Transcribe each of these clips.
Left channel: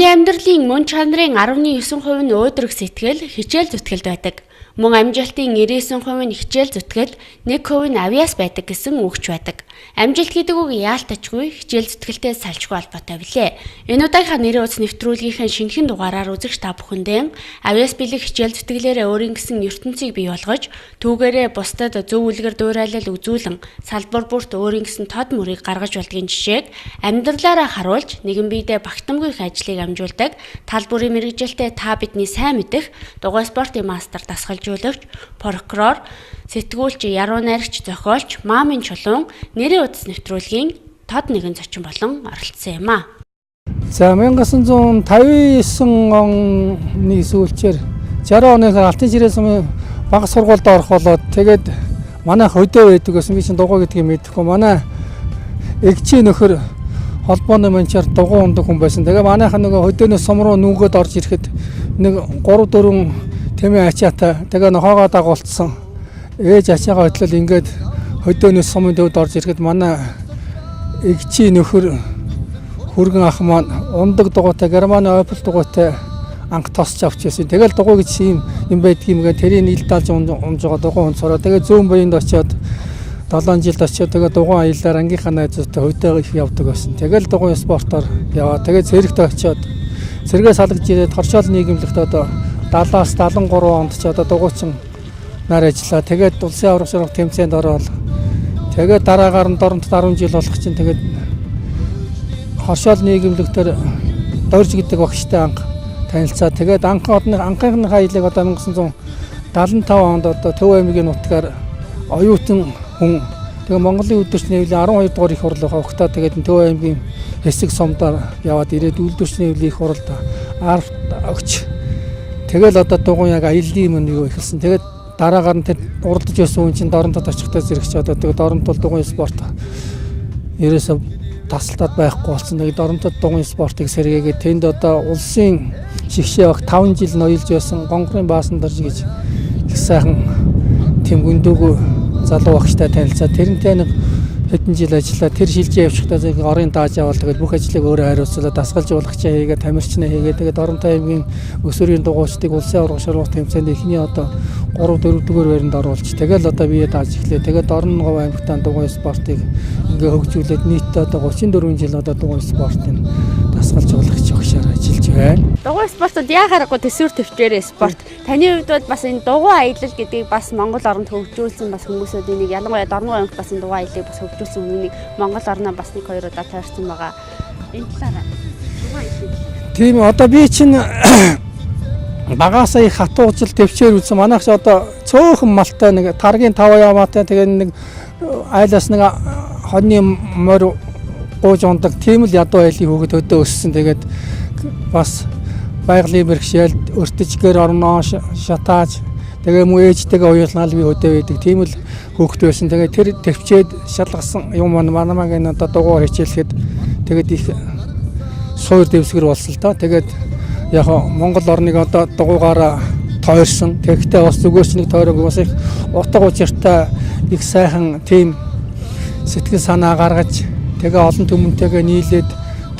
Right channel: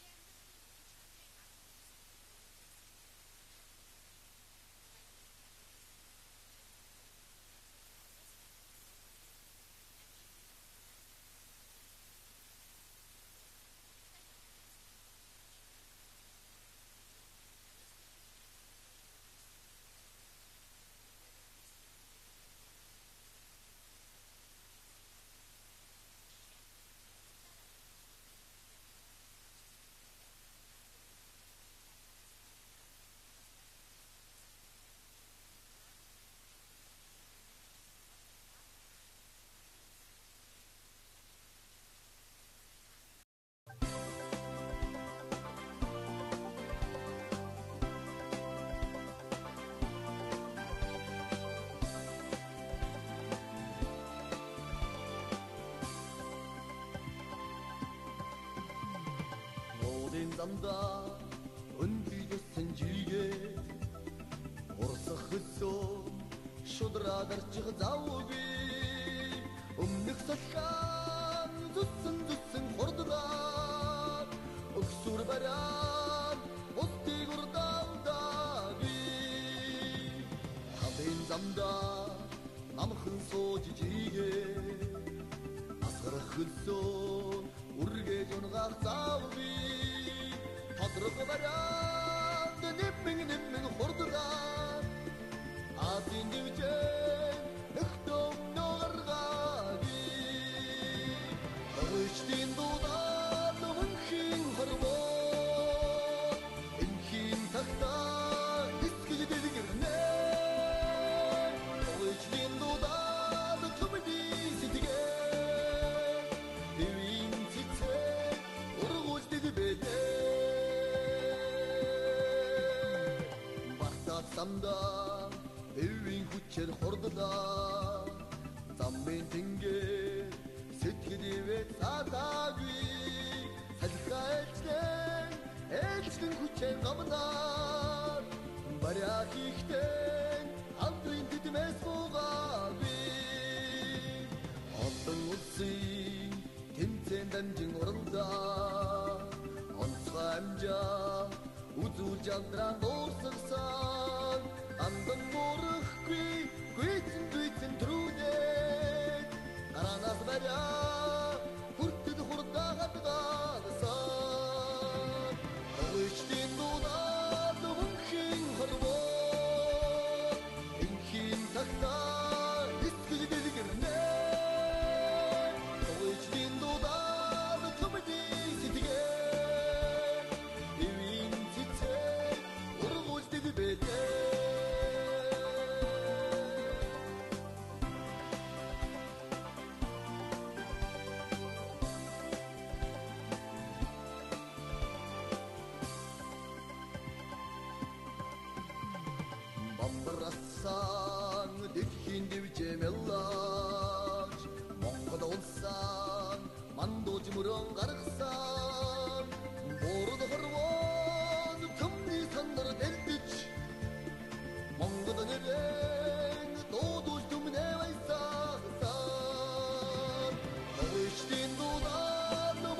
Хүний амьдралын мөн чанарын 19% нь өөдрөг сэтгэл, хичээл зүтгэлд байдаг. Мөн амжилтын 99% нь хичээл зүтгэл, 1% нь авьяас байдаг гэсэн үгч байдаг. Амжилт гэдэг үг яалтачгүй хичээл зүтгэлтэй салшгүй холбоотой билээ. Энэ удаагийнхаа нэрийн утас нэвтрүүлгийнхээ шинэхэн дугаараар үзэгч та бүхэндээ авьяас бэлэг хичээл зүтгэлээрээ өөрийн гэсэн ертөнцийг бий болгож, түүгээрээ бусдад зөв үлгэр дуурайлал үзүүлэн, салбар бүрт өөрийн гэсэн тод мөрийг гаргаж болдгийн жишээг амьдралаараа харуулж, нэгэн биедээ багтамгүй их ажлыг амжуулдаг, тал бүрийн мэргэжилтэд та бидний сайн мэдэх дугуйн спортын мастер дасгалжуулагч, прокурор, сэтгүүлч, яруу, найрагч, зохиолч Маамын Чулуун нэрийн утас нэвтрүүлгийн тод нэгэн зочин болон оролцсон юм а. За 1959 оны сүүлчээр 60 оны алтан жирийн сумын бага сургуульд орох болоод тэгээд манай хөдөө байдаг гэсэн би чинь дугуй гэдгийг мэдэхгүй манай эгчийн нөхөр холбооны манчаар дугуй ундаг хүн байсан. Тэгээ манайхан нөгөө хөдөөнөөс сум руу нүгөөд орж ирэхэд нэг 3-4 тэмээ ачаатай тэгээ нохоогоо дагуулсан. Ээж ачаагаа хөтлөл ингээд хөдөөнөөс сумын төвд орж ирэхэд манай эгчийн нөхөр хүргэн ах маань ундаг дугуйтай германы ойпол дугуйтай анх тосч авч ирсэн. Тэгэл дугуй гэж юм байдгийм гэ тэрийг ил даалж унж байгаа дугуй унцороо. Тэгээ зүүн буйнд очиод 7 жилд очиод тэгээ дугуй аяллаар ангийнхаа найзуудтай хөдөө их явдаг байсан. Тэгэл дугуй спортоор яваа. Тэгээ зэрэгт очиод зэрэгээ салгаж ирээд хоршоол нийгэмлэгт одоо 70-аас 73 онд ч одоо дугуйчин нар ажиллаа. Тэгээд улсын аврах сургууль тэмцээнд ороод тэгээд дараагаар нь Дорноговд 10 жил болох чинь тэгээд хоршоол нийгэмлэгтэр дорж гэдэг багштай анх танилцаа. Тэгээд анхны хаялыг одоо 1975 онд одоо Төв аймгийн нутгаар оюутан хүн тэгээ Монголын өдөрч нэвлийн 12 дугаар их хурлыг хавхтаа тэгээд Төв аймгийн хэсэг сумдаар яваад ирээд үйлдвэрч нэвлийн их хурлд арт өгч тэгэл одоо дугуйн яг аяллаа юм юу ихсэн. Тэгээд дараагаар нь тэр уралдаж байсан хүн чинь Дорноговд очихдаа зэрэгч одоо тэгээд Дорноговд дугуйн спорт ерөөсөө тасалтаад байхгүй болсон. Тэгээд Дорноговд дугуйн спортыг сэргээгээд тэнд одоо улсын шигшээ баг 5 жил ноёлж байсан гонгорын баасан дорж гэж их сайхан тэм гүндүүг залуу багштай танилцаа. Тэрнтэй нэг хэдэн жил ажиллаа. Тэр шилжээ явчихдаа орын дааж авал тэгээд бүх ажлыг өөрөө хариуцлаа дасгалжуулагчаа хийгээд тамирчнаа хийгээд тэгээд Дорноговд аймгийн өсвөрийн дугуйчдыг улсын аврах сургууль тэмцээнд эхний одоо 3-4 дугаар байранд оруулж тэгэл одоо бие дааж эхлэв. Тэгээд Дорноговь аймагтаа дугуйн спортыг ингээ хөгжүүлээд нийтдээ одоо 34 жил одоо дугуйн спортын дасгалжуулагч багшаар ажиллаж байна. Дугуйн спортод яхаарахгүй төсвөр төвчээрээ спорт. Таны хувьд бол бас энэ дугуйн аялал гэдгийг бас Монгол оронд хөгжүүлсэн бас хүмүүсүүд энийг ялангуяа Дорноговь аймагт бас энэ дугуйн аяллыг бас хөгжүүлсэн хүнийг Монгол орноо бас нэг хоёр удаа тойрсон байгаа. Энэ талаараа. Тийм одоо би чинь багасаа их хатуужил төвчээр үзсэн. Манайх ч одоо цөөхөн малтай нэг таргийн 5 яваатай тэгээд нэг айлаас нэг хоньны морь гууж ундаг тийм л ядуу айлын хөвгөд өдөө өссөн. Тэгээд бас байгалийн бэрхшээл өртөжгээр орноо шатааж тэгээ муу ээжтэйгээ уялнаа би өдөө байдаг. Тийм л хөвгөд байсан. Тэгээд тэр төвчээд шалгасан юм манамагийн одоо дугуй хичээлэхэд тэгээд их суур дэвсгэр болсон л доо. Тэгээд яг Монгол орныг одоо дугуйгаараа тойрсон. Тэгэхдээ бас зүгээрч нэг тойрог бас их утга учиртай их сайхан тийм сэтгэл санаа гаргаж тэгээ олон түмэнтэйгээ нийлээд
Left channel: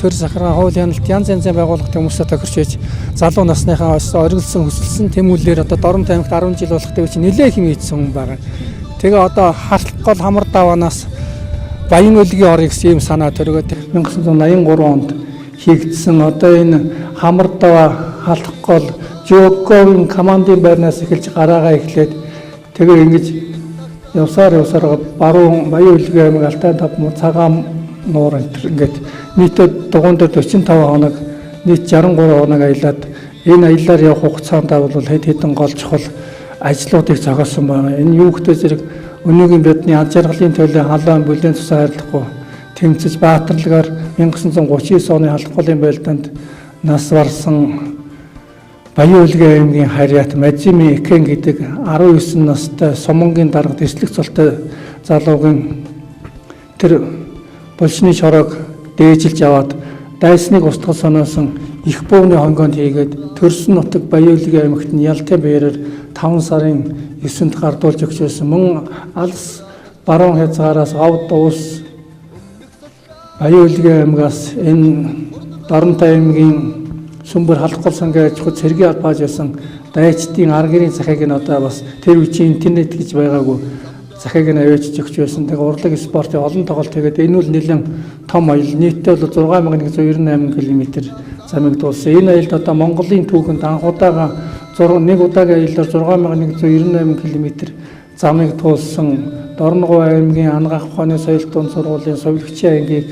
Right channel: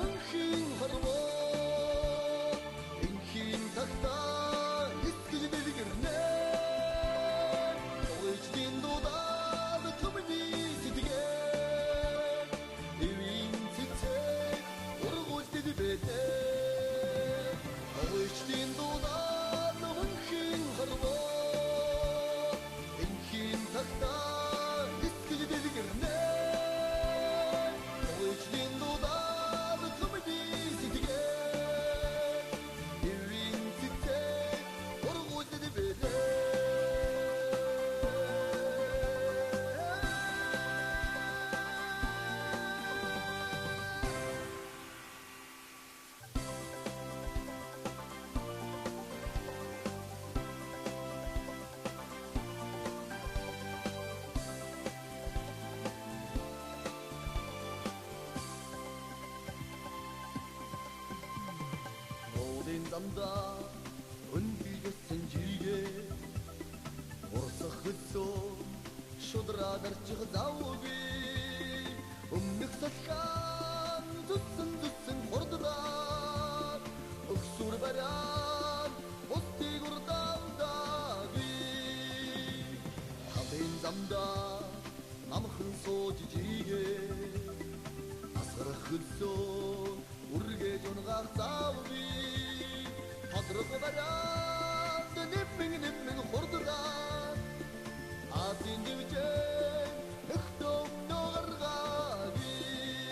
төр сахраа хууль хяналт янз янзын байгууллагатай хүмүүстэй тохирч байж залуу насныхаа оргилсан хөсөлсөн тэмүүлэлээр одоо Дорноговд аймагт 10 жил болохтой чинь нэлээд хэм ийдсэн хүн байгаа. Тэгээ одоо хартал гол хамар даваанаас баян өлгийн орё гэсэн юм санаа төргөөд 1983 онд хийгдсэн одоо энэ хамар даваа халдах гол Жокогийн командын байрнаас эхэлж гараагаа эхлээд тэгээ ингэж явсаар баруун баян өлгийн аймаг Алтай тав цагаан нуур ингээд нийтдээ дугуйн дээр 45 хоног нийт 63 хоног аялаад энэ аяллаар явах хугацаанд бол хэд хэдэн гол чухал ажлуудыг зогсоосон байна. Энэ юу гэдэг зэрэг өнөөгийн бидний аж аргалын төлөө халаан бүлээн тусаа хайрлахгүй тэмцэж баатарлагаар 1939 оны халдах голын байлдаанд нас барсан баян өлгийн аймгийн харьяат Мазими Экен гэдэг 19 настай сумангийн дарга дэслэх цолтой залуугийн тэр булчны шороог дээжилж аваад дайсныг устгах санаасан их бууны хонгонд хийгээд төрсөн нутаг баян өлгийн аймагт нь ялтай бээрээр 5 сарын 9-нд гардуулж өгчөөсөн мөн алс баруун хязгаараас говд уус баян өлгийн аймгаас энэ Дорноговд аймгийн сүмбэр халахгүй сангаа ажихуд цэргийн албааж байсан дайчдын аргэрийн захыг нь одоо бас тэр үеийн интернет гэж байгаагүй захыг нь авчиж өгч байсан. Тэгээ урлаг спортын олон тоглолт тэгээд энэ бол нэлээд том аял. Нийтдээ бол 6198 км замыг дуулсан. Энэ аялд одоо Монголын түүхэнд анх удаага нэг удаагийн аяллаар 6198 км замыг туулсан. Дорноговь аймгийн Ангах ухааны соёл дунд сургуулийн совилгчийн ангийг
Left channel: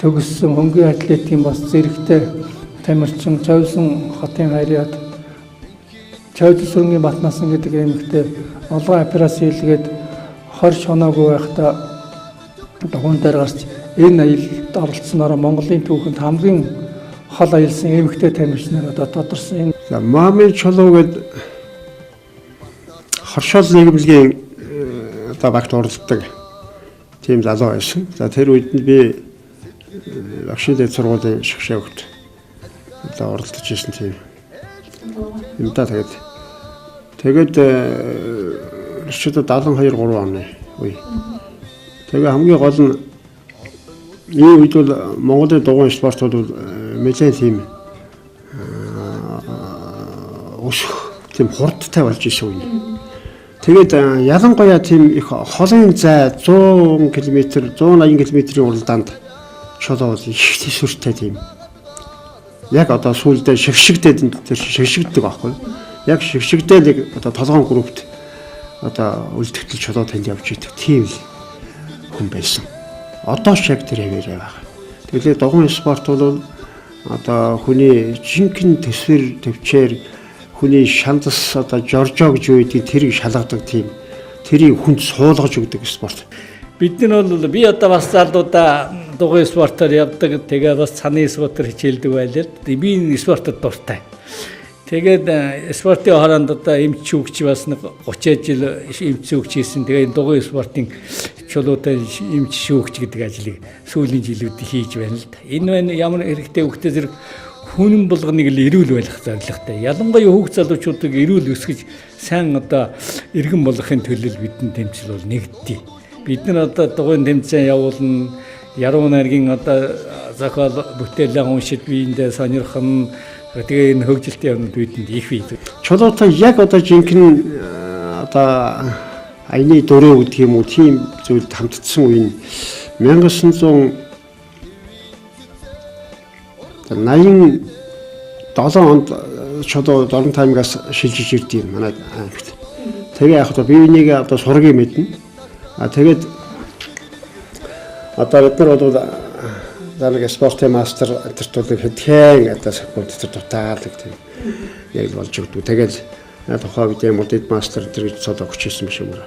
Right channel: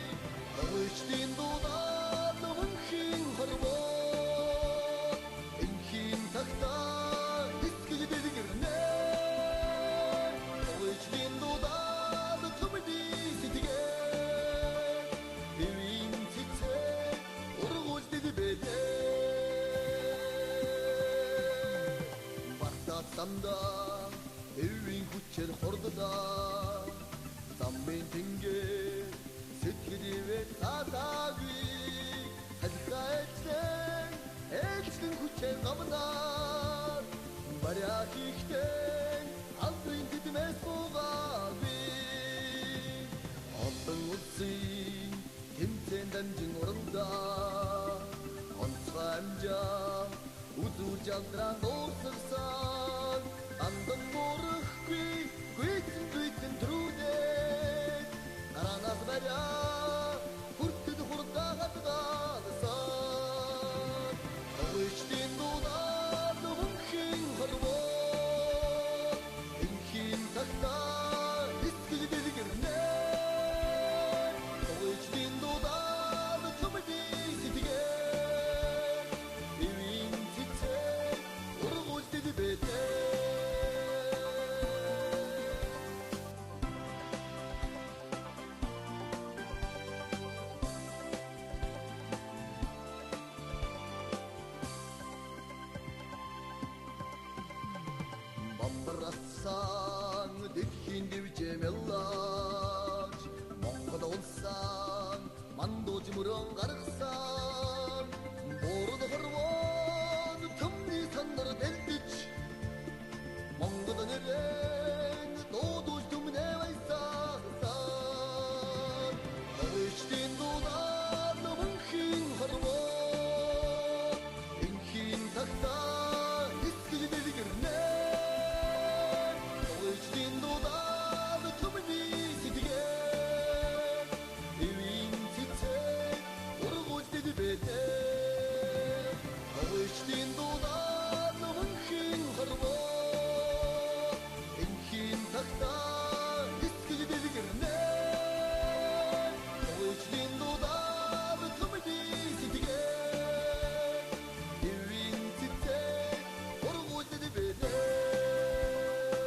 төгссөн хөнгөн атлетикийн бас зэрэгтэй тамирчин Чойсон хотын хайраад Чойсонгийн Батнасан гэдэг аймагт олон операц хийлгээд 20 шоноогүй байхдаа дугуйн дээр гарч энэ аялалд оролцсноор Монголын түүхэнд хамгийн хол аялсан эмэгтэй тамирчнаар одоо тодорсон. Маамын Чулуун гэдэг хоршоол нийгэмлэгийн одоо багт оролцдог тийм залуу байсан. За тэр үед нь би Агшид сургуулийн шгшээгт одоо оролцож ирсэн тийм. Юм да тэгээд өчигдөр 72 3 оны үе. Тэгээ хамгийн гол нь энэ үед бол Монголын дугуйн спорт бол нэлээд тийм өсөх тийм хурдтай болж исэн үе. Тэгээд ялангуяа тийм их холын зай 100 км 180 км-ийн уралдаанд чулуу их төсвөртэй тийм. Яг одоо сүүлдээ шигшигдээд тэр шигшигддэг аахгүй. Яг шигшигдээ нэг одоо толгоон группт одоо үлдэгдэл чулуу танд явж идэг тийм хүн байсан. Одоо ч яг тэр хэвээр байгаа. Тэгээд дугуйн спорт бол одоо хүний жинхэнэ төсвөр төвчээр хүний шандас одоо жоржоо гэж үүдгийг тэрийг шалгадаг тийм тэрийг хүнд суулгаж өгдөг спорт. Бид нар бол би одоо бас залуудаа дугуйн спортоор явдаг. Тэгээ бас цаны спортоор хичээлдэг байлаа. Би энэ спортод дуртай. Тэгээд спортын хооронд одоо М.Чулуун бас 30 жил М.Чулуун хийсэн. Тэгээд дугуйн спортын чулуутай М.Чулуун гэдэг ажлыг сүүлийн жилүүд хийж байна л да. Энэ ямар хэрэгтэй хөвгтэй зэрэг хүн болгоныг л эрүүл байлгах зорилготой. Ялангуяа хүүхд залуучуудыг эрүүл өсгөж сайн одоо иргэн болгохын төлөө бидний тэмцэл бол нэгддэг. Бид нар одоо дугуйн тэмцээн явуулна. Яруу найргийн одоо зохиол бүтээлээ уншиж биендээ сонирхон тэгээ энэ хөгжилтэй юмд бидэнд их бий. Чулуутай яг одоо жинхэнэ одоо аяны дөрөв гэдэг юм уу тийм зүйлд хамтдсан үе нь 1987 онд чулуу Дорноговь аймгаас шилжиж ирд юм манай аймагт. Тэгээ яг одоо биенийг одоо сургийн мэднэ. Тэгээд одоо бид нар бол нэг спортын мастер тэртүүлэг хэдхэн одоо спорт тэр дутаадаг тийм яг болж өгдөг. Тэгээд тухайн үед модид мастер тэр гэж цод өгч ирсэн юм шиг байна.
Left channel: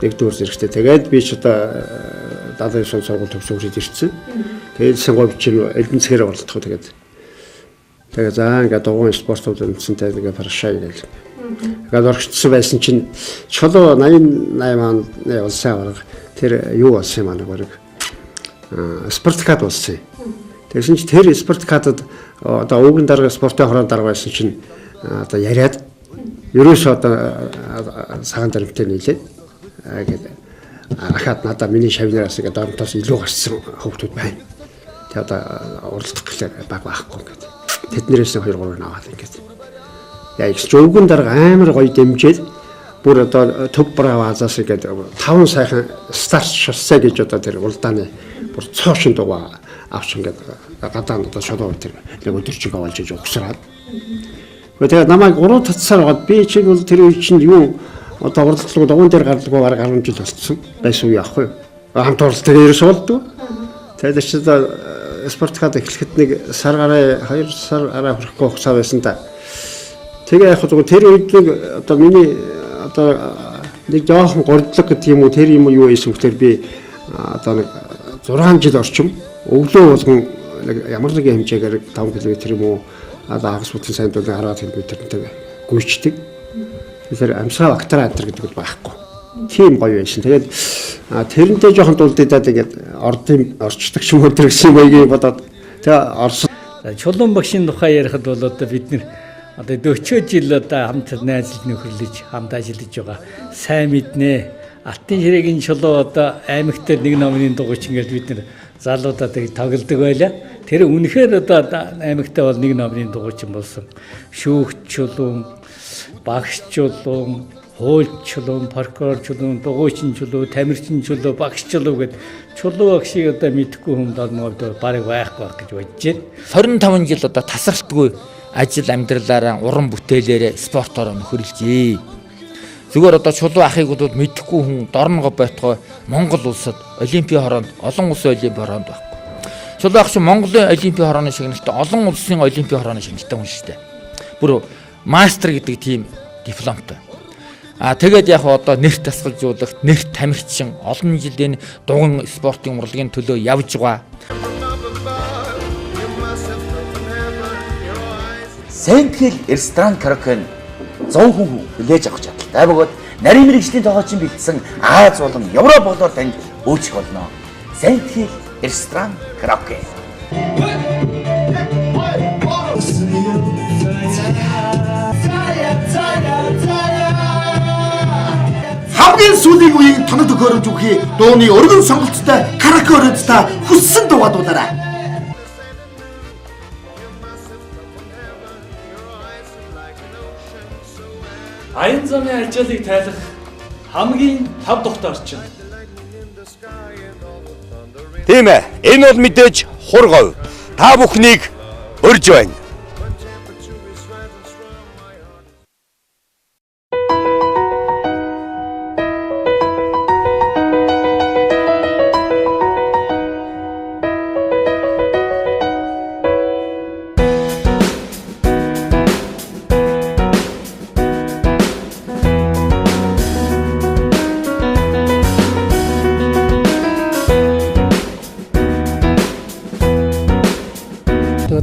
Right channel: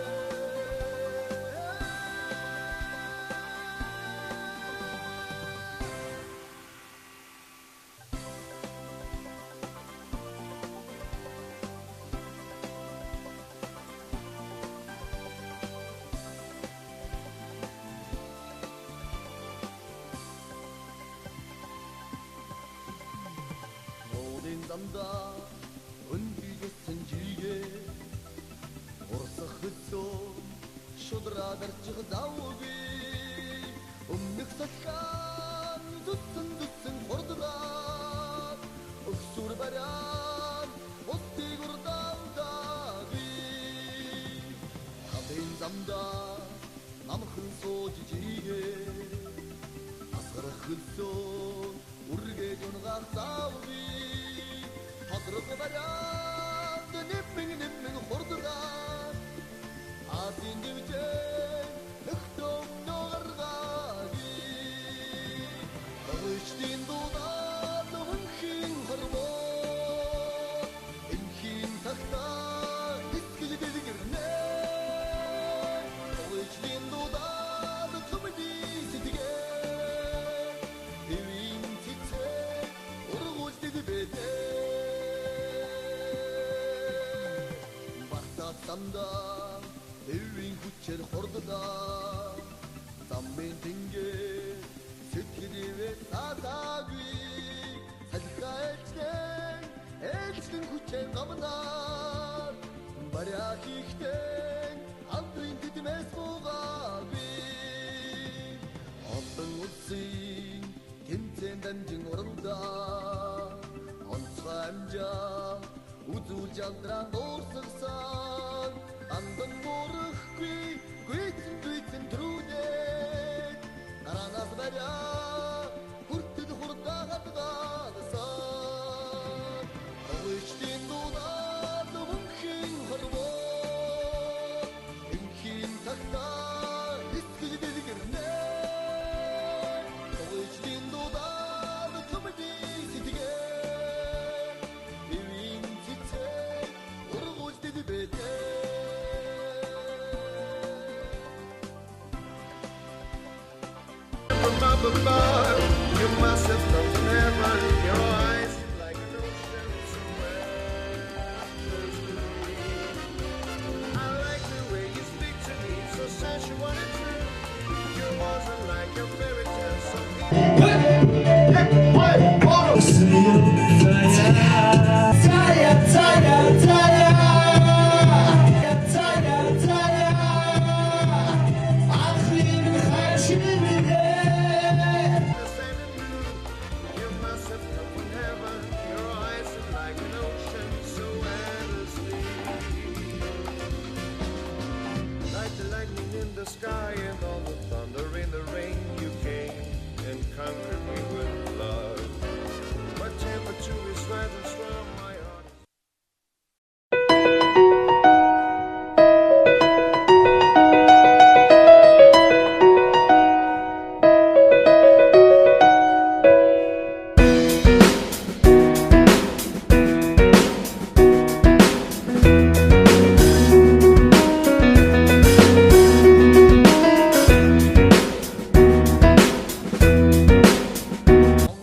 Нэгдүгээр зэрэгтэй. Тэгээд би ч одоо 79 сургууль төгсөөж ирсэн. Тэгээд сонгоо бичиг эдэнцгээр оролцох. Тэгээд за ингээд дугуйн спортууд үндсэнтэй тэгээд парашаа гээл. Тэгээд орчдсон байсан чинь чулуу 88 онд улсын аварга тэр юу болсон юм аа нэг спортикад болсон. Тэгсэн чинь тэр спортикадад одоо өвгөн дарга спортын хорон дарга байсан чинь одоо яриад ерөөсөө одоо цагаан дарамттай нийлээд гэдэг ахаад надаа миний шавнараас ингээд дөрөнтөөс илүү гарсан хөвгтүүд байна. Тэгээ одоо уралдах гэхлээр баг байхгүй гэдэг. Тэднэрээс 2-3 аваад ингээд. Яг ч өвгөн дарга амар гоё дэмжээд бүр одоо төв бравазаас ингээд 5 сайхан старт шоссе гэж одоо тэр улдааны бүр цоошин дугаа авч ингээд гадаа одоо шолоо тэр нэг өдөрчиг авалж иж өгсраад. Тэгээд намайг 3 татсаар гоод би чинь бол тэр үе чинь юу одоо уралдлага дугуйн дээр гаргалгүй бараг 10 жил болсон байсан уу яахгүй. Хамт оролцдог ерөөс болдгоо. Тэгээд ч одоо спортхад эхлэхэд нэг сар гараа 2 сар арай хүрэхгүй хугацаа байсан та. Тэгээ яг зөвхөн тэр үед нэг одоо миний одоо нэг жоохон гордлог гэх юм уу тэр юм юу ийсэн гэхээр би одоо нэг 6 жил орчим өглөө болгон ямар нэгэн хэмжээгээр 5 км юм уу одоо хагас бүтэн сайн дүүл 10 км-тэй гүйчдэг. Тэгэхээр амсгаа бактери антер гэдэг бол байхгүй. Тийм гоё байсан. Тэгээд тэрнтэй жоохон дулдаад ингээд орчдөг юм өдр гэсэн байгийг бодоод тэгээ орсон. Чулуун багшийн тухай ярихад бол одоо бид нэр одоо 40 жил одоо хамт найзлал нөхөрлөж хамт ажиллаж байгаа. Сайн мэднэ. Алтын ширээгийн чулуу одоо аймагт нэг номын дугуйч ингээд бид нэр залуудаа тоглодог байлаа. Тэр үнэхээр одоо аймагтаа бол нэг номын дугуйчин болсон. Шүүгч Чулуун, багш Чулуун, хуульч Чулуун, прокурор Чулуун, дугуйчин Чулуун, тамирчин Чулуун, багш Чулуун гэдэг Чулуун багшийг одоо мэдхгүй хүн Дорноговьд бараг байхгүй гэж бодож байна. 25 жил одоо тасралтгүй ажил амьдралаараа уран бүтээлээрээ спортоор нөхөрлөжээ. Зүгээр одоо Чулуун ахыг бол мэдхгүй хүн Дорноговь байтугай Монгол улсад олимпийн хороонд олон улсын олимпийн хороонд байна. Чулуун ах чинь Монголын олимпийн хорооны шагналтай олон улсын олимпийн хорооны шагналтай хүн шүү дээ. Бүр мастер гэдэг тийм дипломтой. Тэгээд яг одоо нэрт тасгалжуулагт, нэрт тамирчин олон жилийн дугуйн спортын урлагийн төлөө явж байгаа. Сэнтгэл ресторан караоке 100 хүн хүлээж авах чадaltaй бөгөөд нарийн мэргэжлийн тоглоомчин бэлдсэн Аз болон Европ болоор танд үйлчлэх болно. Сэнтгэл ресторан караоке. Хамгийн сүүлийн үеийн тоног төхөөрөмж үхий дууны өргөн сонголттой караоке өрөөдтэй хүссэн дуугаараа. Аян замын ажлыг тайлах хамгийн тав тухтай орчин. Тийм ээ. Энэ бол мэдээж хургав. Та бүхнийг өрж байна.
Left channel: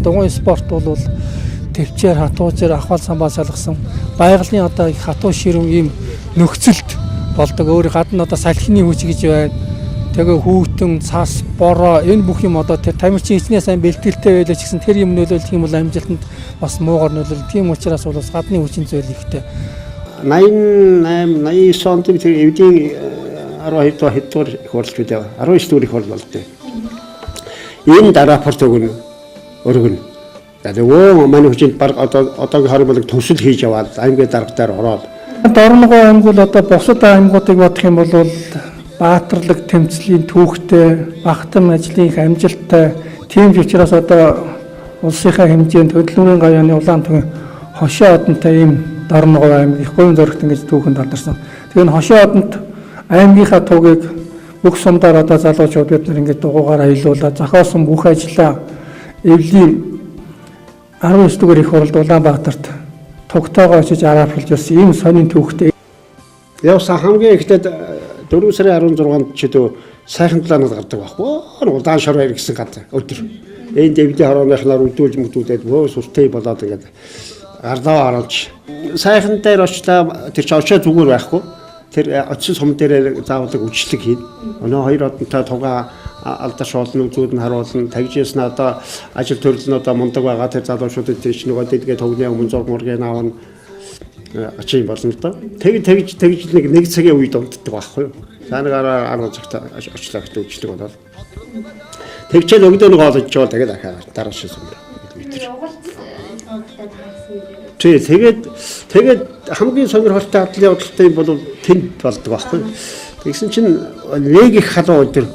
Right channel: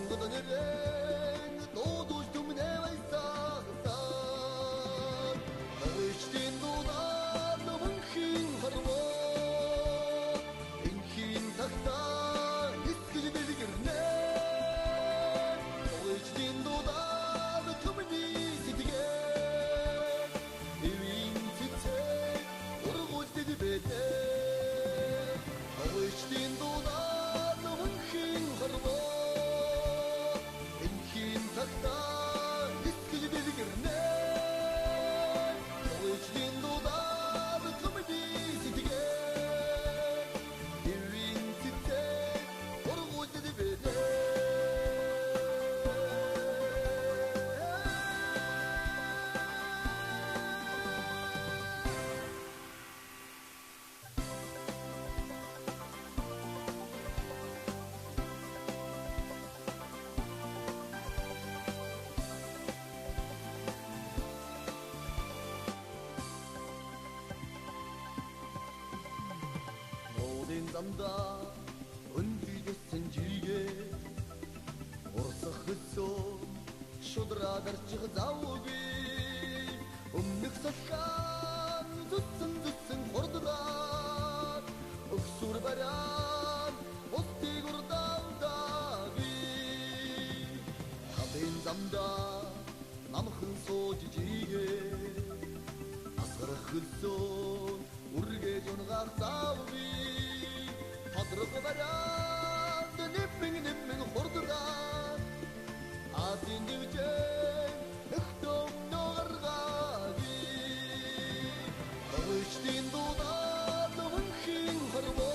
Дугуйн спорт бол төвчээр хатуучаар ахвал самбаа салгасан байгалийн одоо их хатуу ширүүн ийм нөхцөлд болдог. Өөр гадна одоо салхины хүч гэж байна. Тэгээ хүүтэн, цас, бороо энэ бүх юм одоо тэр тамирчин хичнээн сайн бэлтгэлтэй байлаа ч гэсэн тэр юм нөлөөлөх юм бол амжилтанд бас муугар нөлөөлөх. Тийм учраас бол гадны хүчин зүйл ихтэй. 88 89 онд тэр эвдийн 12 хэдгээр их хурлч үү 19 дэх их хурл болдог. Энэ дараа рапорт өгнө. Өргөн. Тэгээ манай хүчинд баг одоогийн хориг болог төсөл хийж яваад аймгийн даргатаар ороод Дорноговь аймаг бол одоо бусад аймагуудыг бодох юм бол баатарлаг тэмцлийн түүхтэй, багтан ажлын их амжилттай тийм ч учраас одоо улсынхаа хэмжээнд хөдөлмөрийн гавьяаны улаан түвэн хошоо одонтой ийм Дорноговь аймаг их говийн зөрөгт ингэж түүхэнд алдарсан. Тэгээ энэ хошоо одонд аймгийнхаа туугийг бүх сумдаар одоо залуучууд бид нар ингэж дугуйгаар аялуулаад зохиосон бүх ажлаа эвлийн 19 дугаар их хурлд Улаанбаатарт тогтоогоо очиж араапхалж бас ийм сонин түүхтэй. Явсан хамгийн ихтэд 4 сарын 16-нд ч дөө сайхан планад гардаг байхгүй. Удаан шороо иргэсэн гад өдөр. Энд дэвдээ хорооныхнаар үдүүлж мүдүүлээд сүлтэй болоод ингээд гарлаа оруулж сайхан дээр очлаа тэр ч очоо зүгээр байхгүй. Тэр очсон сум дээр заавал үчлэг хийн. Өнөө хоёр одонтой тугаа алдар шуулны үзүүд нь харуулна. Тагжээс нь одоо ажил төрөл нь одоо мундаг байгаа тэр залуучуудад тэр чинь нөгөө дэдгээ төгний өмнө зург мургийн аавна ачин болно л доо. Тэгж нэг цагийн үед унтдаг байхгүй юу. Цаанагаар 10 цагт очлоо гэж үждэг болоод. Тэгчээд өгдөө нэг олж жоо тэгээд ахаа дараа шийсэн. Тэгээд хамгийн сонирхолтой атлын явдалтай бол тэнд болдог байхгүй. Тэгсэн чинь нэг их халуун өдөр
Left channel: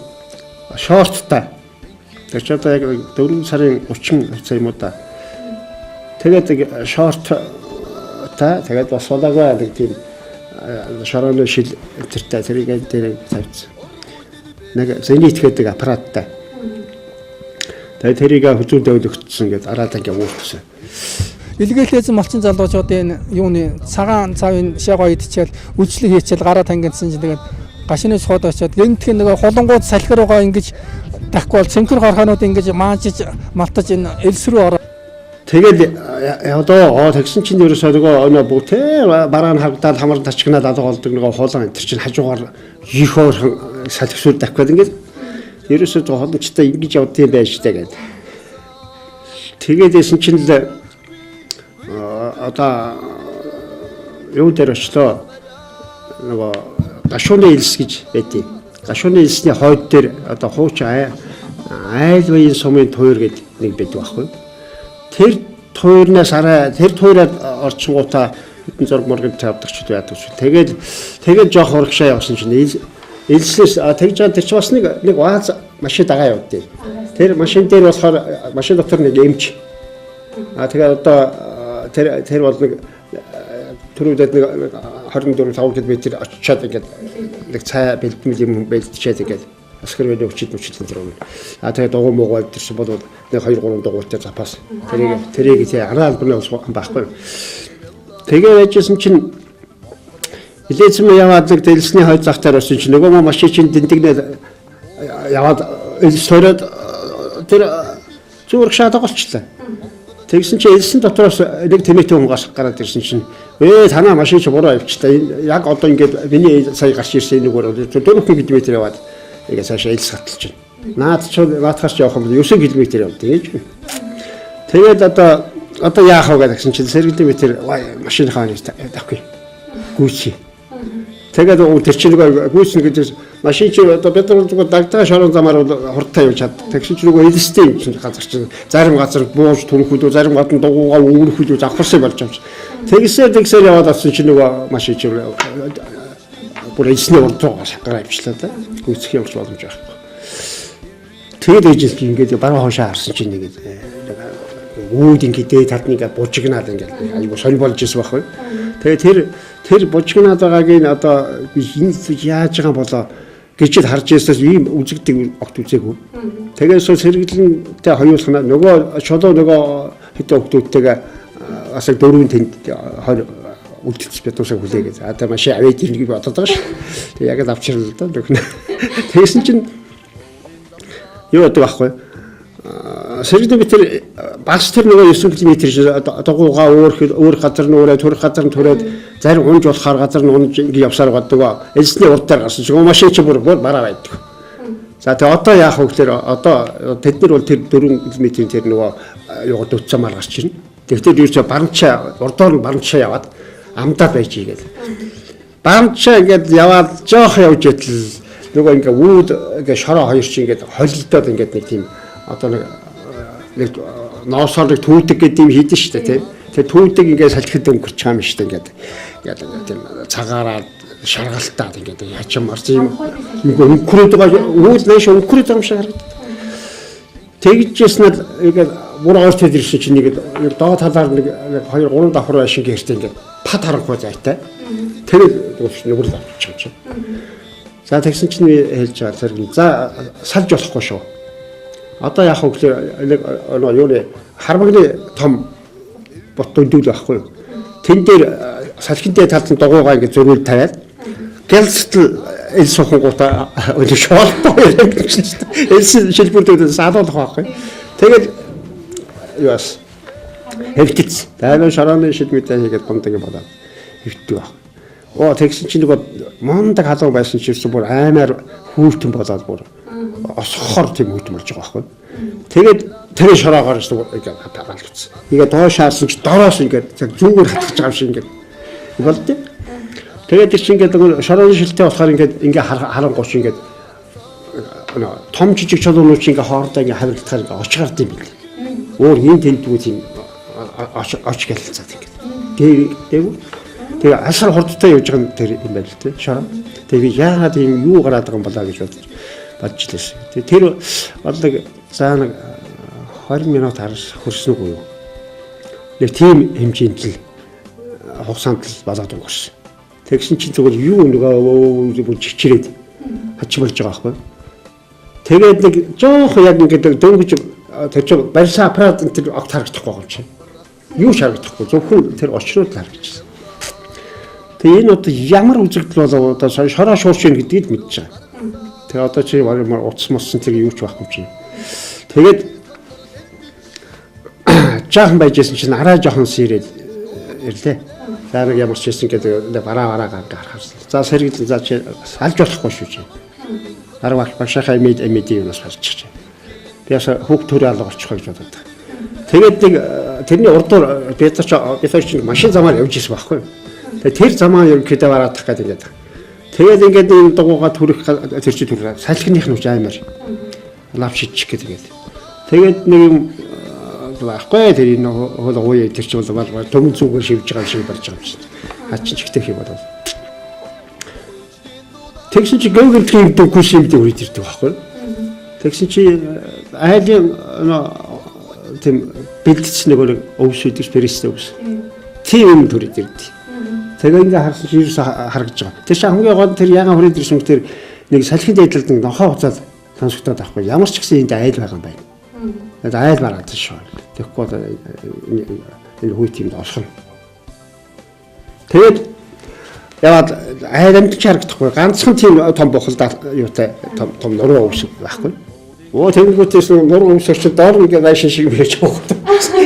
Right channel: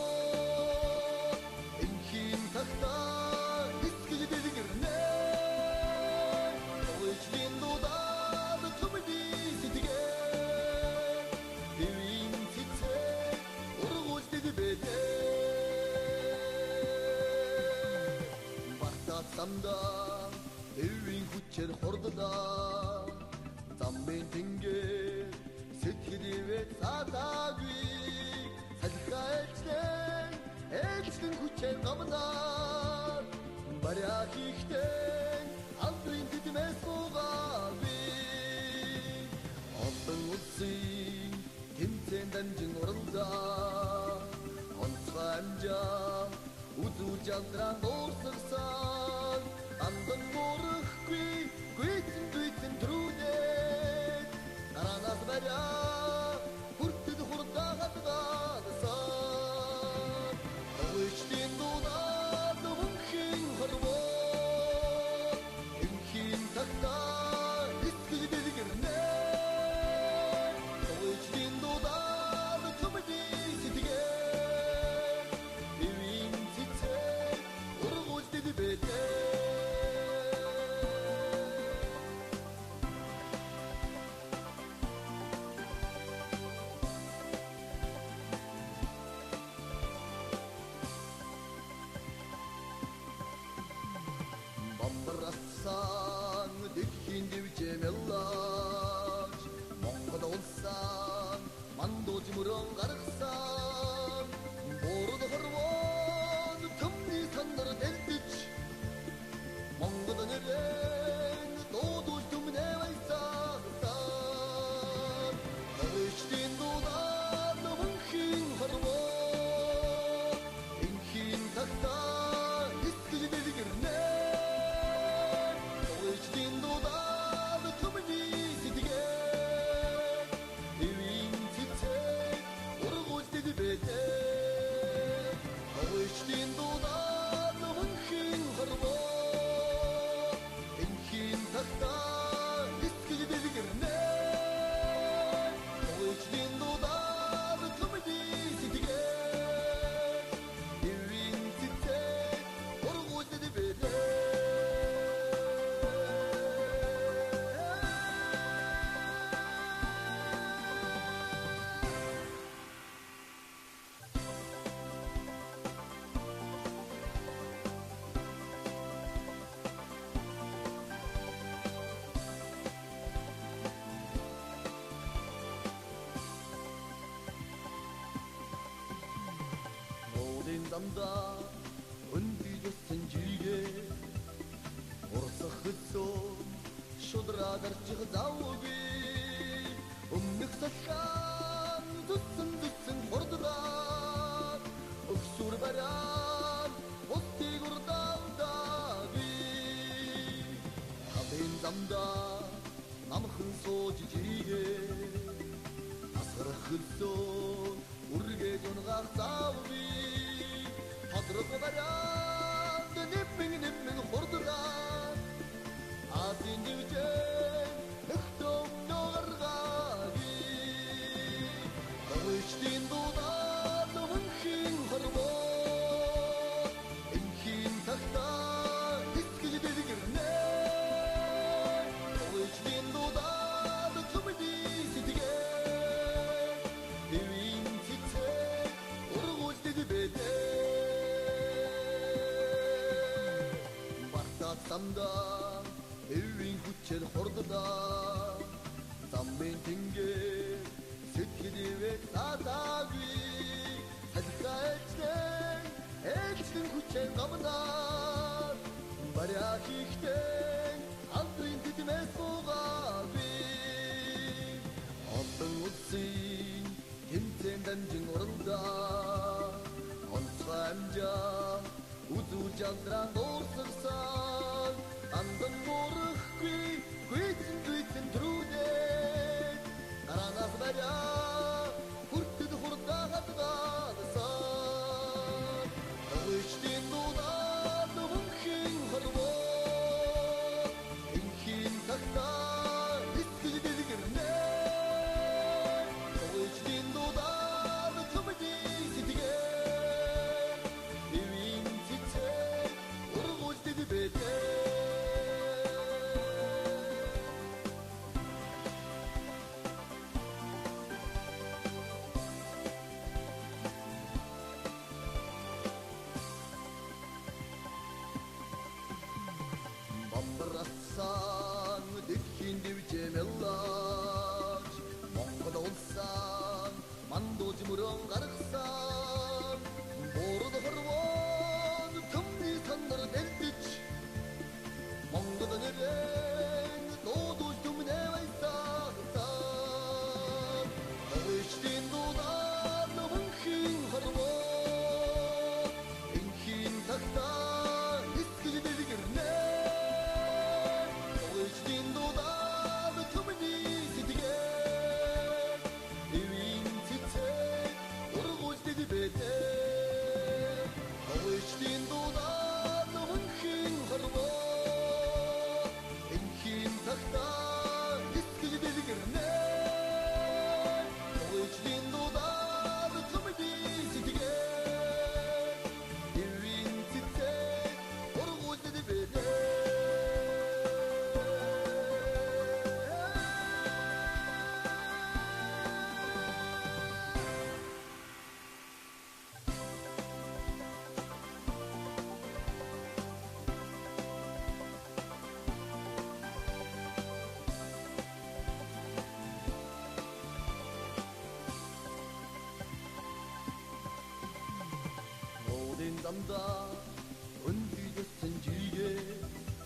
шорттай. Тэгж одоо яг 4 сарын 30 хугацаа юм уу та. Тэгээд шорт та тэгээд бас суулагаа нэг тийм шорооны шил тэртэй тэрийг дээр тавьчихсан. Нэг зенит гэдэг аппараттай. Тэгээд тэрийг хүзүүндээ өгдөгдсөн гэдэг араад ингээ уурчсан. Илгээлээсэн малчин залуучуудын юуны цагаан цавын шагаа идчихэл үйлчлэг хийчихэл гараа тангидсан чинь тэгээд гашины сууд очиод гэнтхэн нэг холонгууд салхир байгаа ингэж дахгүй бол цэнхэр гархаанууд ингэж маажиж малтаж энэ элс рүү ороо. Тэгэл одоо тэгсэн чинь ерөөсөө нөгөө бүгд бараан хавдаад хамар тарчгнаад алга болдог нөгөө хуулан энэ чинь хажуугаар их хоорхон салхисуул дахиад ингэж ерөөсөө холбочтой ингэж явдсан байж таа гэдэг. Тэгээд эсэн чинь л одоо юу дээр очлоо нөгөө гашууны элс гэж байдгийг. Гашууны элсний хойд дээр одоо хууч айлбын сумын туйр гэдэг нэг байдаг байхгүй. Тэр туйрнаас арай тэр туйраад орчингуудаа хэдэн зураг мөргөд тавьдаг ч яадаг ч. Тэгээд жоох урагшаа явсан чинь элснээс тэгж байгаа тэр ч бас нэг вааз машин дагаа явдیں۔ Тэр машин дээр болохоор машин дотор нэг эмч. Тэгээд одоо тэр бол нэг түрүүдэд нэг 24-5 км очиад ингээд нэг цай бэлтгэл юм бэлтчихэд ингээд аскар wedi өчид энэ. Тэгээд дугуй муугаад тэрсэн бол нэг 2-3 дугуйтай запас. Тэрийг тий араа албаны ус байхгүй. Тэгээд яжсэн чинь илээцэн яваад нэг дэлсний хойд зах дээр осон чинь нөгөө машин чинь дэнтэгнээ яваад элсороод тэр зүрх шатаг болчихлоо. Тэгсэн чинь элсэн дотроос нэг тэмээтэй хүн гас гараад ирсэн чинь танаа машин чи буруу авчихлаа. Яг одоо ингээд миний сая гарч ирсэн нэг өөр 4 км яваад ингээд цаашаа элс хаталж байна. Наадхаас явах юм 9 км явдаг гэж. Тэгээд одоо яах вэ гэсэн чинь сэргэлдээ тэр машин хааны тавьхгүй. Гүйцээ. Тэгээд тэр чинь нэг гүйцэн гэдэг машин чи одоо бид нар зүгээр дагтаа шорон замаар хурдтай явж чад. Тэгсэн чинь нөгөө эдстэй юм чинь газар чинь зарим газар бууж түрхүүдөө зарим гадна дугуйгаа өнгөрөхүүдөө завхарсан болж байгаа юм. Тэгсээр яваад авсан чинь нөгөө машин чи бүр эсний урдгаа шахараа авчлаа та. Гүйцэх явж боломж байхгүй. Тэгээд ээжээс ингээд бараа хоошоо харсан чинь нэг үүд ингээд дээд талд нэг бужигнаад ингээд айгу сонь болж ирсэн байхгүй. Тэгээд тэр бужигнаад байгааг нь одоо яаж байгаа болоо гэж харж ирсээс ийм үзэгдэг огт үзээгүй. Тэгээд сэргэлэнтэй хоёулахна нөгөө чулуу нөгөө хэдэн хүмүүстэйгээ бас 4 тэнд үлдчихсэн битүүсээ хүлээгээд одоо машин авээд ирнэ гэж бодоод байгаа ш. Тэгээд яг л авчирлаа да нөхнө. Тэгсэн чинь юу гэдэг байхгүй. Сэргэлэн битэр багс тэр нөгөө 9 км дугуйгаа өөр газар нь өөрөө төрөх газар нь төрөөд зарим унж болохоор газар нь унж ингэ явсаар гадаг. Элсний урдаар гарсан чинь машин чи бүр бараа байдаг. За тэгээ одоо яах вэ гэхээр одоо тэд нар бол тэр 4 км тэр нөгөө юу дутцамаар гарч ирнэ. Тэгвэл юу ч барамчаа урдоор нь барамчаа яваад амдаа байж игээд. Барамчаа ингээд яваад жоох явж идэл нөгөө ингээ үүд ингээ шороо хоёр чи ингээ холилдоод ингээ нэг тийм одоо нэг ноосоор нэг түүдэг гэдэг юм хийдэж штэ тий. Тэгээ түүдэг ингээ салхид өнгөрч байгаа юм штэ ингээд тийм цагаараа шаргалтаад ингээд ячмаар тийм өнгөрөөд байгаа үүд нэш өнгөрөөд байгаа юм шиг харагдав. Тэгжсэн л ингээд бүр орчод ирсэн чинь нэг доод талаар нэг 2-3 давхар байшин гэртээ ингээд пад харанхуй зайтай. Тэгээд нүгэл авчих юм чинь. За тэгсэн чинь хэлж байгаа зэрэг за салж болохгүй шүү. Одоо яах вэ гэхээр нэг юуны хармагны том бот дөндөл байхгүй. Тэн дээр салхинтэй талд нь дугуйгаа ингэ зөрүүл тавиад гэлцтэл эл сухангуудаа өдөр шоолтой гэж чинь. Элс шилбүрдээ саадуулах байхгүй. Тэгээд юу бас хэвтэж дайны шараны шилмэтэй хийгээд гомдог юм байна. Хэвтдэг. Тэгсэн чинь нэг мондаг халуун байсан ч гэсэн бүр аймаар хүүтэн болоод бүр осхоор тийм хүүтэн болж байгаа байхгүй. Тэгээд тэр шороогоор ингээд хатаалцсан. Тэгээд доошаарсан ч дороос ингээд зүүгээр хатгаж байгаа юм шиг ингээд болтой. Тэгээд чи ингээд шороон шилтэй болохоор ингээд харангуйч ингээд том жижиг чулуунууд чи ингээд хоордоо ингээд хавиртахаар ингээд очгард юм байна. Өөр хин тентгүй тийм оч гэлцээд ингээд. Тэгээ асар хурдтай явж байгаа тэр юм байна л тий. Шорон. Тэгээ яагаад юм юу гараад байгаа юм болоо гэж бодож лээс. Тэр бодлог заанаг 20 минут хөрсөн үгүй. Нэг тийм хэмжээнд л хугацаанд л болоод өнгөрсөн. Тэгсэн чинь зүгээр юу нөгөө чичрээд хач болж байгаа байхгүй. Тэгээд нэг жоох яг ингээд дөнгөж тэр чинь барьсан аппарат тэр огт харагдахгүй байгаа юм чинь. Юу харагдахгүй зөвхөн тэр очрол харагдчихсан. Тэгээ энэ одоо ямар үзэгдэл болоо одоо шороо шуурч ийн гэдгийг мэдчихэж байгаа. Тэгээ одоо чи ямар утас моссон тэр юу ч байхгүй юм чинь. Тэгээд жаахан байжсэн чинь арай жоохон сэрээд ирлээ. За нэг ямар ч хэлсэн гэдэг бараа гаргах. За сэргэл за чи алж болохгүй шүү чи. Арга багшаахаа эмэд юм бас гарчих. Тэгээс хүүхд төрөө алга болчих гэж бодод. Тэгээд нэг тэрний урдуур бид чинь машин замаар явж ирсэн байхгүй. Тэгээд тэр замаа ерөнхийдөө бараадах гэдэг. Тэгээд ингээд энэ дугуйгаа түрэх тэр чи түрэх салхиных нь үч аймаар. лав шидчих гэдэг. Тэгээд нэг юм байхгүй тэр энэ хол ууя тэр чинь бол төмөн зүгээр шивж байгаа шиг болж байгаа юм чинь. Хачин чигтэх юм бол. Тэгсэн чи гэнгэр тийм күшилдэг үрд ирдэг байхгүй. Тэгсэн чи айлын тийм бэлдсэн нэг өвсөдөж перестэ өвс. Тийм юм төрөд ирдэг. Тэгээ ингээ харсан чи ерөөсө харагдаж байгаа. Тэр чинь хамгийн гол тэр ягаан хүрээд ирсэн тэр нэг салхин дэйдлэлд нохоо хуцаад тансагтаад авахгүй. Ямар ч гэсэн энд айл байгаа юм байна. Тэгээд айл мараад шүү. Тэгэхгүй энэ хүйтийг олох нь. Тэгээд яваад айл амтч харагдахгүй. Ганцхан тийм том бохолдаа юутай том нуруу өвсөг байхгүй. Оо тэнгуүтээс нуруу өвсөж чи доор ингээ байшин шиг байж байгаа.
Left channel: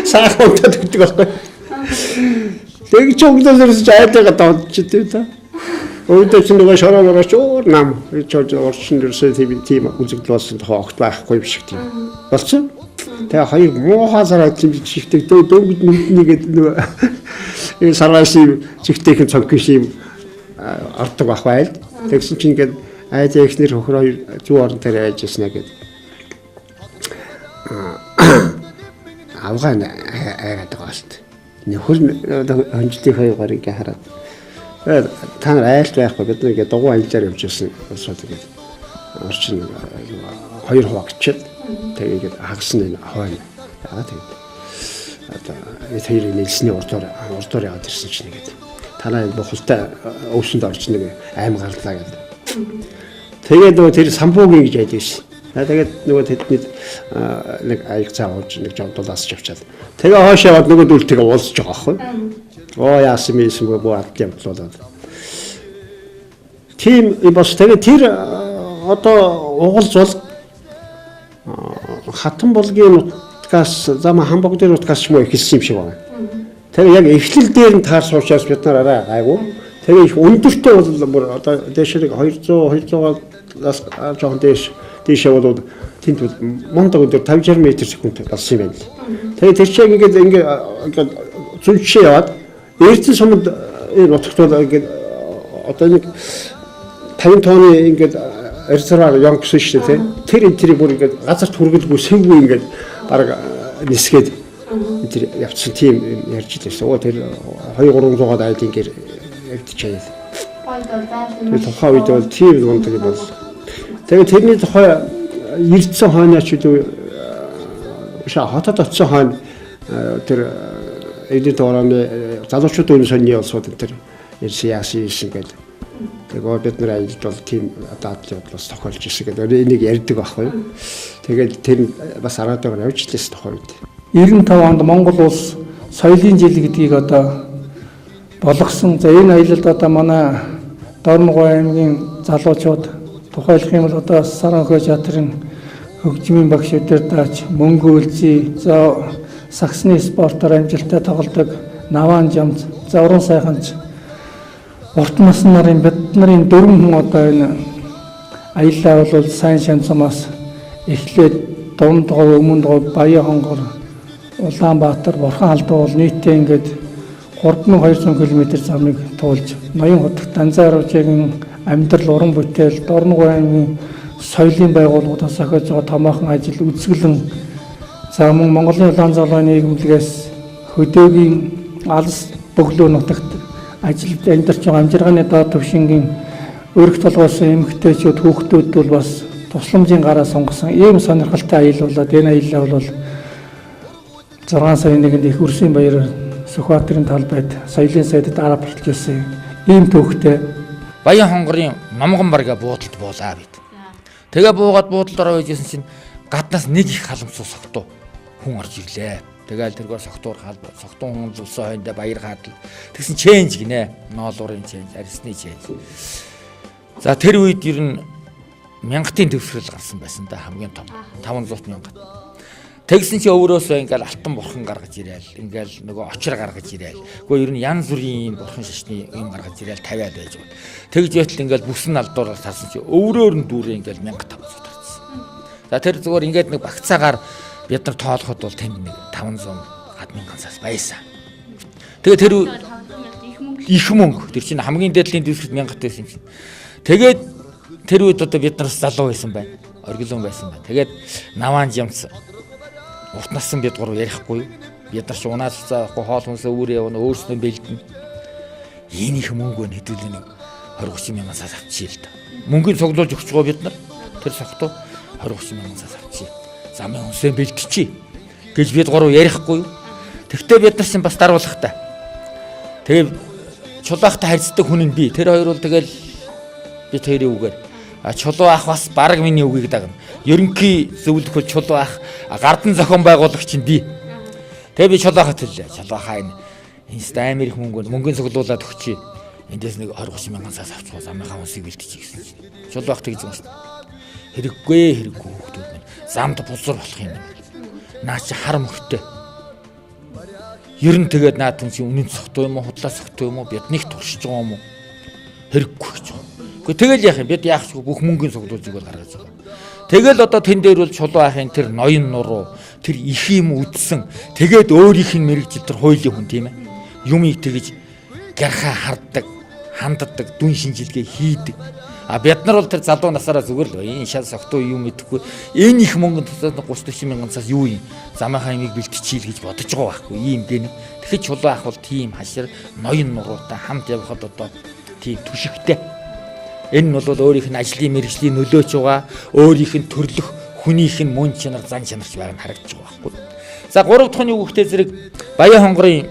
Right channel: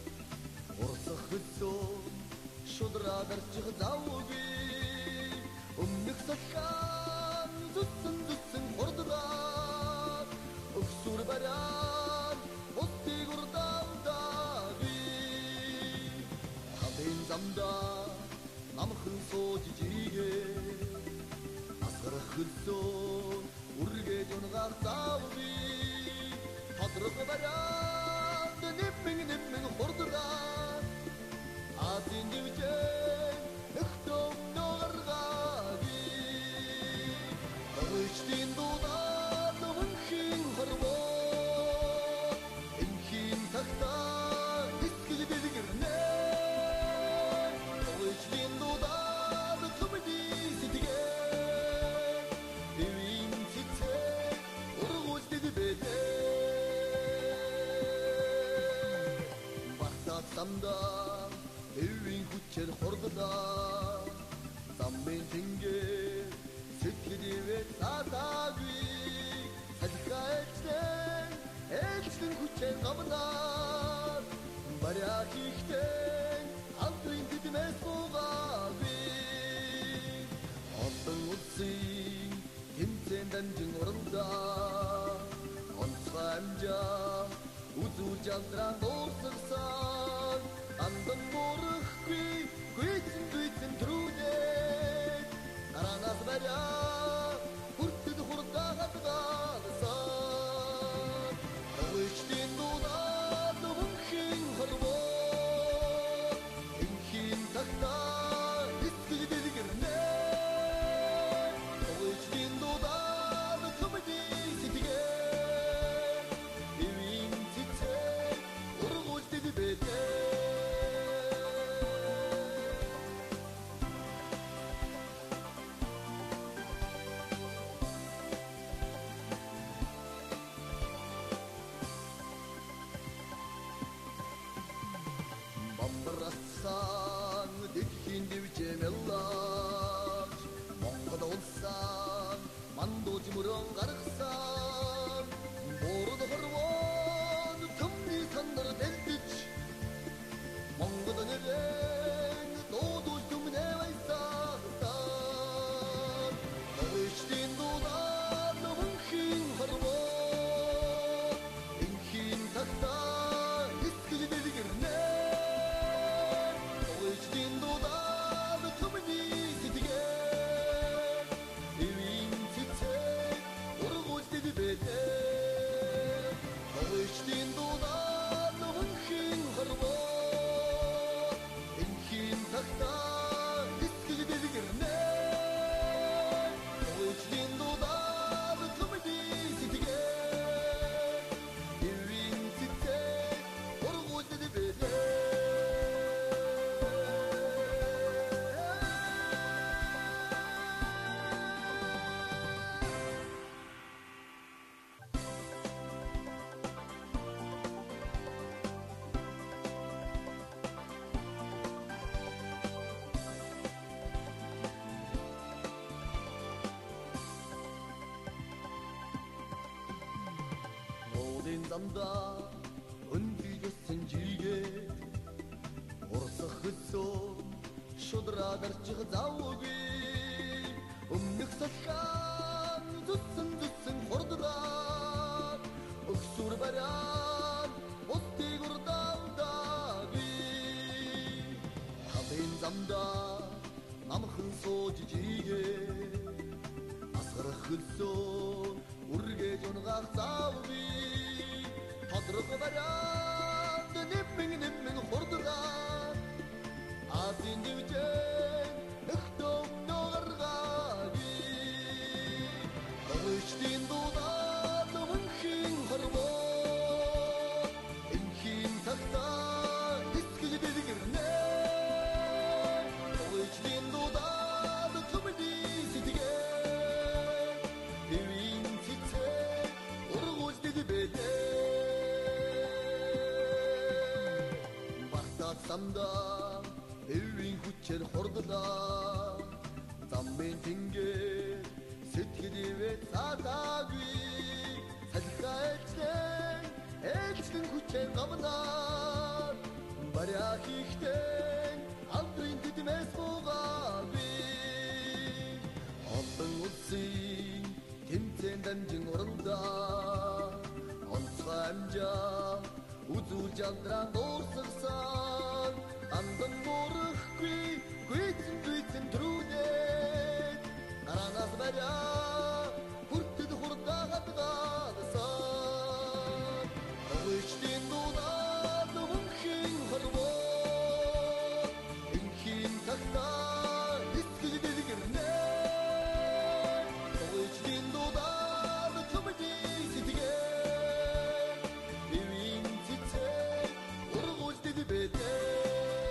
Саахан удаад өгдөг байхгүй. Тэг чи өгдөөс айлгаа давчихдээ та. Өөрөөр чинь нөгөө шороогоос өөр нам чиж орчин дэрсээ тийм үзэгдэл болсон тохоо огт байхгүй биш гэх тийм. Болчихсон. Тэгээ хоёр муухай ажил чигтэй дөнгөд нүднийгээд нөгөө энэ сарвааши чигтэйхэн цоггүй шим ордог байх байл. Тэгсэн чинь ингээд айд ихнэр хөхөр хоёр зүү орон дээр айж яснаа гэд. Авгаа айгаад байгаа шүү дээ. Нөхөр хонжлын хоёр гарыг хараад та нар айлт байхгүй бид нэг дугуйн аялаар явж ирсэн асуудал гэдэг. Орчин хоёр хуваагдчихад тэгээд хагасны хойно. Тэгээд одоо тэр нэлсний урдуур яваад ирсэн чинь гэдэг. Танай бохолтой өвсөнд орж нэг аим гарлаа гэдэг. Тэгээд нөгөө тэр самбуугийн гэж яддаг шин. Тэгээд нөгөө тэдний нэг аяг цаа ууж нэг жавдуулаас авчаад. Тэгээ хойш яваад нөгөө дүлтэйгээ уулзж байгаа байхгүй. Оо яасан мээсэн бөө алт явуулаад. Тийм бас тэгээ тэр одоо угалж бол хатан булгийн утгаас зам хамбог дээр утгаас ч муу ихэлсэн юм шиг байна. Тэгээ яг эхлэл дээр нь таарс уучраас бид нар арай гайгүй. Тэгээ их өндөртэй бол одоо дэшрэг 200-200-аас жоохон дээшээ бол тэнд мондог өдөр 50-60 м/сек болсон юм байна. Тэгээ тэр чинь ингээд зүнчээ яваад эрдэн сумд энэ утгад бол ингээд одоо нэг 50 тонны ингээд резервуар юм гэсэн шүү дээ. Тэр энэ тэрийг бүр ингээд газарт хүргэлгүй сэвгүй ингээд бараг нисгээд тэр явцсан тийм ярьж байсан. Оо тэр 200-300-аад айлын гэр явдчихъя. Тэр тухайн үед бол тийм гондог юм бол. Тэгээд тэрний тухай ирдсэн хойнооч үү хотод очсон хойно тэр эдийн дорооны залуучууд өнө сонины улсууд энэ тэр яасан гэдэг. Тэгээ бид нар аялд бол тийм дадлын бодлоос тохиолж ирсэн гэдэг. Энийг ярьдаг байхгүй. Тэгээд тэр бас араадаар явж лээс тухай үед. 95 онд Монгол улс соёлын жил гэдгийг одоо болгосон. За энэ аялалд одоо манай Дорноговь аймгийн залуучууд тухайлах юм бол одоо Саранхой театрын хөгжмийн багш өдөртөөч мөнгө үлзий за саксны спортоор амжилттай тоглодог наваан жамц за уран сайханч урт насны нарын бид нарын дөрвөн хүн одоо энэ аяллаа бол сайн шанцмаас эхлээд Дундгов Өмнөдгов Баян хонгор Улаанбаатар Бурхан алдуу бол нийтдээ ингээд 3200 км замыг туулж ноён хотод анзааруулжгийн амьдрал уран бүтээл Дорноговь аймгийн соёлын байгууллагуудаас ахиж байгаа томоохон ажил үзэсгэлэн за мөн Монголын улаан залууны нийгэмлэгээс хөдөөгийн алс бөглөө нутагт ажилд амьдарч байгаа амжиргааны доод түвшингийн өргөх толгойсон эмэгтэйчүүд хүүхдүүд бол бас тусламжийн гараа сонгосон ийм сонирхолтой аялал болоод энэ аялал бол 6 сарын 1-нд их үрсийн баяраар Сүхбаатарын талбайд соёлын сайдад арга болтож байсан ийм төвхтэй Баян хонгорын номгон барга буудалд буулаа бид. Тэгээ буугаад буудалд ороо байжсэн чинь гаднаас нэг их халамсуу согтуу хүн орж ирлээ. Тэгээл тэргээр согтуур хаалбар согтуу хүн зулсан хойндоо баяр хаадл. Тэгсэн ченж гинэ. Ноолуурын ченж, арьсны ченж. За тэр үед ер нь мянгатын төвшрөл гарсан байсан да хамгийн том 500 мянга. Тэгсэн чи өөрөөсөө ингээл алтан бурхан гаргаж ирээл, ингээл нөгөө очир гаргаж ирээл. Гэхдээ ер нь янз бүрийн бурхан шашны юм гаргаж ирээл тавиад байж байгаа. Тэгж яйтал ингээл бүсэн алдуугаар тасан чи өврөөр нь дүүрээ ингээл 1500 тавьсан. За тэр зүгээр ингээд нэг багцаагаар бид нар тоолоход бол тэнд нэг 500 1000-аас байсан. Тэгээ тэр их мөнгө тэр чинь хамгийн дээдлийн дэвсгэр 1000 байсан юм. Тэгээд тэр үед одоо бид нараас залуу байсан байна. оргилон байсан байна. Тэгээд наваан жамц урт нассан бид гурав ярихгүй. Бид нар ч унаас заахгүй хоол хүнсээ өөрөө явна өөрсдөө бэлдэн. Ийм их мөнгө нэдүүлэн 20-30 мянган авчихъя л да. Мөнгөний цуглуулж өгч байгаа бид нар. Тэр согтуу 20-30 мянган авчихъя. Замын хүнсээ бэлтчихье гэж бид гурав ярихгүй. Тэгтээ бид нар чинь бас даруулах та. Тэгээд Чулуухтай харьцдаг хүн нь би. Тэр хоёр бол тэгэл бид хоёрын үгээр Чулуах бас баг миний үгийг дагна. Ерөнхий зөвлөх бол Чулуах гардан зохион байгуулагч нь би. Тэгээ би Чулуахад хэллээ. Чулуахаа энэ амар их мөнгөний цуглуулад өгчээ. Эндээс нэг 20-30 мянган цаас авчихсан замынхаа усыг бэлтчихье гэсэн. Чулуах тэгж юм шүү. Хэрэггүй. Замд бузар болох юм. Наа чи хар мөхтэй. Ер нь тэгээд наадам чи үнэн цогтой юм уу, худлаа цогтой юм уу, биднийг туршиж байгаа юм уу? Хэрэггүй гэж. Гэхдээ тэгэл яах юм? Бид яах ч бүх мөнгөний цуглуулж өгöl гаргаж байгаа. Тэгэл одоо тэн дээр бол Чулуухын тэр ноён нуруу, тэр их юм үдсэн. Тэгээд өөрийнх нь мэрэгжил тэр хуулийн хүн тийм ээ. Юмыг тэгж гархаа харддаг, ханддаг, дүн шинжилгээ хийдэг. Бид нар бол тэр залуу насаараа зүгээр л энэ шал согтой юм идэхгүй. Энэ их мөнгөнд 30-40 мянган цаас юу юм? Замынхаа имийг бэлтчихийл гэж бодож байгаа байхгүй ийм гэнэ. Тэгэхээр Чулуах бол тийм хашир ноён нуруутай хамт явхад одоо тийм түшигтэй. Энэ нь бол өөрийнх нь ажлын мэргэжлийн нөлөөч байгаа, өөрийнх нь төрлөх хүнийх нь мөн чанар зан чанарч байгааг нь харагдаж байгаа байхгүй. За 3 дахь оны хүүхдээ зэрэг Баян хонгорын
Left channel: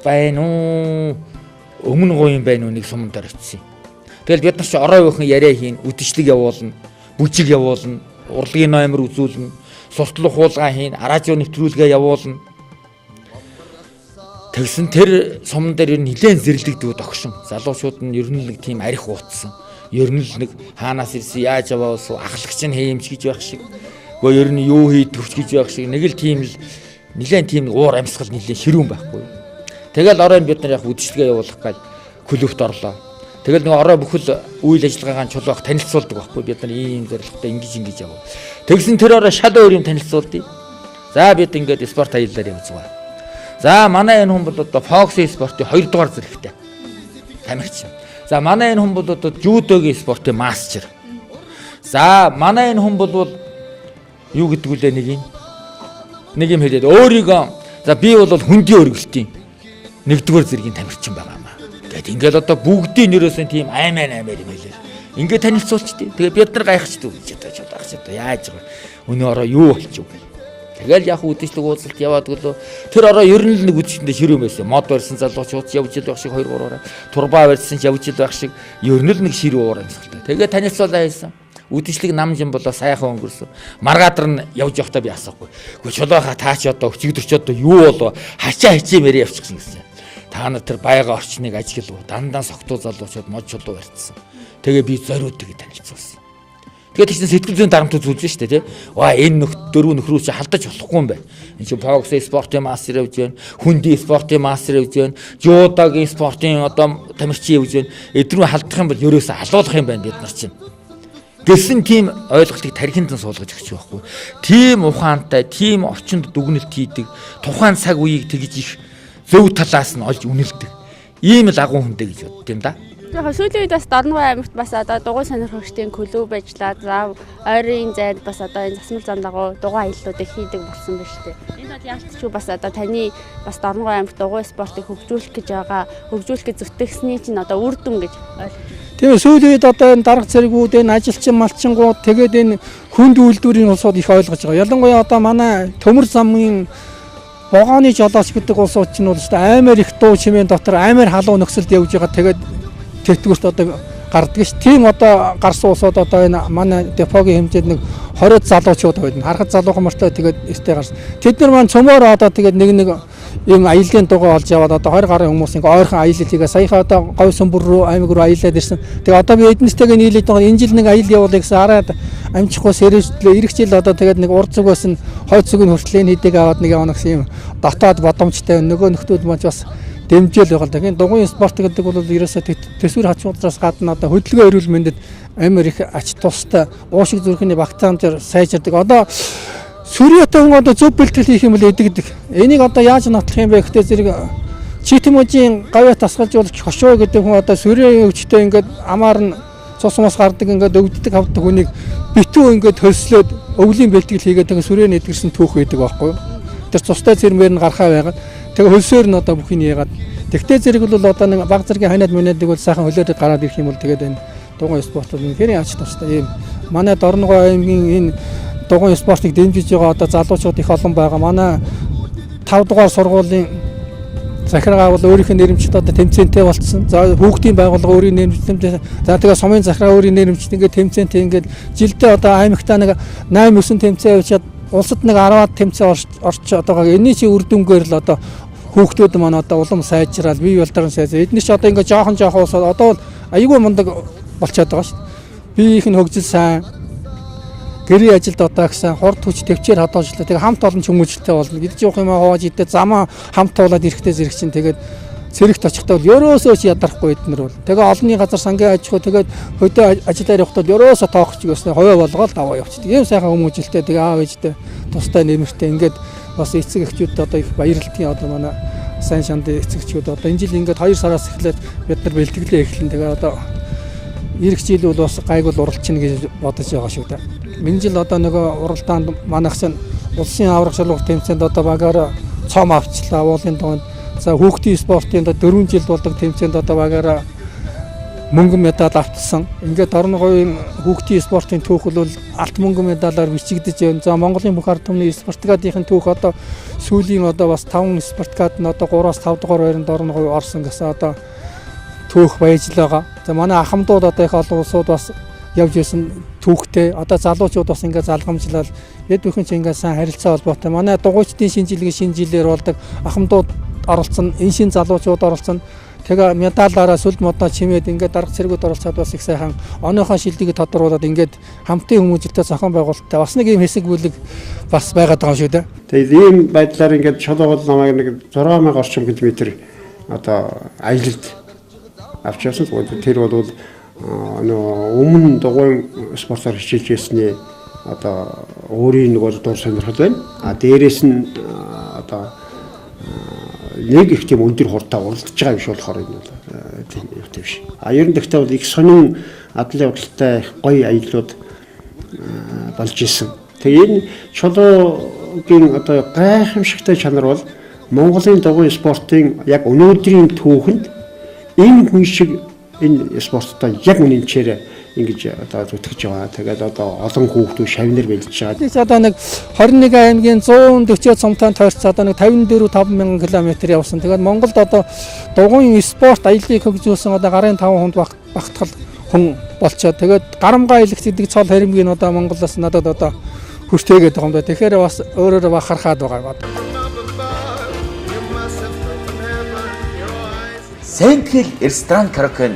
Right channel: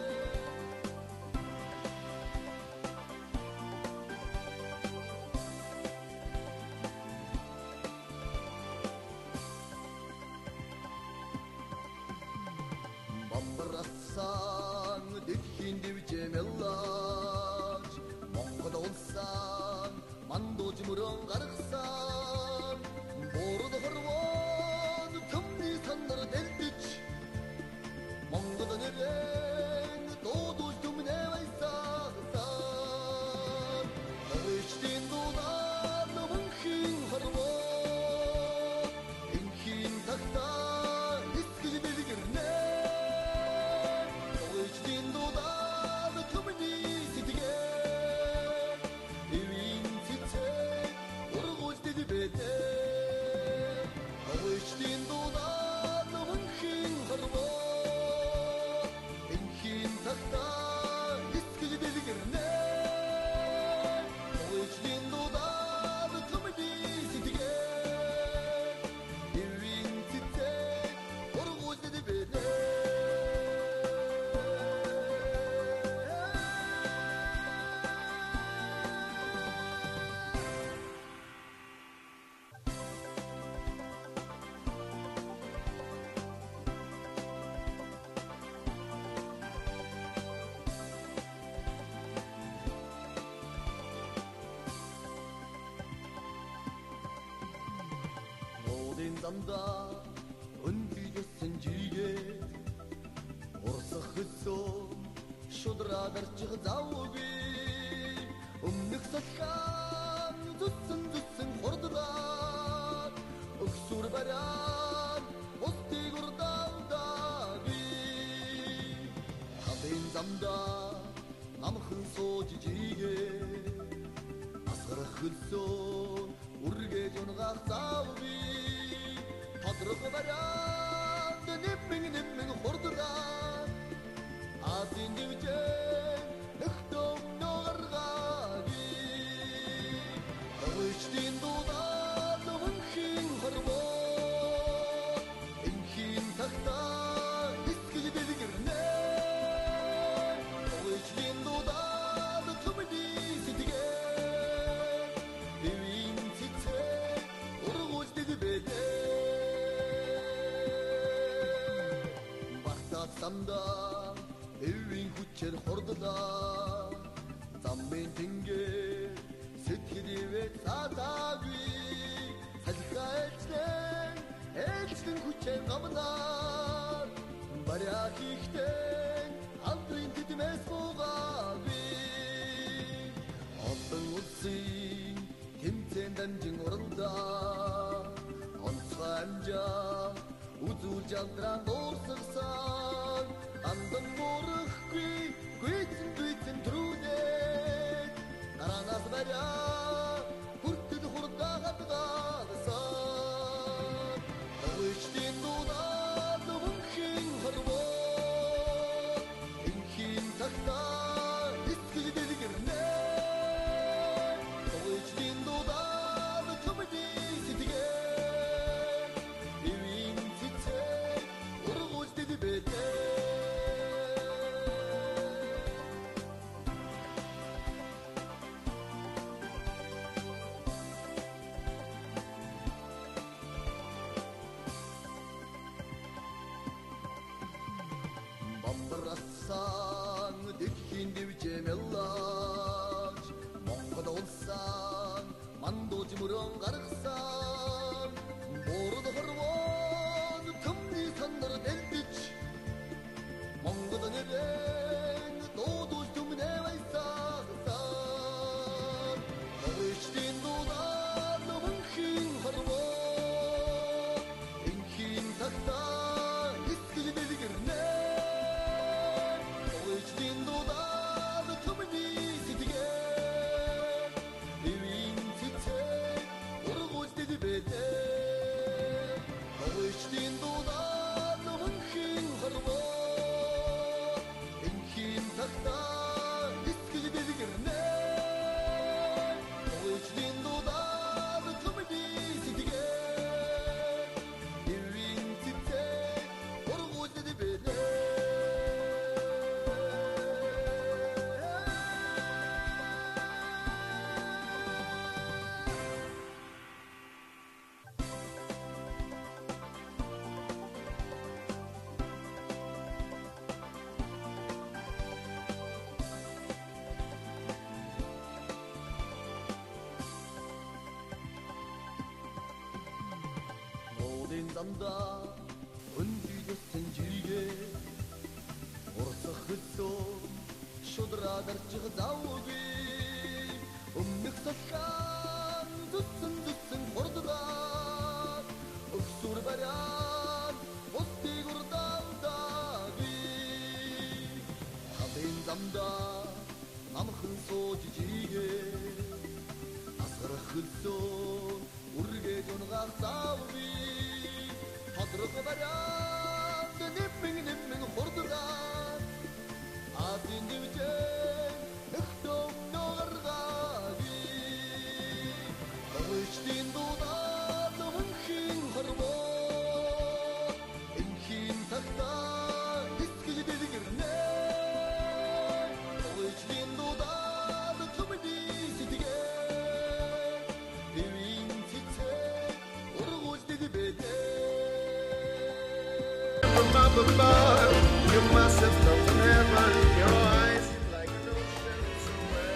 байна уу? Өмнө гуйн байна уу нэг сумдаар очив. Тэгэл бид нар ч орой өөхөн яриа хийн, үдшилэг явуулна, бүжиг явуулна, урлагийн номер үзүүлнэ, суртлах хуулган хийн, радио нэвтрүүлгээ явуулна. Тэгсэн тэр сумн дээр ер нь нэлээд зэрлэгддэг огшин. Залуучууд нь ер нь нэг тийм арх уутсан. Ер нь л нэг хаанаас ирсэн, яаж яваасуу, ахлагч нь хээмч гэж байх шиг. Гөө ер нь юу хий төвч гэж байх шиг. Нэг л тийм л нэлээд тийм уур амьсгал нэлээд ширүүн байхгүй. Тэгэл оройн бид нар яг үдшилгээ явуулах гэж клубт орлоо. Тэгэл нэг орой бүхэл үйл ажиллагаагаа Чулуах танилцуулдаг байхгүй. Бид нар ийм зорилготой ингэж яваа. Тэгсэн тэр орой шал өөр юм танилцуулдیں۔ За бид ингээд спорт аяллаар явж байгаа. За манай энэ хүн бол одоо Фоксын спортын 2 дугаар зэрэгтэй. Тамирчин. За манай энэ хүн бол одоо жюдогийн спортын мастер. За манай энэ хүн бол юу гэдэг үлээ нэг юм хэлээд өөрийгөө за би бол хүндийн өргөлтийн 1-р зэргийн тамирчин байгаа юм. Тэгэд ингээд одоо бүгдийн нэрөөсөн тийм аймаар юм байлээ. Ингээд танилцуулчихдээ. Тэгээ бид нар гайхчихдаг одоо яаж байгаа. Өнөө ороо юу болчих вэ? Тэгэл яг үдшилэг уулзалт яваад гэлөө тэр ороо ер нь л нэг үдшилтэнд ширүүн байсан. Мод барьсан залуучууд явж ил байх шиг 2-3-аар. Турбаа барьсан ч явж ил байх шиг ер нь л нэг ширүү уур амьсгалтай. Тэгээ танилцуулаа хийсэн. Үдшилэг намжин болоо сайхан өнгөрсөн. Маргадар нь явж явахдаа би асуухгүй. Гэхдээ Чулуухаа таач одоо өчигдөрч одоо юу болоо хачаа хичээ мэрээ явчихсан гэсэн. Та нар тэр байга орчныг ажиглав. Дандаа согтуу залуучууд мод чулуу барьсан. Тэгээ би зориуд гэж танилцуулсан. Тэгээд тийч сэтгэл зүйн дарамт үзүүлж штэ тий. Ва энэ дөрөв нөхрөө чи халдаж болохгүй юм байна. Энд чи Прокурор спортын мастер явж байна. Хүндийн спортын мастер явж байна. Жудагийн спортын одоо тамирчин явж байна. Эдрүү халдах юм бол ерөөсө халуулах юм байна бид нар чинь. Гэсэн тийм ойлголтыг тархинд нь суулгаж өгч байхгүй. Тийм ухаантай, тийм орчинд дүгнэлт хийдэг, тухайн цаг үеийг тэгж их зөв талаас нь олж үнэлдэг. Ийм л агуу хүнтэй гэж боддیں۔ Да. Яг сүүлийн үед бас Дорноговь аймагт бас одоо дугуйн сонирхогчдын клуб ажиллаад зав ойрын зайд бас одоо энэ засмал зам дагуу дугуйн аяллуудыг хийдэг болсон байна шүү дээ. Энэ бол яаж ч бас одоо таны бас Дорноговь аймагт дугуйн спортыг хөгжүүлэх гэж байгаа, хөгжүүлэх гэж зүтгэсний чинь одоо үр дүн гэж тийм сүүлийн үед одоо энэ дарга зэргүүд энэ ажилчин малчингууд тэгээд энэ хүнд үйлдвэрийн улсууд их ойлгож байгаа. Ялангуяа одоо манай төмөр замын вагоны жолооч гэдэг улсууд чинь бол амар их дуу чимээ дотор амар халуун нөхцөлд явж байгаа. Тэгээд тэтгэврт одоо гардаг ш. Тийм одоо гарсан улсууд одоо энэ манай депогийн хэмжээнд нэг 20 залуучууд байна. Харахад залуухан мөртөө тэгээд өстэй гарсан. Тэд нар маань цөмөөр одоо тэгээд нэг юм аяллаа дугаа олж яваад одоо 20 гаруй хүмүүс ингээ ойрхон аялал хийгээ. Саяхан одоо говь сүмбэр рүү аймаг руу аялаад ирсэн. Тэгээд одоо би эднэстэйгээ нийлээд байгаа энэ жил нэг аялал явуулъя гэсэн хараад амжихгүй сэрвэжлээ. Ирэх жил одоо тэгээд нэг урд зүгээс нь хойд зүгийн хүртэл хийдэг аваад нэг явна гэсэн юм дотоод боломжтой нөгөө нөхдүүд маань бас дэмжээл байгаа. Тэгэхээр дугуйн спорт гэдэг бол ерөөсөө төсвөр хачуудаас гадна одоо хөдөлгөөн эрүүл мэндэд амар их ач тустай уушиг зүрхний багтаамжаар сайжирдаг. Одоо сүрьятай хүн одоо зөв бэлтгэл хийх юм бол эдэгдэг. Энийг одоо яаж нотлох юм бэ гэхдээ зэрэг читэмжийн гавьяа тасгалжуулагч хошоо гэдэг хүн одоо сүрьягийн өвчтөй ингээд амаар нь цус мос гардаг ингээд өвддөг хавдаг хүнийг битүү ингээд хөлслөөд өвлийн бэлтгэл хийгээд тэгээ сүрэн эдгэрсэн түүх байдаг байхгүй юу. Тэр цустай зэрмээр нь гарахаа байгаад тэгээ хөлсөөр нь одоо бүхнийг яагаад тэгтээ зэрэг бол одоо нэг баг зэргийн ханаад манаадаг бол сайхан хөлөөдөд гараад ирэх юм бол тэгээд энэ дугуйн спорт бол үнэхээр ач тустай юм. Манай Дорноговь аймгийн энэ дугуйн спортыг дэмжиж байгаа одоо залуучууд их олон байгаа. Манай 5 дугаар сургуулийн захиргаа бол өөрийнх нь нэрэмжтэй одоо тэмцээнтэй болцсон. За хүүхдийн байгууллага өөрийн нэрэмжтэй. За тэгээ сумын захиргаа өөрийн нэрэмжтэй ингээд тэмцээнтэй ингээд жилдээ одоо аймагтаа нэг 8 9 тэмцээн явуулаад улсад нэг 10-аад тэмцээн орч одоо энэний чи үр дүнгээр л одоо хүүхдүүд маань одоо улам сайжраад бие болдрон сайжраад эдгээр чи одоо ингээд жоохон усаад одоо аягүй мундаг болчиход байгаа шүү. Биеийнх нь хөгжил сайн гэрийн ажилд одоо гэсэн хурд хүч төвчээр хадгалжлаа. Тэгээ хамт олон ч хүмүүжлтэй болно. Идэж явах юм хувааж идэ замаа хамт туулаад эрэхтэй зэрэг чинь тэгээд цэрэгт очихдоо ерөөсөө ч ядарахгүй эднэр бол. Тэгээ олонний газар сангийн аж ахуй тэгээд хөдөө ажилдаа явахдаа ерөөсөө тоохч гэснээр хувиа болгоод аваа явчихдаг. Ийм сайхан хүмүүжлтэй тэгээ аав ээжтэй тустай нэмэртэй ингээд бас эцэг эхчүүд одоо их баярлалтын одоо манай сайн шандын эцэгчүүд одоо энэ жил ингээд 2 сараас эхлээд бид нар бэлтгэлээ эхлэн тэгээ одоо ирэх жил бол бас гайгүй уралчна гэж бодож байгаа шүү дээ. Энэ жил одоо нөгөө уралдаанд манайхсан улсын аврах шалгуур тэмцээнд одоо багаараа цом авчлаа. Уулын тоонд за хүүхдийн спортын 4 жил болдог тэмцээнд одоо багаараа мөнгөн медаль авчсан. Ингээд Дорноговын хүүхдийн спортын түүх бол алт мөнгөн медалаар бичигдэж байна. За Монголын бүх ард түмний спортгадын түүх одоо сүүлийн одоо бас 5 спортгад нь одоо 3-аас 5 дугаар байранд Дорноговь орсон гэсэн одоо түүх баяжл байгаа. За манай ахмадууд одоо их олон улсууд бас явж исэн түүхтэй. Одоо залуучууд бас ингээд залгамжлал эд бүхэн чинь ингээд сайн харилцаа холбоотой. Манай дугуйчдын шинэ жилээр болдог ахмадууд оролцсон, энэ шинэ залуучууд оролцсон. Тэгээ медалаараа сүлд модоо чимээд ингээд дарга цэргүүд оролцоод бас их сайхан оныхоо шилдгийг тодруулаад ингээд хамтын хүмүүжлэлтэй зохион байгуулалттай бас нэг юм хэсэг бүлэг бас байгаад байгаа шүү дээ. Тэгээд ийм байдлаар ингээд Чулуун намайг нэг 6000 орчим километр одоо аялалд авч явсан. Тэр бол өмнө дугуйн спортоор хичээж ирсний одоо өөрийн нэг бол дур сонирхол байна. А дээрээс нь одоо нэг их тийм өндөр хурдтай уралдаж байгаа юм шиг болохоор тийм биш. А ер нь гэхдээ бол их сонин адлын явдалтай их гоё аяллууд болж исэн. Тэгээ энэ Чулуугийн одоо гайхамшигтай чанар бол Монголын дугуйн спортын яг өнөөдрийн түүхэнд энэ хүн шиг энэ спорттой яг үнэнчээр ингэж одоо зүтгэж байгаа. Тэгээд одоо олон хүүхдүүд шавнар бэлдэж байгаа. Тийш одоо нэг 21 аймгийн 140 цомтой тойрч одоо нэг 54-5 км явсан. Тэгээд Монголд одоо дугуйн спорт аяллыг хөгжүүлсэн одоо гарын 5 хүнд багтгал хүн болчоод тэгээд гарамгаа аялах гэдэг цол харимгийн одоо Монголоос надад одоо хүртээгээд байгаа юм байна. Тэгэхээр бас өөрөөр бахархаад байгаа. Сэнхэл ресторан караоке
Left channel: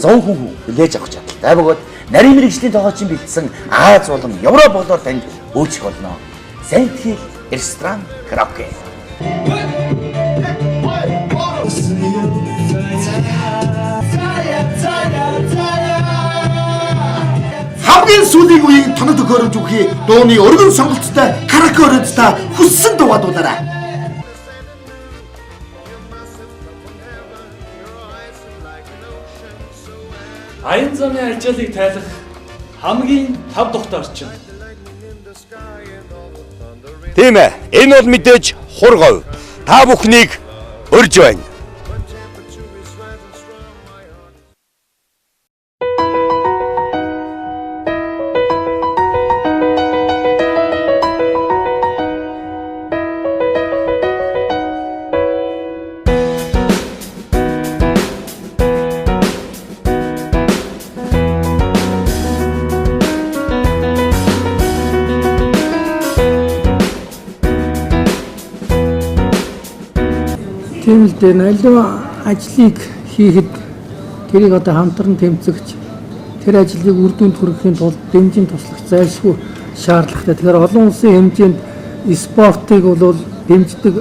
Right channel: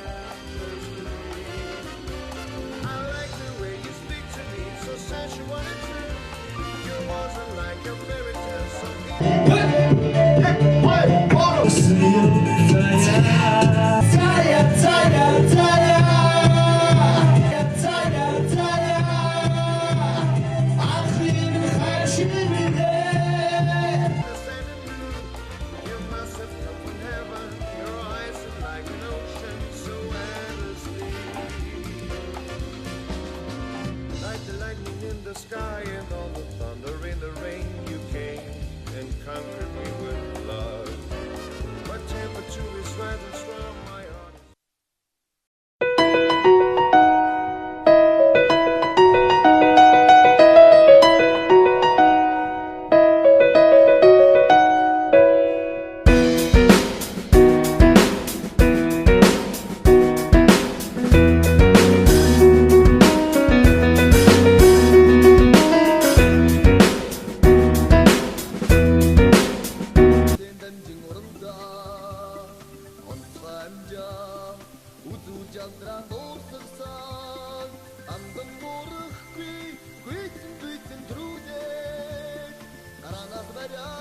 100 хүн хүлээж авах чадaltaй бөгөөд нарийн мэрэгжлийн тоглоомчин бэлдсэн Аз болон Европ болоор танд үйлчлэх болно. Сэнхэл ресторан караоке. Хамгийн сүүлийн үеийн танад өгөөрөж үхий дууны өргөн сонголттой караоке өрөөдтэй хүссэн дуугаараа. Аян замын ажлыг тайлах хамгийн тав тухтай орчин. Тийм ээ. Энэ бол мэдээж хургав. Та бүхнийг урьж байна. Тэр аливаа ажлыг хийхэд тэрийг одоо хамтран тэмцэгч тэр ажлыг үр дүнд хүрэхийн тулд дэмжин туслах зайлшгүй шаардлагатай. Тэгэхээр олон улсын хэмжээнд спортыг бол дэмждэг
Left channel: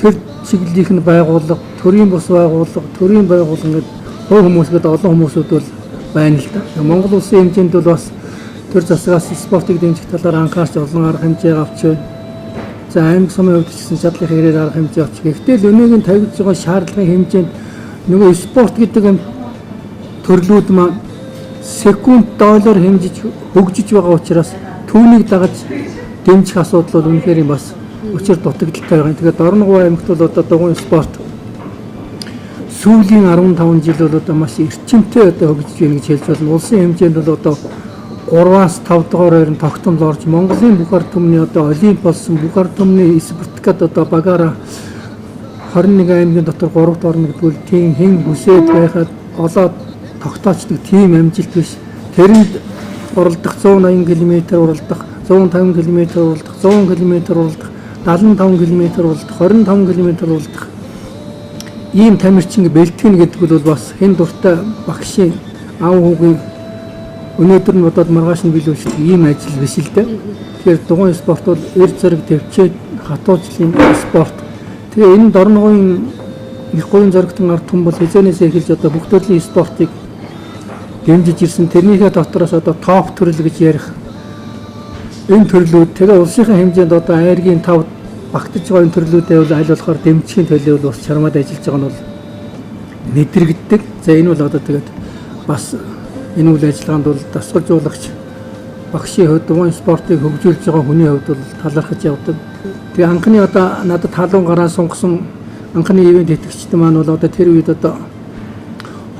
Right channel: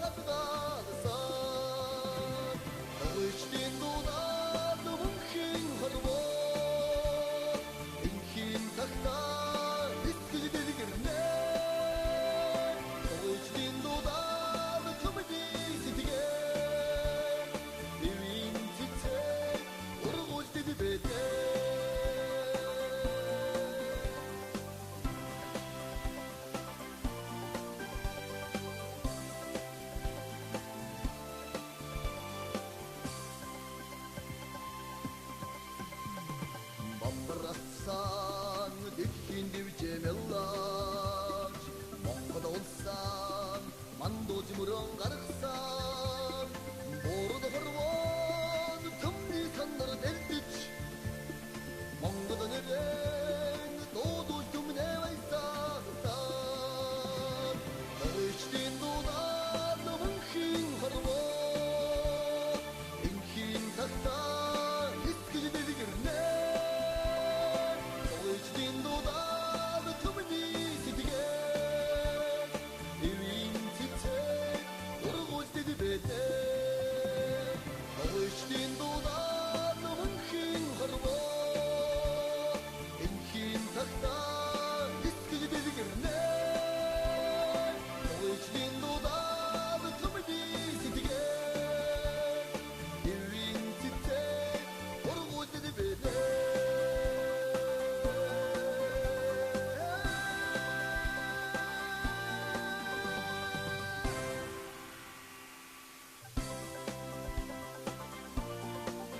тэр чиглэлийн байгууллага, төрийн бус байгууллага, төрийн байгууллага гэдэг хувь хүмүүс гэдэг олон хүмүүсүүд бол байна л да. Монгол улсын хэмжээнд бол бас тэр засагаас спортыг дэмжих талаар анхаарч олон арга хэмжээ авч байна. За аймаг сумын хувьд ч гэсэн чадлын хэрэгээр арга хэмжээ авч. Гэхдээ л өнөөгийн тавигдж байгаа шаардлагын хэмжээнд нөгөө спорт гэдэг юм төрлүүд маань секунд доллар хэмжиж хөгжиж байгаа учраас түүнийг дагаж дэмжих асуудал бол үнэхээр бас учир дутагдaltaй байгаа. Тэгээд Дорноговь аймагт бол одоо дугуйн спорт сүүлийн 15 жил бол одоо маш эрчимтэй одоо хөгжиж байна гэж хэлж болно. Улсын хэмжээнд бол одоо 3-аас 5 дугаар байрны тогтмол орж Монголын бүх ард түмний одоо олимп болсон бүх ард түмний спортод одоо багаараа 21 аймгийн дотор 3 дахь орно гэдгээр тийм хэн хүсээд байхад олоод тогтоочдөг тийм амжилт биш. Тэрэнд уралдах 180 км уралдах, 150 км уралдах, 100 км уралдах, 75 км уралдах, 25 км уралдах ийм тамирчин бэлтгэн гэдэг бол бас хэн дуртай багшийн аав хүүгийн өнөөдөр нь бодоод маргааш нь билүүшдэг ийм ажил биш л дээ. Тэгэхээр дугуйн спорт бол эр зэрэг төвчээд хатуужлын спорт. Тэгээ энэ Дорноговын их гуйн зоригтон ард түмэн бол хязгаанаас эхэлж одоо бүх төрлийн спортыг дэмжиж ирсэн. Тэрнийхээ дотроос одоо топ төрөл гэж ярих энэ төрлүүд тэгээ улсынхаа хэмжээнд одоо аймгийн 5 багтаж байгаа энэ төрлүүдээ бол аль болохоор дэмжихийн төлөө бол бас чармаад ажиллаж байгаа нь бол мэдрэгддэг. За энэ бол одоо тэгээд бас энэ үйл ажиллагаанд бол дасгалжуулагч багшийн хувьд дугуйн спортыг хөгжүүлж байгаа хүний хувьд бол талархаж явдаг. Тэгээ анхны одоо надад халуун гараа сунгасан анхны ивент итгэгчд маань бол одоо тэр үед одоо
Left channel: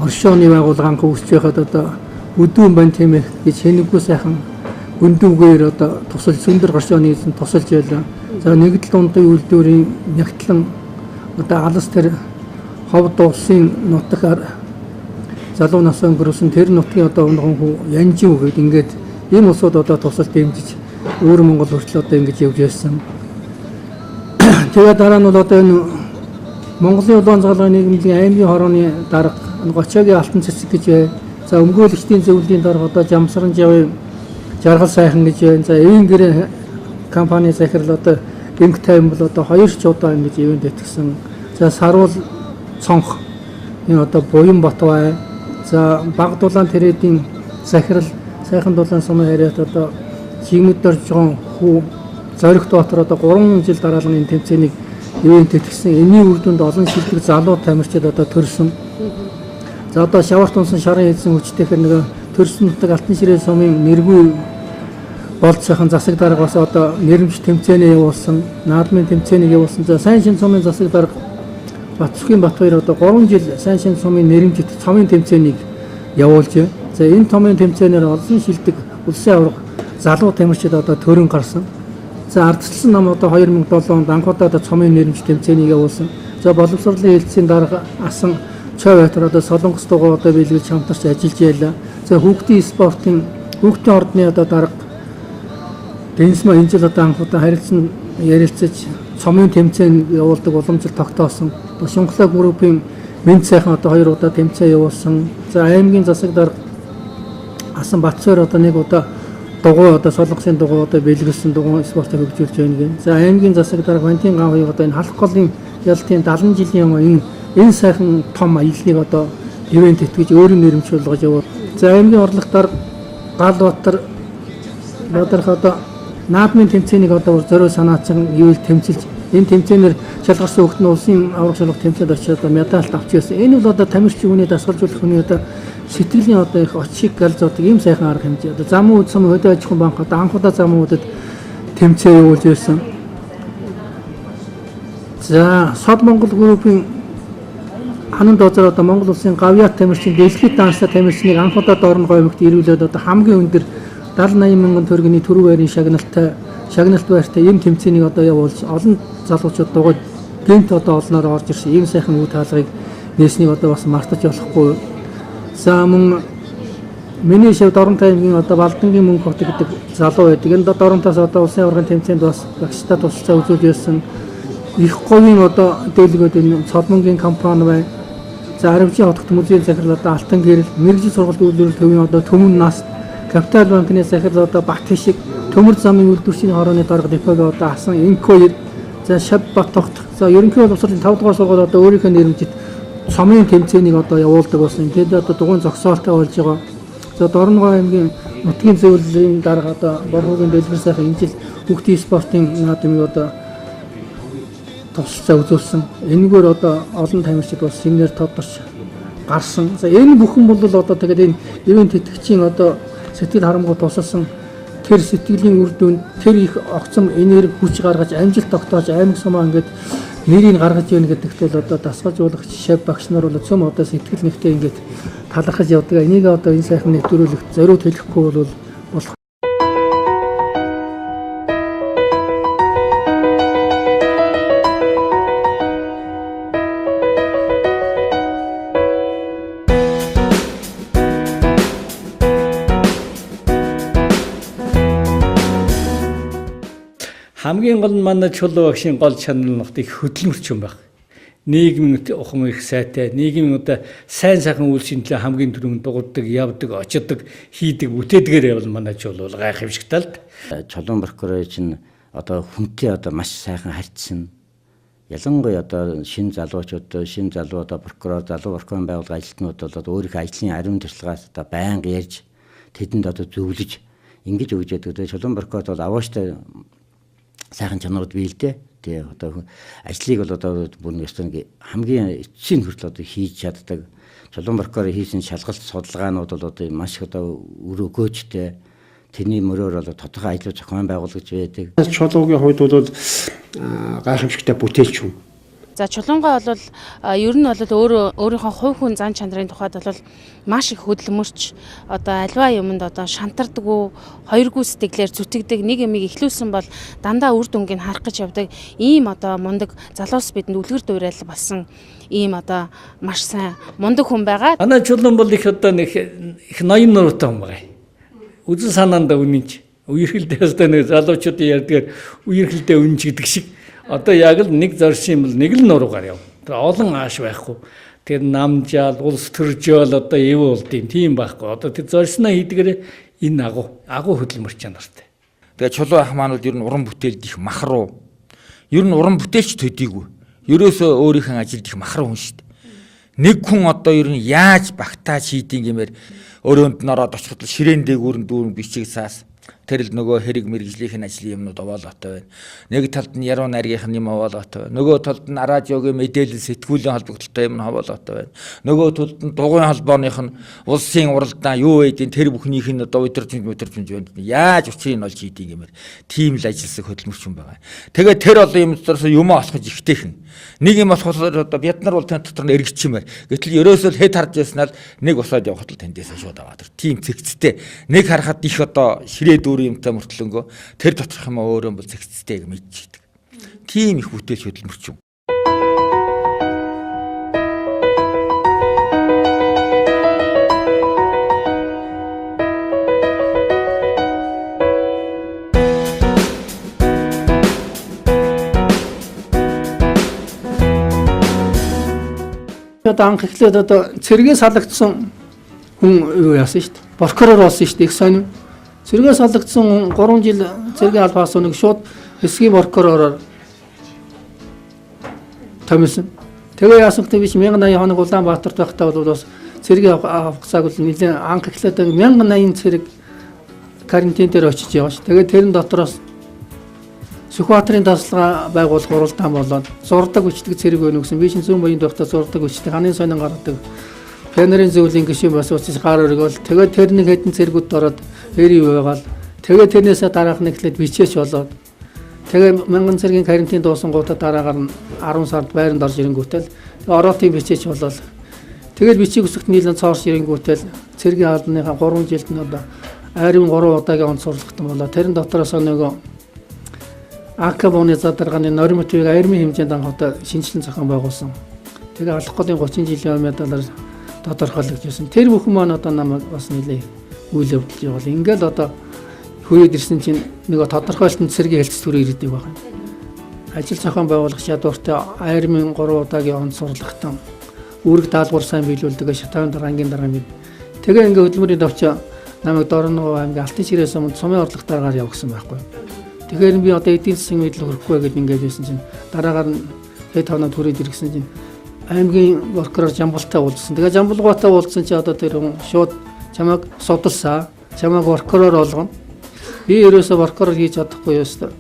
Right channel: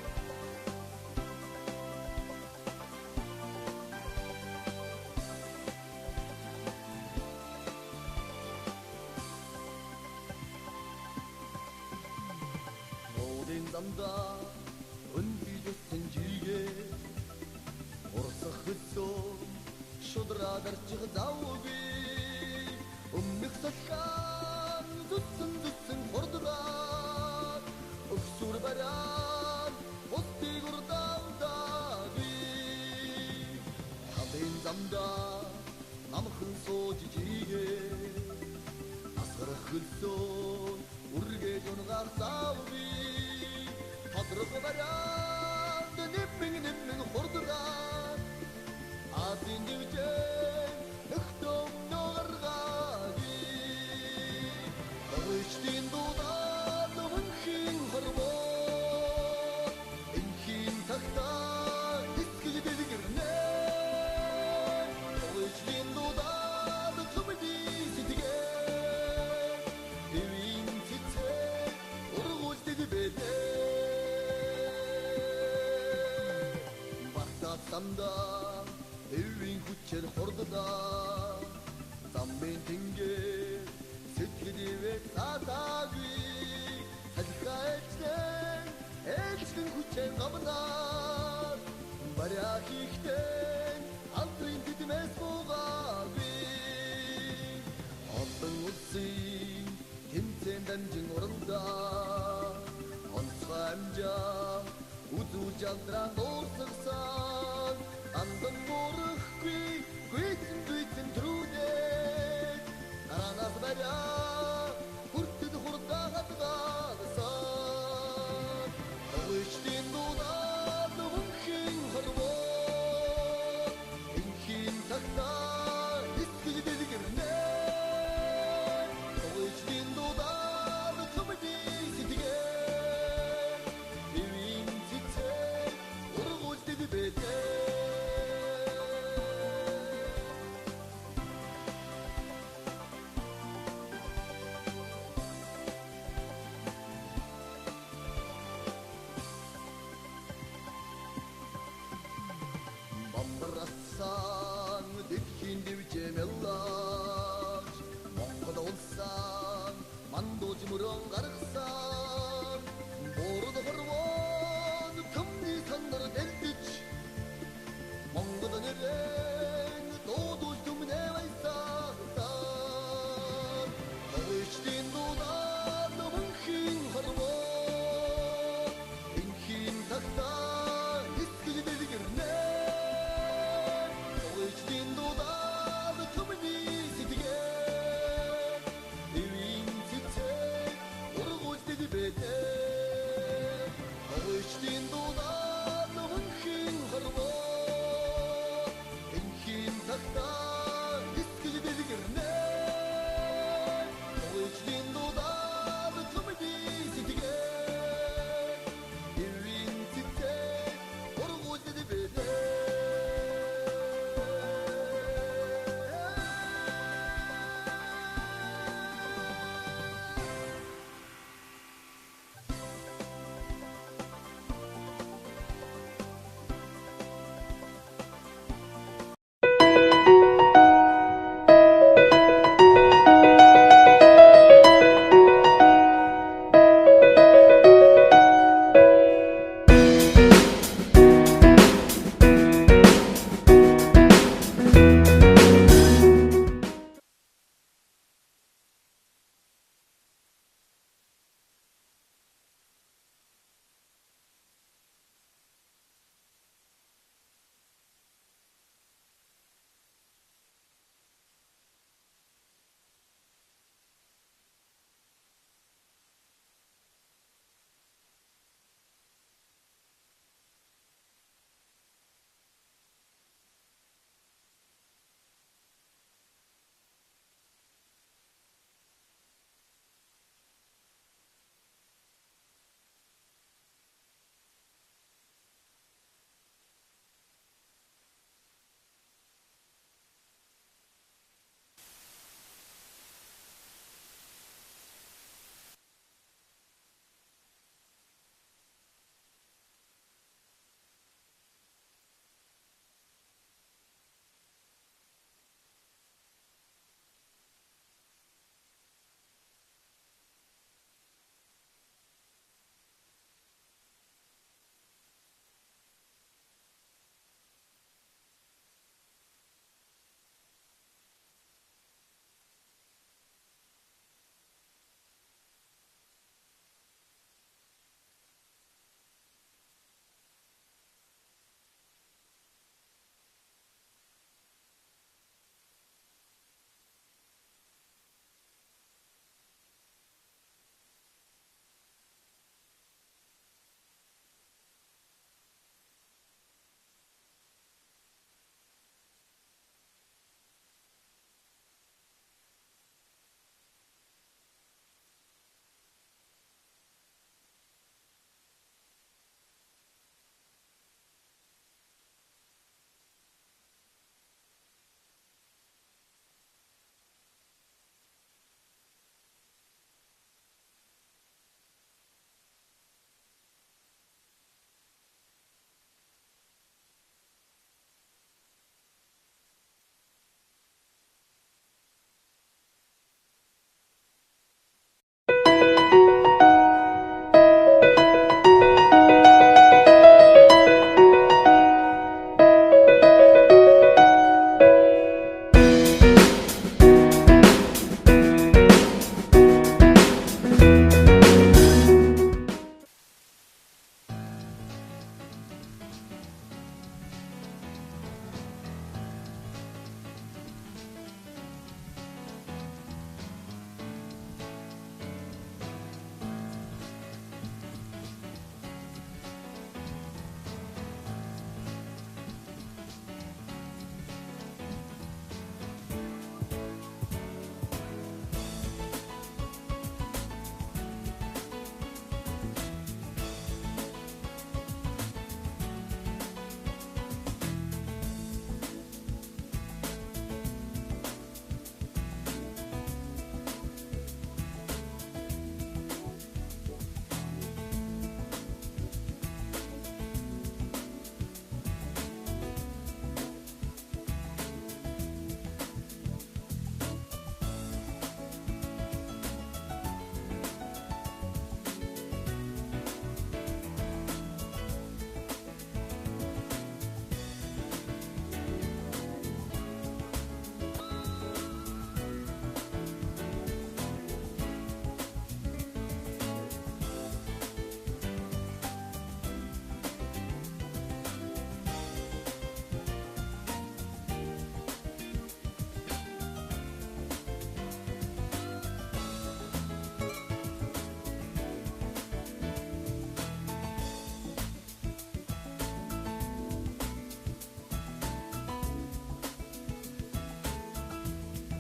оршооны байгууллага анх үүсч байхад одоо өдүүн бань тийм ээ гэж хэнэггүй сайхан өндөвгээр одоо тусалж сүндэр оршооны эзэн тусалж байлаа. За нэгдэл дундын үйлдвэрийн нягтлан одоо алс тэр ховд улсын нутгаар залуу нас өнгөрсөн тэр нутгийн одоо унган хүү янжин үгээд ингээд ийм улсууд одоо тусалж дэмжиж өөр Монгол хүртэл одоо ингэж явж байсан. Тэгээд дараа нь бол одоо энэ Монголын улаан цалгын нийгмийн аймгийн хорооны дарга Гочогийн алтан цэцэг гэж бай. За өмгөөлөгчдийн зөвлөлийн дарга одоо Жамсран жавын жаргал сайхан гэж байна. За эвэн гэрээ компани захирал одоо эмх тайван бол одоо 2 ч удаа ингэж ивент итгэсэн. За саруул цонх энэ одоо буян Батбай. За баг дулаан тэрэдийн захирал сайхан дулаан сумын харьяат одоо чигмэд дорж байгаа хүү зоригт дотор одоо 3 жил дараалан энэ тэмцээнийг ивент итгэсэн. Энийн үр дүнд олон шилдэг залуу тамирчид одоо төрсөн. За одоо шаварт унсан шарын эзэн хүчтэйхэр нэг төрсөн нутаг алтан ширээ сумын нэргүй болцоохон засаг дарга бас одоо нэрмж тэмцээний явуулсан, наадмын тэмцээнийг явуулсан. За сайн шин сумын засаг дарга Батсхийн Батбаяр одоо 3 жил сайн шин сумын нэрмжит цомын тэмцээнийг явуулж байна. За энэ цомын тэмцээнээр олон шилдэг улсын аварга залуу тамирчид одоо төрөн гарсан. За ардчилсан нам одоо 2007 онд анхудаа одоо цомын нэрмж тэмцээнийг явуулсан. За боловсролын хэлтсийн дарга асан Чавайтар одоо Солонгос дугуй одоо биелүүлж хамтарч ажиллаж байлаа. За хүүхдийн спортын хүүхдийн ордны одоо дарга Бенсма энэ жил одоо анхудаа харилцан ярилцаж цомын тэмцээн явуулдаг уламжлал тогтоосон. Шунхлаа группийн мэд сайхан одоо 2 удаа тэмцээн явуулсан. За аймгийн засаг дарга асан Батцоор одоо 1 удаа дугуй одоо Солонгосын дугуй одоо биелүүлсэн дугуй спортыг хөгжүүлж байна гэн. За аймгийн засаг дарга Вантин гавыг одоо энэ халах голын ялтын 70 жилийн өмнө энэ сайхан том аяллыг одоо ивент итгэж өөрийн нэрмж болгож явуулсан. За аймгийн орлогч дарга Галбатар Бадарх одоо наадмын тэмцээнийг одоо зориу санаачсан ивэл тэмцэлж энэ тэмцээнээр шалгарсан хүүхэд нь улсын аврах шалгах тэмцээнд очиж одоо медаль авч ирсэн. Энэ бол одоо тамирчин хүний дасгалжуулах хүний одоо сэтгэлийн одоо их очиг галзуудаг ийм сайхан арга хэмжээ. Одоо зам үд сум хөдөө аж ахуйн банк одоо анхудаа зам үдэд тэмцээн явуулж ирсэн. За Сод Монгол группийн ханан доозор одоо Монгол улсын гавьяат тамирчин дэлхийд данста тамирчныг анхудаа Дорноговь аймагт ирүүлээд одоо хамгийн өндөр 70-80 мянган төгрөгийн төрөв байрын шагналт байртай ийм тэмцээнийг одоо явуулж олон залуучууд дугуйд гэмт одоо олноор орж ирсэн ийм сайхан үе таалгыг нээснийг одоо бас мартаж болохгүй. За мөн миний шив Доронтой аймгийн одоо Балдангийн мөнгө хот гэдэг залуу байдаг. Энэ Доронтоос одоо улсын аваргын тэмцээнд бас багштай тусалцаа үзүүлж ирсэн. Их говийн одоо дэлгүүд энэ цолмонгийн компани байна. За Аравжийн хотод музейн захирал одоо Алтан гэрэл, мэрэгжил сургалт үйлдвэрлэл төвийн одоо Төмөн нас, Капитал банкны захирал одоо Бат-Хишиг, Төмөр замын үйлдвэрчийн хорооны дарга депогийн одоо Асан Инко, за Шав Батогт. За ерөнхий боловсролын 5 дугаар сургууль одоо өөрийнхөө нэрмжид цомын тэмцээнийг одоо явуулдаг болсон. Тэд одоо дугуйн зогсоолтой болж байгаа. За Дорноговь аймгийн нутгийн зөвлөлийн дарга одоо Борхогийн дэлгэр сайхан энэ жил хүүхдийн спортын наадмыг одоо тусалцаа үзүүлсэн. Энэгээр одоо олон тамирчид бас семинар тодорч гарсан. За энэ бүхэн бол одоо тэгээд энэ ивент тэтгэгчийн одоо сэтгэл харамгууд тусалсан тэр сэтгэлийн үр дүнд тэр их огцом энерги хүч гаргаж амжилт тогтоож аймаг сумаа ингээд нэрийг гаргаж ийн гэдэгт бол одоо дасгалжуулагч шав багш нар бол цөм одоо сэтгэл нэгтэй ингээд талархаж явдаг. Энийг одоо энэ сайхан нэвтрүүлэгт зориуд хэлэхгүй бол болох. Хамгийн гол нь манай Чулуун багшийн гол чанар нь их хөдөлмөрч юм байна. Нийгмийн ухам их сайтай, нийгмийн одоо сайн сайхан үйл шинжилгээ хамгийн түрүүнд дуурдаг, явдаг, очдог, хийдэг, бүтээдгээр явал манай Чулуун гайхамшигтай л. Чулуун прокурор чинь одоо хүнтэй одоо маш сайхан харьцсан. Ялангуяа одоо шинэ залуучууд, шинэ залуу одоо прокурор, залуу прокурорын байгууллага ажилтнууд бол одоо өөрийнхөө ажлын ариун туршлагаас одоо байнга ярьж тэдэнд одоо зөвлөж ингэж өгч яддаг. Чулуун прокурор бол авааштай сайхан чанарууд бий л дээ. Тэгээ одоо ажлыг бол одоо бүр нэг хамгийн эцсийн хүртэл одоо хийж чаддаг. Чулуун прокурор хийсэн шалгалт судалгаанууд бол одоо маш их одоо үр өгөөжтэй. Тэрний мөрөөр бол тодорхой ажлууд зохион байгуулагч байдаг. Чулуугийн хувьд бол гайхамшигтай бүтээлч хүн. За Чулуунгаа бол ер нь бол өөрийнхөө хувь хүн зан чанарын тухайд бол маш их хөдөлмөрч одоо альва юмд одоо шантардаггүй, хоёргүй сэтгэлээр зүтгэдэг, нэг юмыг ихлүүлсэн бол дандаа үр дүнгийг харах гэж явдаг ийм одоо мундаг залуус бидэнд үлгэр дуурайл болсон ийм одоо маш сайн мундаг хүн байгаа. Манай Чулуун бол их одоо их ноён нуруутай хүн байгаа. Үзэн санаандаа үнэнч үерхэлдээ өстой нэг залуучуудын ярьдгаар үерхэлдээ үнэнч гэдэг шиг одоо яг л нэг зоршин бол нэг л нуруугаар яв. Тэр олон ааш байхгүй. Тэр намжаал, улс төржөөл одоо эв болдیں۔ Тийм байхгүй. Одоо тэр зоршноо хийдгээрээ энэ агуу хөдөлмөрч чанартай. Тэгээ Чулуун ах маань бол ер нь уран бүтээлд их махруу. Ер нь уран бүтээлч төдийгүй. Ерөөсөө өөрийнхөө ажилд их махруу хүн шүү дээ. Нэг хүн одоо ер нь яаж багтааж хийдин гэмээр өрөөнд нь ороод очиход ширээн дээгүүр дүүрэн бичиг саас тэр л нөгөө хэрэг мэрэгжлийн ажлын юмнууд овоолоотой байна. Нэг талд нь яруу найргийнх нь юм овоолоотой байна. Нөгөө талд нь радиогийн мэдээлэл сэтгүүлийн холбогдолтой юм овоолоотой байна. Нөгөө талд нь дугуйн холбооных нь улсын уралдаан юу байдیں۔ Тэр бүхнийх нь одоо удирдамж байна. Яаж учрыг нь олж хийдیں۔ Гэмээр тийм л ажилласан хөдөлмөрч юм байгаа. Тэгээд тэр олон юм доторс юм олохж ихтэйхэн. Нэг юм болохоор одоо бид нар бол тань дотор нь эргэжчмээр. Гэтэл ерөөсөө хэд харж яснаар нэг усаад явахад л таньдээсээ шууд аваад. Тийм цэгцтэй. Нэг харахад их одоо ширээ дүүрэн юмтай мөртлөнгөө тэр доторх юм өөрөө бол цэгцтэй гэж мэдчихдэг. Тийм их бүтээлч хөдөлмөрч юм. Одоо анх эхлээд одоо цэргээ салгагдсан хүн юу яасан шүү дээ. Прокурор болсон шүү дээ. Их сонин. Цэргээ салгагдсан 3 жил цэргийн албаас нэг шууд эсгийн прокуророор томилсон. Тэгээ яасан гэдэг биш 1080 хоног Улаанбаатарт байхдаа бол бас цэргийн авахцааг бол нэлээд анх эхлээд 1080 цэрэг карантин дээр очиж яваа ш. Тэгээ тэрэн дотроос Сүхбаатарын тасалгаа байгуулах уралдаан болоод зурдаг хүчтэй цэрэг өгнө гэсэн. Би чинь зүүн баян дуртай зурдаг хүчтэй ханын сонин гаргадаг. Пенерийн зөвлөлийн гишүүн бас уусаж гар өргөөл. Тэгээд тэр нэг хэдэн цэргүүд ороод эри байгаал. Тэгээд тэрнээсээ дараах нэг ихлэд бичээч болоод. Тэгээд 1000 цэргийн карантин дуусангуудаа дараагаар нь 10 сард байранд орж ирэнгүүтэл ороотын бичээч болоод. Тэгээд бичиг үсэгт нийлэн цоорш ирэнгүүтэл цэргийн албаныхаа 3 жилд нь одоо айрын 3 удаагийн онцлогдсон болоо. Тэрэн дотроос нөгөө Акабоны задаргааны нормативыг аймгийн хэмжээнд анхудаа шинжилэн зохион байгуулсан. Тэгээ алах годын 30 жилийн медалаар тодорхойлогдож байсан. Тэр бүхэн маань одоо намайг бас нэлээ үйл явдал явуул. Ингээл одоо хүрээд ирсэн чинь нөгөө тодорхойлолтод цэргийн хэлц төрөөр ирдэг байна. Ажил зохион байгуулах чадвартай аймгийн 3 удаагийн он сурлагтан үүрэг даалгавар сайн биелүүлдэг шатаан дараагийн дараа мэд. Тэгээ ингээ хөдөлмөрийн давчаа намайг Дорноговь аймгийн алтан ширээс өмнө сумын урлагтаараар явуулсан байхгүй. Тэгэхээр би одоо эдийн засгийн мэдл хөрөхгүй гэдээ ингээд хэлсэн чинь дараагаар нь хэд хоног хүрээд ирсэн чинь аймгийн прокурор Жамбултай уулзсан. Тэгээ Жамбулгаатай уулзсан чи одоо тэр шууд чамайг судалсаа, чамайг прокурор болгоно. Би ерөөсөө прокурор хийж чадахгүй ёстой.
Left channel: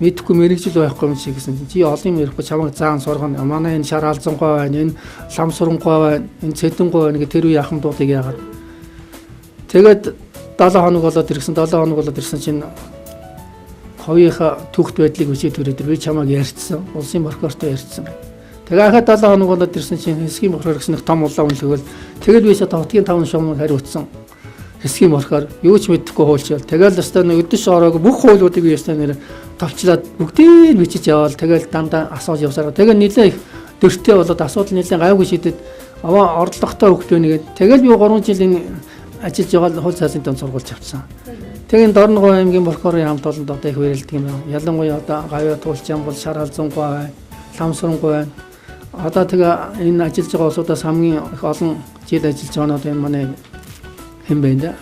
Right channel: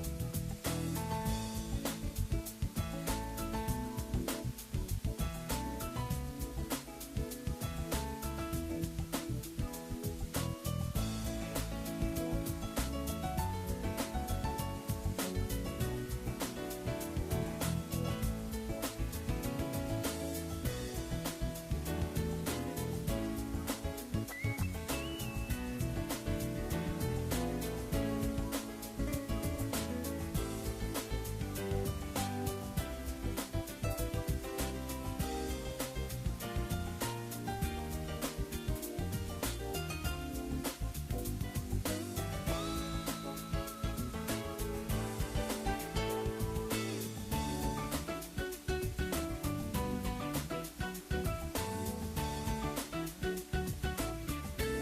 мэдхгүй мэрэгжил байхгүй юм шиг гэсэн. Чи олон юм ярихгүй чамайг заан сургана. Манай энэ шар алзангой байна, энэ лам сурангой байна, энэ цэдэнгой байна гэх тэр үе ахын дуудыг яагаад. Тэгээд 7 хоног болоод ирсэн чинь хоёрынхаа түүхт байдлыг үсээд төрөөд би чамайг ярьцсан. Улсын прокурортой ярьцсан. Тэгээд ахад 7 хоног болоод ирсэн чинь хэсгийн прокурор гэсэн том улаан үнэлгээл тэгээд би одоо хотгийн 5 шуумыг хариуцсан. Хэсгийн болохоор юу ч мэдэхгүй хуульчвал тэгэл өстой нэг өдөш ороог бүх хуулиудыг би өстой нэр товчлаад бүгдийг бичиж яваал тэгэл дандаа асууж явсараа тэгэл нэлээ их дөртэй болоод асуудал нэлээ гайгүй шидэд аваа орлоготой хөвгт байна гээд тэгэл би 3 жил энэ ажиллаж байгаа хууль цаалын дан сургууль авсан. Тэгээд Дорноговь аймгийн прокурорын хамт олонд одоо их хүрээлдэг юм. Ялангуяа одоо гавья туулчаан бол шар алзангой байна, ламсрангой байна. Одоо тэгээ энэ ажиллаж байгаа улсуудаас хамгийн их олон жил ажиллаж байгаа нь одоо энэ манай хэм байна.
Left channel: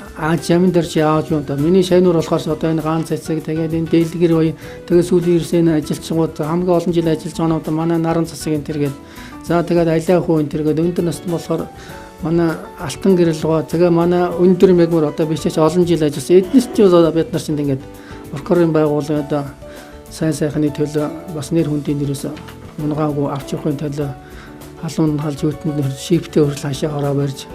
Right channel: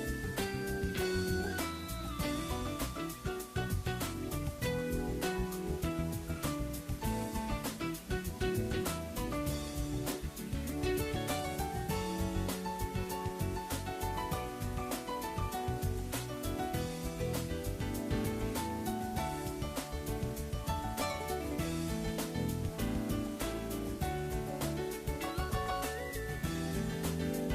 Жамин дээр чи ааж юм да. Миний шайнуур болохоор одоо энэ гаан цэцэг тэгээд энэ дэлгэр бай тэгээд сүүлийн ирсэн ажилчгууд хамгийн олон жил ажиллаж байгаа нь одоо манай наран засгийн тэргээд за тэгээд алиа хүү энэ тэргээд өндөр насны болохоор манай алтан гэрэл гоо тэгээ манай өндөр мэгмөр одоо бичээч олон жил ажилласан. Эднээс ч одоо бид нар чинь ингээд прокурорын байгууллагын одоо сайн сайхны төлөө бас нэр хүндийн нэрээс унгаагүй авч явахын төлөө халуун халж үүтэнд шиптэй хүрэл хашаа хороо барьж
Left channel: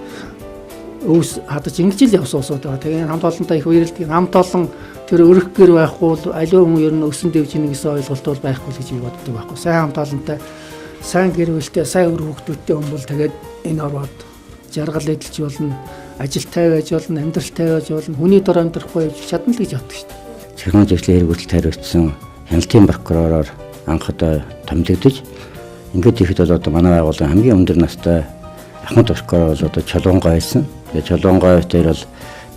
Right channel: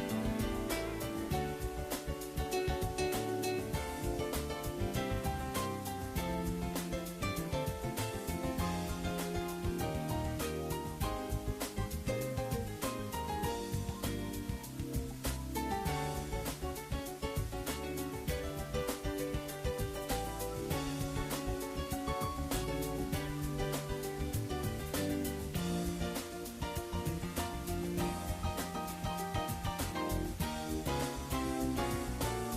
өөс хадаж ингэж л явсан усууд байгаа. Тэгээ хамт олонтой их үерэлдэг. Хамт олон тэр өрөх гэр байхгүй аливаа хүн ер нь өсөн дэвж ийн гэсэн ойлголт бол байхгүй л гэж би боддог байхгүй. Сайн хамт олонтой, сайн гэр бүлтэй, сайн өр хүүхдүүдтэй хүн бол тэгээд энэ ороод жаргал эдэлж болно, ажилтай байж болно, амьдралтай байж болно, хүний дор амьдрахгүй чадна л гэж боддог шүү дээ. Цэргийн зөвлөлийн хэрэг үйлдэлд хариуцсан хяналтын прокуророор анх одоо томилогдож ингээд ихэд бол одоо манай байгууллагын хамгийн өндөр настай ахмад прокурор бол одоо Чулуун байсан. Тэгээ Чулуун дээр бол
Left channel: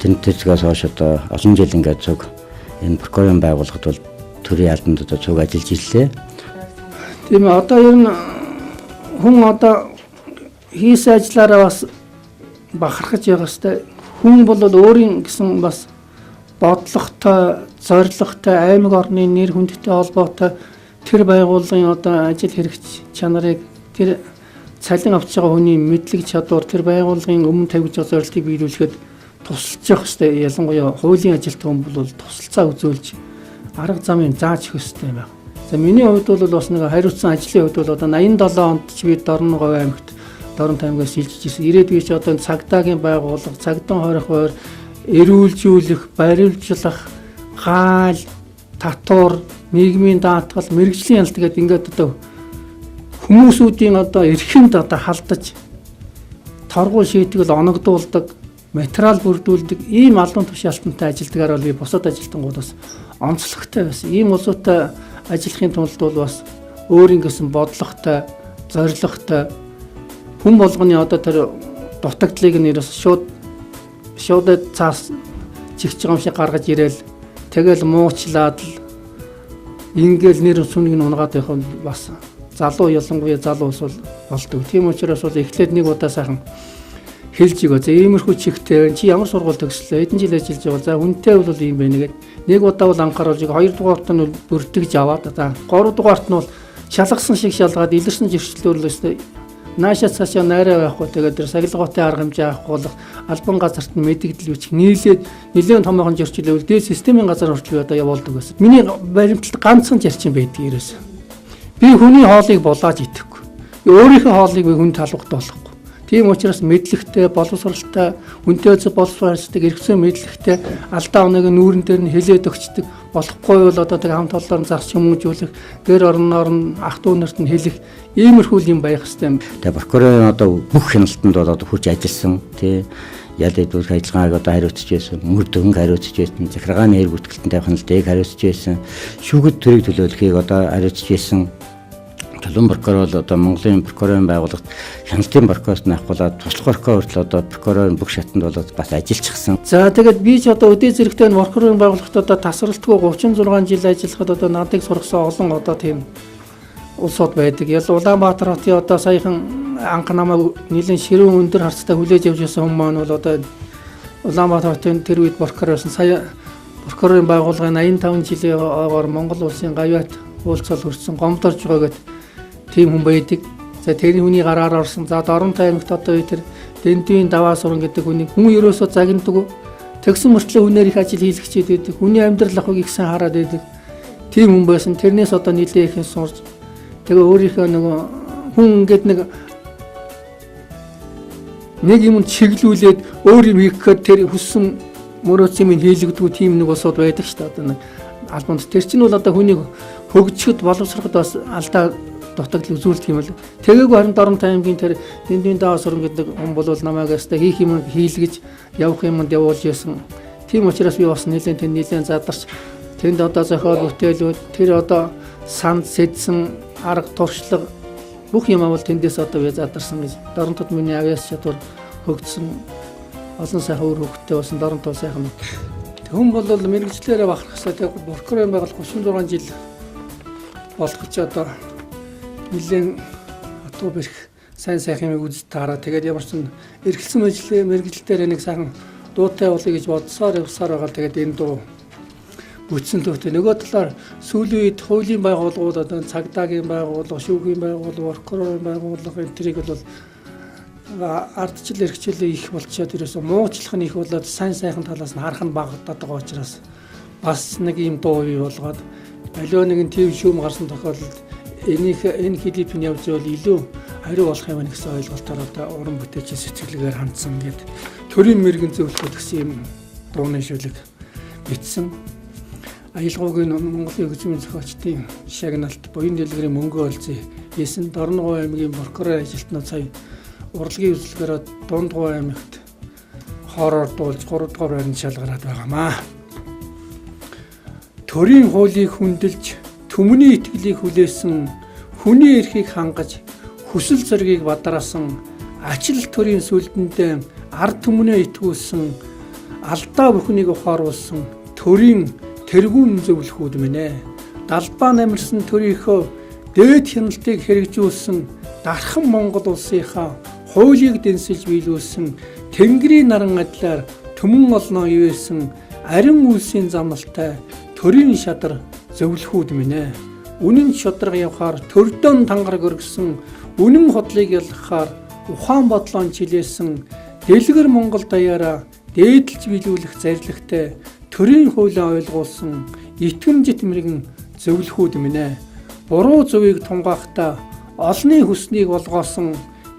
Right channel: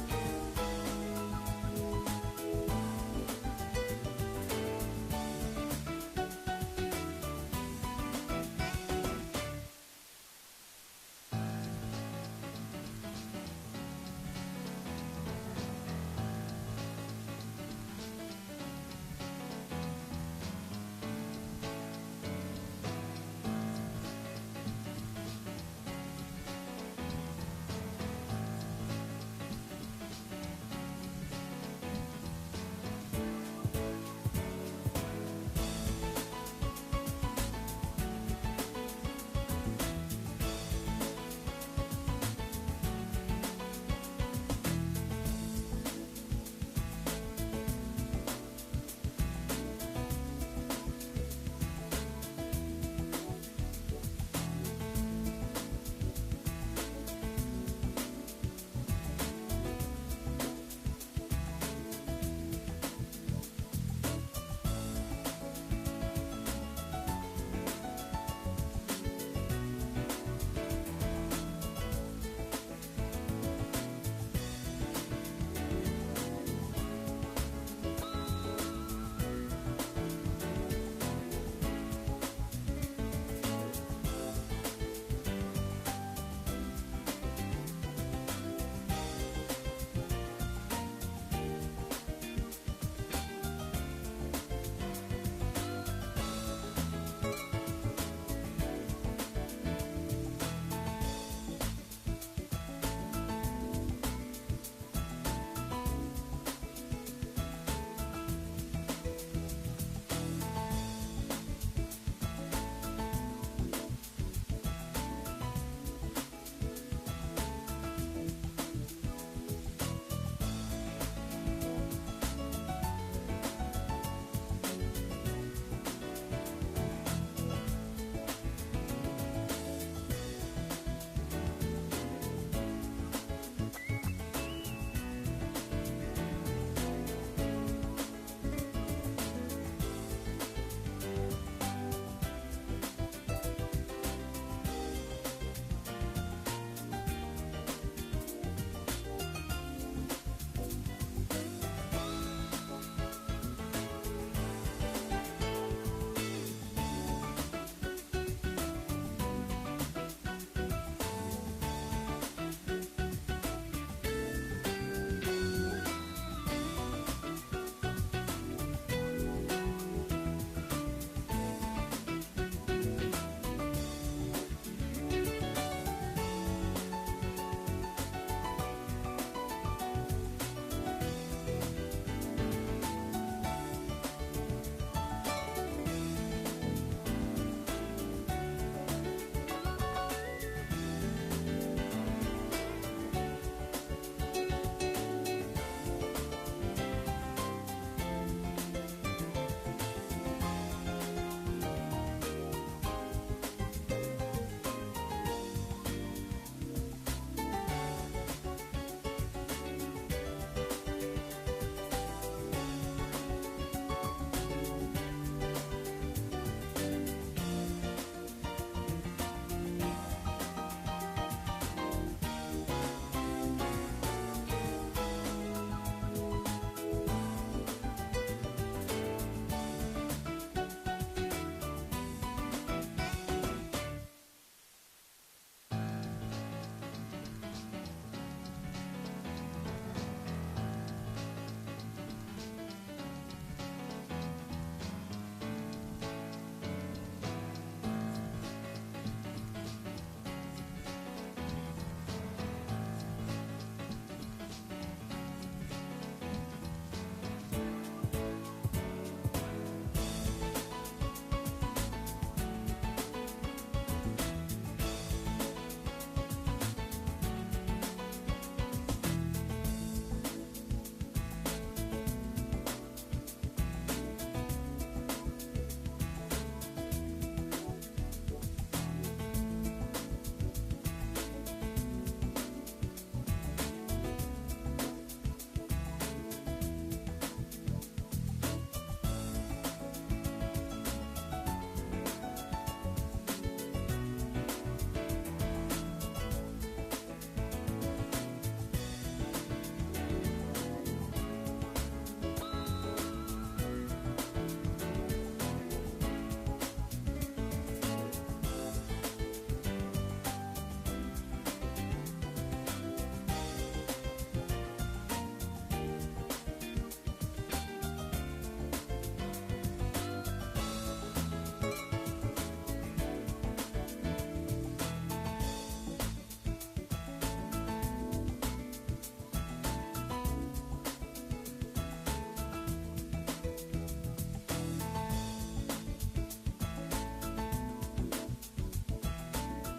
тэнцвэрээс хойш одоо олон жил ингээд зүг энэ прокурорын байгууллагад бол төрийн албанд одоо зүг ажиллаж ирлээ. Тийм ээ одоо ер нь хүн одоо хийсэн ажиллаараа бас бахархаж явах хэрэгтэй. Хүн бол өөрийн гэсэн бас бодлоготой, зорилготой, аймаг орны нэр хүндтэй холбоотой тэр байгууллагын одоо ажил хэрэгч чанарыг тэр цалин авч байгаа хүний мэдлэг чадвар тэр байгууллагын өмнө тавьж байгаа зорилтыг биелүүлэхэд тусалж явах хэрэгтэй. Ялангуяа хуулийн ажилт хүн бол тусалцаа үзүүлж арга замыг зааж өгөх хэрэгтэй юм байна. За миний хувьд бол бас нэг хариуцсан ажлын хувьд бол одоо 87 онд ч би Дорноговь аймагт Дорн таймгаас шилжиж ирсэн. Ирээд би ч одоо цагдаагийн байгууллага, цагдаа хорих байр, эрүүлжүүлэх, барилжлах, хаал, татвар, нийгмийн даатгал, мэрэгжлийн ялт гэдэг ингээд одоо хүмүүсүүдийн одоо эрхэнд одоо халдаж торгуул шийтгэл оногдуулдаг, материал бүрдүүлдэг ийм албан тушаалтантай ажилдгаар бол би бусад ажилтнуудаас онцлогтой байсан. Ийм улсуудтай ажиллахын тулд бол бас өөрийн гэсэн бодлоготой, зорилготой хүн болгоны одоо тэр дутагдлыг нэрс шууд цаас чигч байгаа юм шиг гаргаж ирээл тэгэл муучлаад л ингээл нэр сүнийг нь унгаад байх нь бас залуу ялангуяа залуу ус болдог. Тийм учраас бол эхлээд нэг удаа сайхан хэлж өгөө. За иймэрхүү чихтэй чи ямар сургууль төгслөө? Хэдэн жил ажиллаж байгаа. За хүнтэй бол ийм байна гэд нэг удаа бол анхааруулж байгаа. 2 дугаарт нь бүрдгэж аваад за 3 дугаарт нь бол шалгасан шиг шалгаад илэрсэн зөрчлөлөөс наашаа цаашаа найраа байхгүй тэгээд тэр сахилгоотой арга хэмжээ авахгүй бол албан газарт нь мэдэгдэл үүсэх нэлээд томоохон зөрчлөл дээд системийн газар хүртэл одоо явуулдаг байсан. Миний баримталд ганцхан зарчим байдаг ерөөсөө. Би хүний хоолыг булааж идэхгүй. Өөрийнхөө хоолыг би хүн талбахт болохгүй. Тийм учраас мэдлэгтэй, боловсралтай, хүнтэй боловсралтай, эргэцэн мэдлэгтэй алдаа оныг нүүрэн дээр нь хэлээд өгчдөг. Болохгүй бол одоо тэр хамт олоноор зарч хүмүүжүүлэх, гэр орноор нь ах дүү нарт нь хэлэх иймэрхүү юм байх хэвээр. Тэгээ прокурорын одоо бүх хяналтанд бол одоо хүч ажилласан тий ял эдүүрх ажиллагааг одоо хариуцж байсан, мөр дөнгө хариуцж байсан, захиргааны хэрэг бүтгэлтэнтэй хяналтыг хариуцж байсан, шүүхэд төрийг төлөөлөхийг одоо хариуцж байсан. Чулуун прокурор бол одоо Монголын прокурорын байгууллагт хяналтын прокурорт нахгуулаад туслах прокурор хүртэл одоо прокурорын бүх шатанд бол бас ажиллажчихсан. За тэгээд би ч одоо өдөө зэрэгтэй прокурорын байгууллагт одоо тасралтгүй 36 жил ажиллахад одоо надыг сургасан олон одоо тийм улсууд байдаг. Ял Улаанбаатар хотын одоо саяхан анх намайг нэлийн ширүүн өндөр харцтай хүлээж явж байсан хүмүүс маань бол одоо Улаанбаатар хотын тэр үед прокурорсон сая прокурорын байгууллагын 85 жилийн ойгоор Монгол улсын гавьяат уулзал хүрсэн гомдорж байгаа гэдэг тийм хүн байдаг. За тэрний хүний гараар орсон. За Дорноговь аймагт одоо тэр дэндийн даваа суран гэдэг хүний хүн ерөөсөө загнадаг. Тэгсэн мөртлөө хүнээр их ажил хийлгчээд байдаг. Хүний амьдрал ахыг их сайн хараад байдаг. тийм хүн байсан. Тэрнээс одоо нэлээ их сурч тэгээ өөрийнхөө нөгөө хүн ингээд нэг юм чиглүүлээд өөр юм хийхэд тэр хүссэн мөрөөц юм хийлэгдүү тийм нэг босоод байдаг шүү дээ. Одоо нэг албанд тэр чинь бол одоо хүнийг хөгжихэд боловсроход бас алдаа дутагдал үзүүлдэг юм л. Тэгээгүй харин Дорноговь аймгийн тэр дэндийн даавар суран гэдэг хүн бол намайг ястаа хийх юм хийлгэж явах юмд явуулж яасан. Тийм учраас би бас нэлээд задарч тэнд одоо зохиол бүтээлүүд тэр одоо санд сэдсэн арга туршлага бүх юм бол тэндээс одоо би задарсан гэж. Дорноговьд миний авьяас чадвар хөгжсөн олон сайхан өөр хөгттэй болсон Дорноговь сайхан мэд. Хүн бол мэрэгчлэрээ бахархсаа тэг прокурор байгаль 36 жил болох гэж одоо нэлээд атуу бэрх сайн сайхан юм үзэж таараа тэгээд ямар ч эргэлсэн мэрэгчлэлээр нэг сайхан дуутай болъё гэж бодсоор явсаар байгаа. Тэгээд энэ дуу үтсэн дуутай нөгөө талаар сүүлийн үед хуулийн байгууллагууд одоо цагдаагийн байгууллага, шүүхийн байгууллага, прокурорын байгууллага энтрийг бол ардчил эрхчлээ их болчиход ерөөсөө муучлах нь их болоод сайн сайхан талаас нь харах нь багтаад байгаа учраас бас нэг юм дуу бий болгоод аливаа нэгэн тийм шүүм гарсан тохиолдолд энэ клипийн явж байвал илүү хариу болох юм гэсэн ойлголтоор одоо уран бүтээлчийн сэтгэлгээр хандсан гэдэг төрийн мэрэгэн зөвлөлт гэсэн юм дууны шүлэг бичсэн. Аялгаугийн Монголын хөгжмийн зохиолчдын шагналт буян дэлгэрийн мөнгө олзын 9 Дорноговь аймгийн прокурор ажилтнууд сая урлагийн үйлчлэгээр Дундгуй аймагт хоороор дуулж 3 дугаар байранд шалгараад байгаамаа. Төрийн хуулийг хүндэлж түмний итгэлийг хүлээсэн хүний эрхийг хангаж хүсэл зоригийг бадраасан ачил төрийн сүлдэндээ ард түмнээ итгүүлсэн алдаа бүхнийг ухааруулсан төрийн тэргүүн зөвлөхүүд минь ээ. Далбаа намирсан төрийнхөө дээд хяналтыг хэрэгжүүлсэн дархан Монгол улсынхаа хуулийг дэнсэж биелүүлсэн Тэнгэрийн наран адилаар түмэн олноо ивээсэн арин үлсийн замналтай төрийн шадар зөвлөхүүд минь ээ. Үнэн шударга явахаар төрдөн тангараг өргөсөн үнэн хотлыг ялгахаар ухаан бодлоон чилээсэн дэлгэр Монгол даяараа дээдлж биелүүлэх зарилгатай төрийн хуулиа ойлгуулсан итгэмжит мэрэгэн зөвлөхүүд минь ээ. Буруу зөвийг тунгаахтаа олны хүснийг болгоосон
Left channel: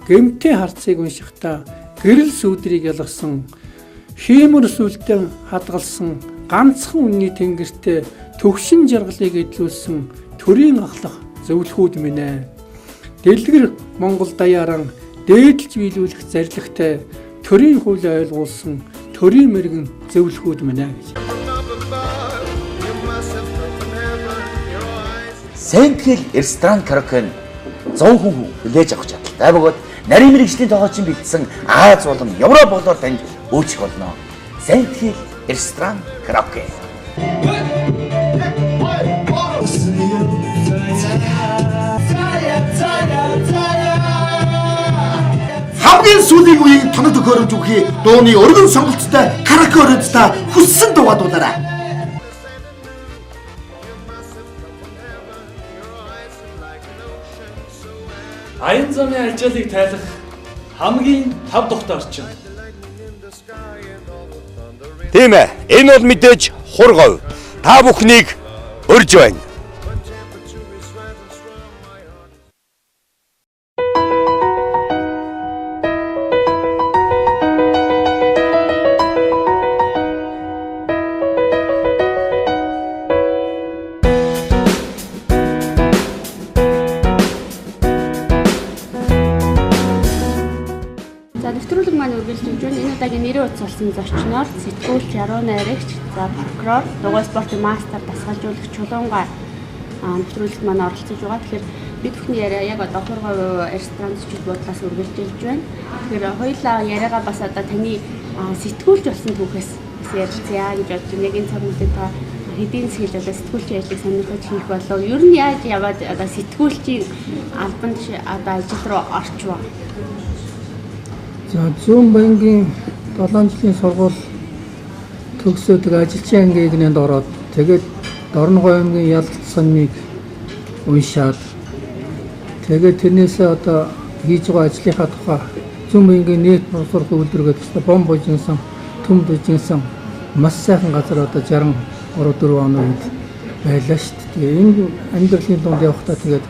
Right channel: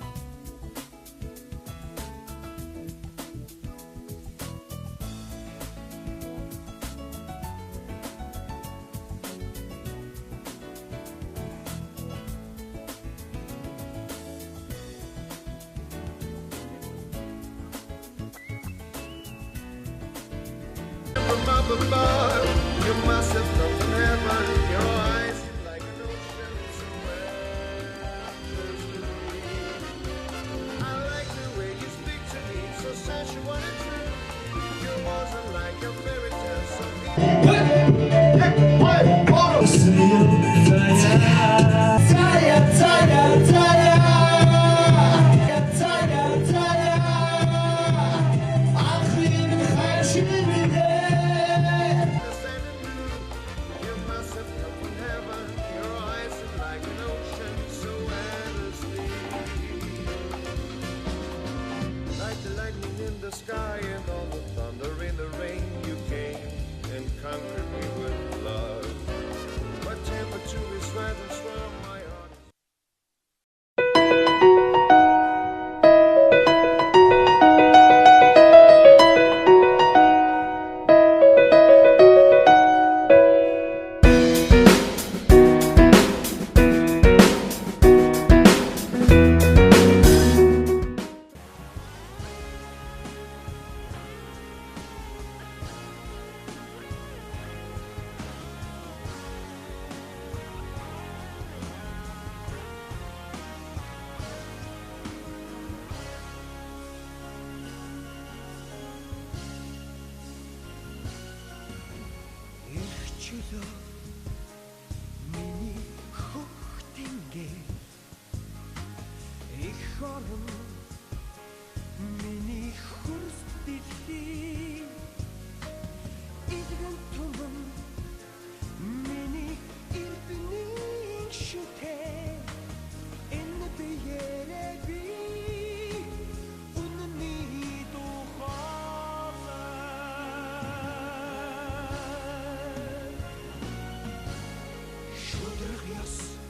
гэмтээ харцыг уншихтаа гэрэл сүудрийг ялгасан хиймэр сүлдээ хадгалсан ганцхан үнний тэнгэртээ төгшин жаргалыг эдлүүлсэн төрийн ахлах зөвлөхүүд минь ээ. Дэлгэр Монгол даяараа дээдлж биелүүлэх зарилгатай төрийн хуулиа ойлгуулсан төрийн мэрэгэн зөвлөхүүд минь ээ. Сэнтгэл ресторан караоке 100 хүн хүлээж авах чадaltaй бөгөөд нарийн мэрэгжлийн тогтоолчийн бэлдсэн Аз болон Европ болоор танд үйлчлэх болно. Сэнтгэл ресторан караоке. Хамгийн сүүлийн үеийг тоног төхөөрөмж өгөхий дууны өргөн сонголттой караоке өрөөдтэй хүссэн дуугаараа. Аян замын ажлыг тайлах хамгийн тав тухтай орчин. Тийм ээ. Энэ бол мэдээж хургав. Та бүхнийг урьж байна. Нэвтрүүлэг маань үргэлжлэж байна. Энэ удаагийн нэрийн утас болсон зочноор сэтгүүлч, яруу, найрагч, прокурор, дугуйн спортын мастер, дасгалжуулагч Чулуунгаа нэвтрүүлэгт маань оролцож байгаа. Тэгэхээр бид бүхний яриа яг одоо хургав ресторанчид бодлоос үргэлжлэж байна. Тэгэхээр хоёулаа яриагаа бас одоо таны сэтгүүлч болсон түүхээс ярьцгаа гэж бодож байна. Яг энэ цаг үед та хэдийн зүйл одоо сэтгүүлчийн ажлыг сонирхож хийх болов. Ер нь яаж яваад одоо сэтгүүлчийн албанд одоо ажил руу орчвоо? За зүүн банкгийн 7 жилийн сургууль төгсөөд ажилчин ангийн нэгнд ороод тэгээд Дорноговь аймгийн ялцсаныг уншаад тэгээд тэрнээсээ одоо хийж байгаа ажлынхаа тухай зүүн банкгийн нийт боловсрол үйлдвэргээд бом бужинсан, төм бужинсан маш сайхан газар одоо 63-4 оны үед байлаа шүү дээ. Тэгээ энэ амьдралын дунд явахдаа тэгээд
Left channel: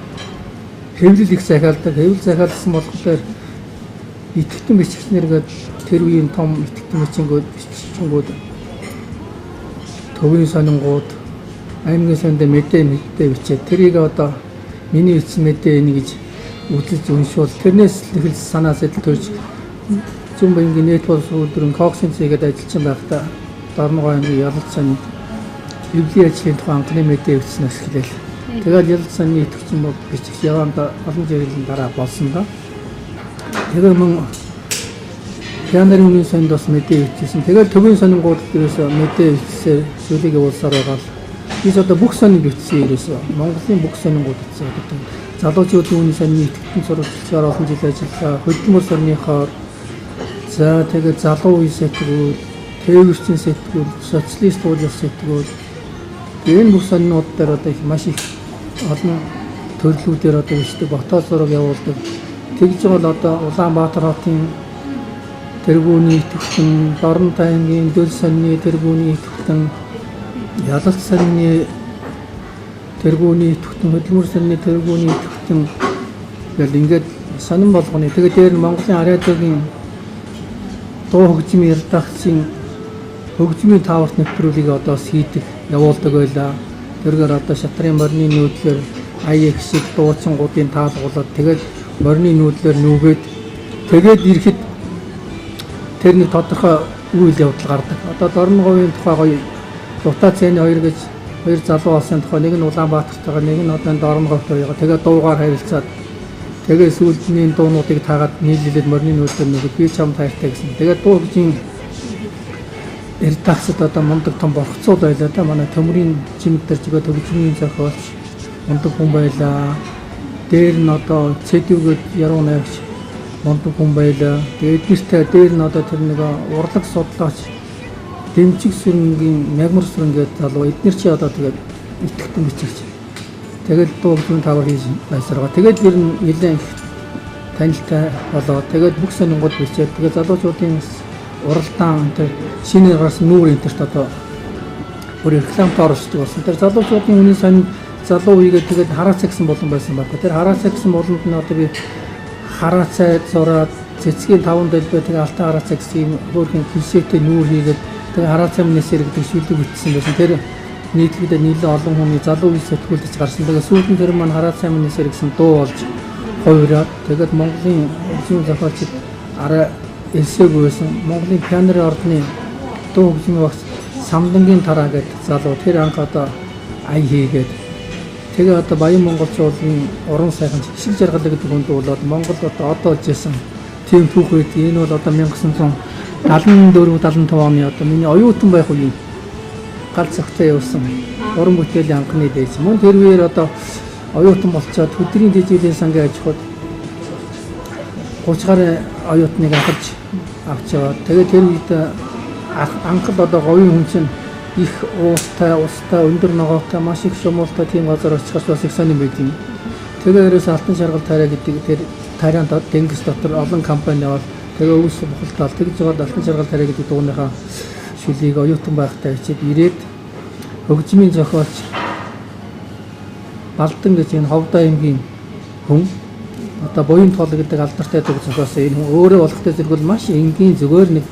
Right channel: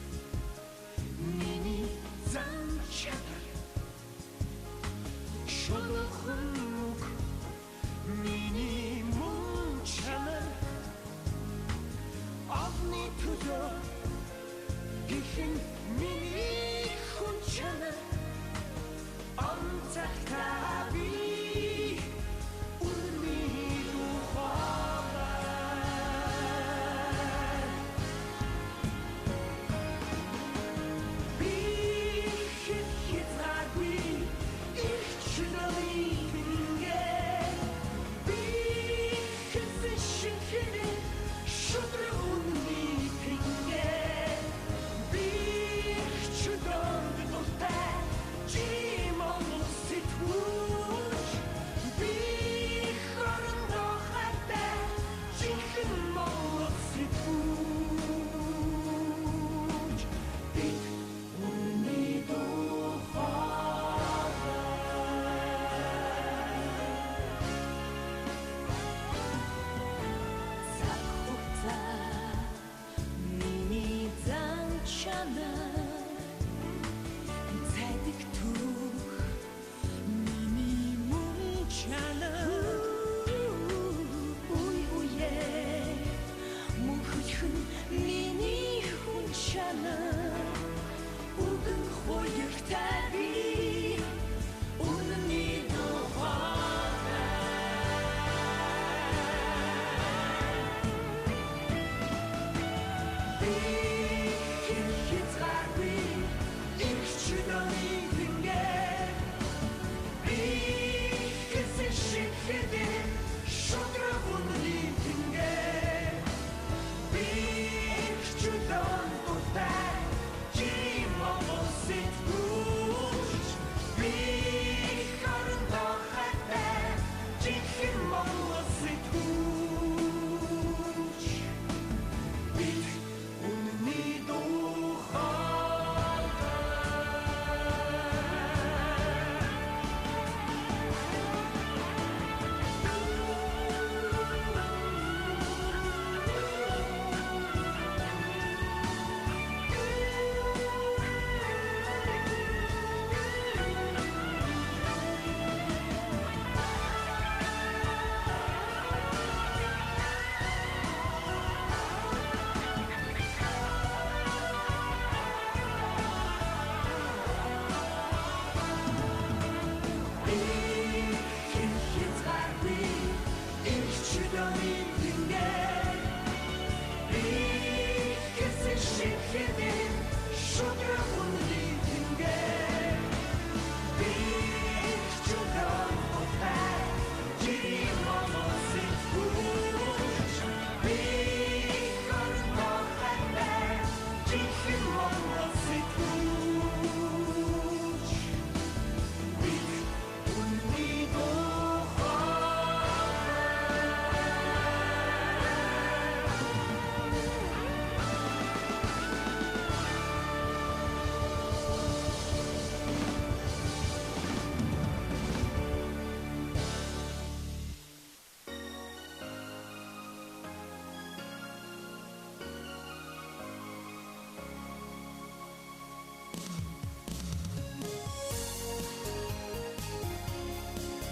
хэвлэл их захиалдаг. Хэвлэл захиалсан болохоор итгэвчэн бичгчнэргээд тэр үеийн том итгэвчэн бичгчэнгүүд төвийн сонингууд аймгийн сонд мэдээ бичээд тэрийг одоо миний бичсэн мэдээ энийг гэж үзэж уншуул тэрнээс л санаа сэтэл төрж зүүн баянгийн нийт боловсролын коксинцгээд ажиллаж байхдаа Дорноговь аймгийн ялалт сан эвлийн ажлын тухай анхны мэдээ бичснээс эхлэв. Тэгээд ялалт санны итгэвчэн бичиж явандаа олон жилийн дараа болсон ба. Тэгээ мөн Нэрийн сонд бас мэдээ бичсэн. Тэгээд төвийн сонингууд дээрээс мэдээ бичсээр зүйлийг явуулсаар байгаа. Biz одоо бүх сонин бичсэн ерөөсөө Монголын бүх сонингууд бичсэн гэдэг. Залуучуудын үний сонины итгэвчэн сурвалжлагчаар олон жил ажиллаа. Хөдөлмөр сорныхоо за тэгээд залуу үе сэтгүүл, телевизийн сэтгүүл, социалист уулын сэтгүүл энэ бүх сонинууд дээр одоо их маш их олон төрлүүдээр одоо бичдэг ботоо зураг явуулдаг. Тэгж бол одоо Улаанбаатар хотын тэргүүний итгэвчэн, Дорноговь аймгийн дөл сонины тэргүүний итгэвчэн, ялалт санны тэргүүний итгэвчэн, хөдөлмөр санны тэргүүний итгэвчэн гэл ингээд сонин болгоны. Тэгээд дээр нь Монголын радиогийн дуу хөгжмийн редакцийн хөгжмийн тааварт нэвтрүүлгийг одоо хийдэг, явуулдаг байлаа. Тэргээр одоо шатрын морины нүүдлэр IX-ийг дууцсангуудын таалгуулаад тэгээд морины нүүдлэр нүгээд тэгээд ирэхэд тэрний тодорхой үйл явдал гардаг. Одоо Дорноговын тухай гоё ротацийн хоёр гэж хоёр залуу болсон тухай нэг нь Улаанбаатартайгаа нэг нь одоо Дорноговь хоёроо тэгээд дуугаар харилцаад тэгээд сүүлдний дуунуудыг таагаад нийлүүлээд морины нүүдлэр нүгээд би чам таартай гэсэн. Тэгээд дуу хөгжмийн редакцид одоо мундаг том богцууд байлаа да. Манай төмрийн чимд дээр зүгээр төгсмийн зохиолч мундаг хүн байлаа. Дээр нь одоо цэдүүгээд яруу найрагч мундаг хүн байлаа. Тэгээд эднэртэй дээр нь одоо тэр нэг урлаг судлаач дэмжиг сүрэнгийн мягмар сүрэн гэдэг залуу эднэр чи одоо тэгээд итгэвчэн бичигч. Тэгээд дуугийн тавар хийж байсаргаа. Тэгээд ер нь нэлээд танилтай болоо. Тэгээд бүх сонингууд бичээд тэгээд залуучуудын уралдаан тэр шинэ гарсан нүүр интерт одоо бүр рекламт оролцдог болсон. Тэр залуучуудын үний сонин залуу үегээд тэгээд хараацаа гэсэн болон байсан байна. Тэр хараацаа гэсэн болонд нь одоо би хараацаа зураад цэцгийн 5 дэлбээ тэгээд алтан хараацаа гэсэн юм хөргөн клишэтэй нүүр хийгээд тэгээд хараацаа минесэр гэдэг шүлэг бичсэн байсан. Тэр нийтлэгдээ нийлэн олон хүний залуу үе сэтгэлдэж гарсан. Тэгээд сүүлд нь тэр маань хараацаа минесэр гэсэн дуу болж хувираад тэгээд Монголын зүүн зохиолчд арай элсээгүй байсан. Монголын пианерын ордны дуу хөгжмийн багш Самдангийн тараа гэдэг залуу тэр анх одоо ай хийгээд тэгээ одоо Баян монголчуудын уран сайхан шиг жаргал гэдэг хүнд болоод Монгол одоо жисэн тийм түүх үед энэ бол одоо 1974 75 оны одоо миний оюутан байх үеийн галт цагтаа явсан уран бүтээлийн анхны дээж мөн тэр үеэр одоо оюутан болцоод өдрийн дэжилийн сангийн аж ахуйд 30 гаруй оюутныг авч яваад тэгээд тэр үед анхад одоо говийн хүн чинь их уустай өндөр ногоотой маш их шумуултай тийм газар очиход бас их сонирн байдгийг. Тэгээ ерөөс алтан шаргал тарай гэдэг тэр тарийн дэнгис дотор олон компани яваад тэгээ өвс бохолтол тэгж жоод алтан шаргал тарай гэдэг дууныхаа шүлийг оюутан байхдаа хичээд ирээд хөгжмийн зохиолч Балдан гэж энэ Ховдоо аймгийн хүн одоо буян тоол гэдэг алдартай төгсгөөс энэ хүн өөрөө болохтой зэрэг маш энгийн зүгээр нэг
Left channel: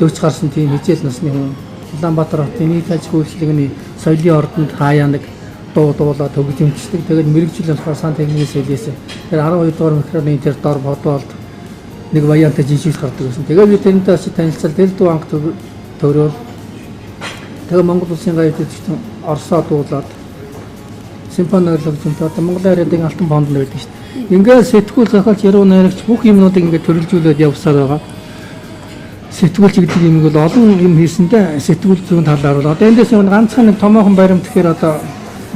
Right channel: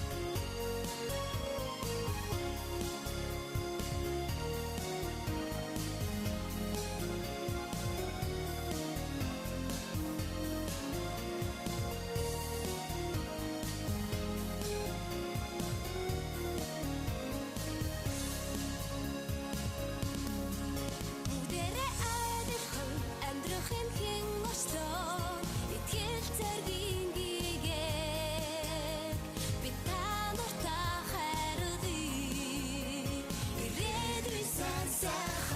40 гарсан тийм хичээл насны хүн Улаанбаатар хотын нийт аж ахуйн үйлчлэгний соёлын ордонд хаяа нэг дуулаад төгжимчдэг. Тэгээд мэрэгжил болохоор сан техникийн соёлээс тэр 12 дугаар микроны тэр дор бодвол нэг баянтай жижигс гардаг гэсэн. Тэгээд би тэрнтэй очиж танилцал тэр дуу анх төрөөл. Тэгээд Монгол улсын гайхалтай Оросоо дуулаад симфони хөгжимтэй одоо Монголын радиогийн алтан фонд байдаг шүү дээ. Ингээд сэтгүүл зохиолч яруу найрагч бүх юмнуудыг ингээд төрөлжүүлээд явсаар байгаа. Сэтгүүлч гэдэг юм бол олон юм хийсэндээ сэтгүүл зүүн талаар бол одоо эндээс нэг ганцхан нэг томоохон баримт гэхээр одоо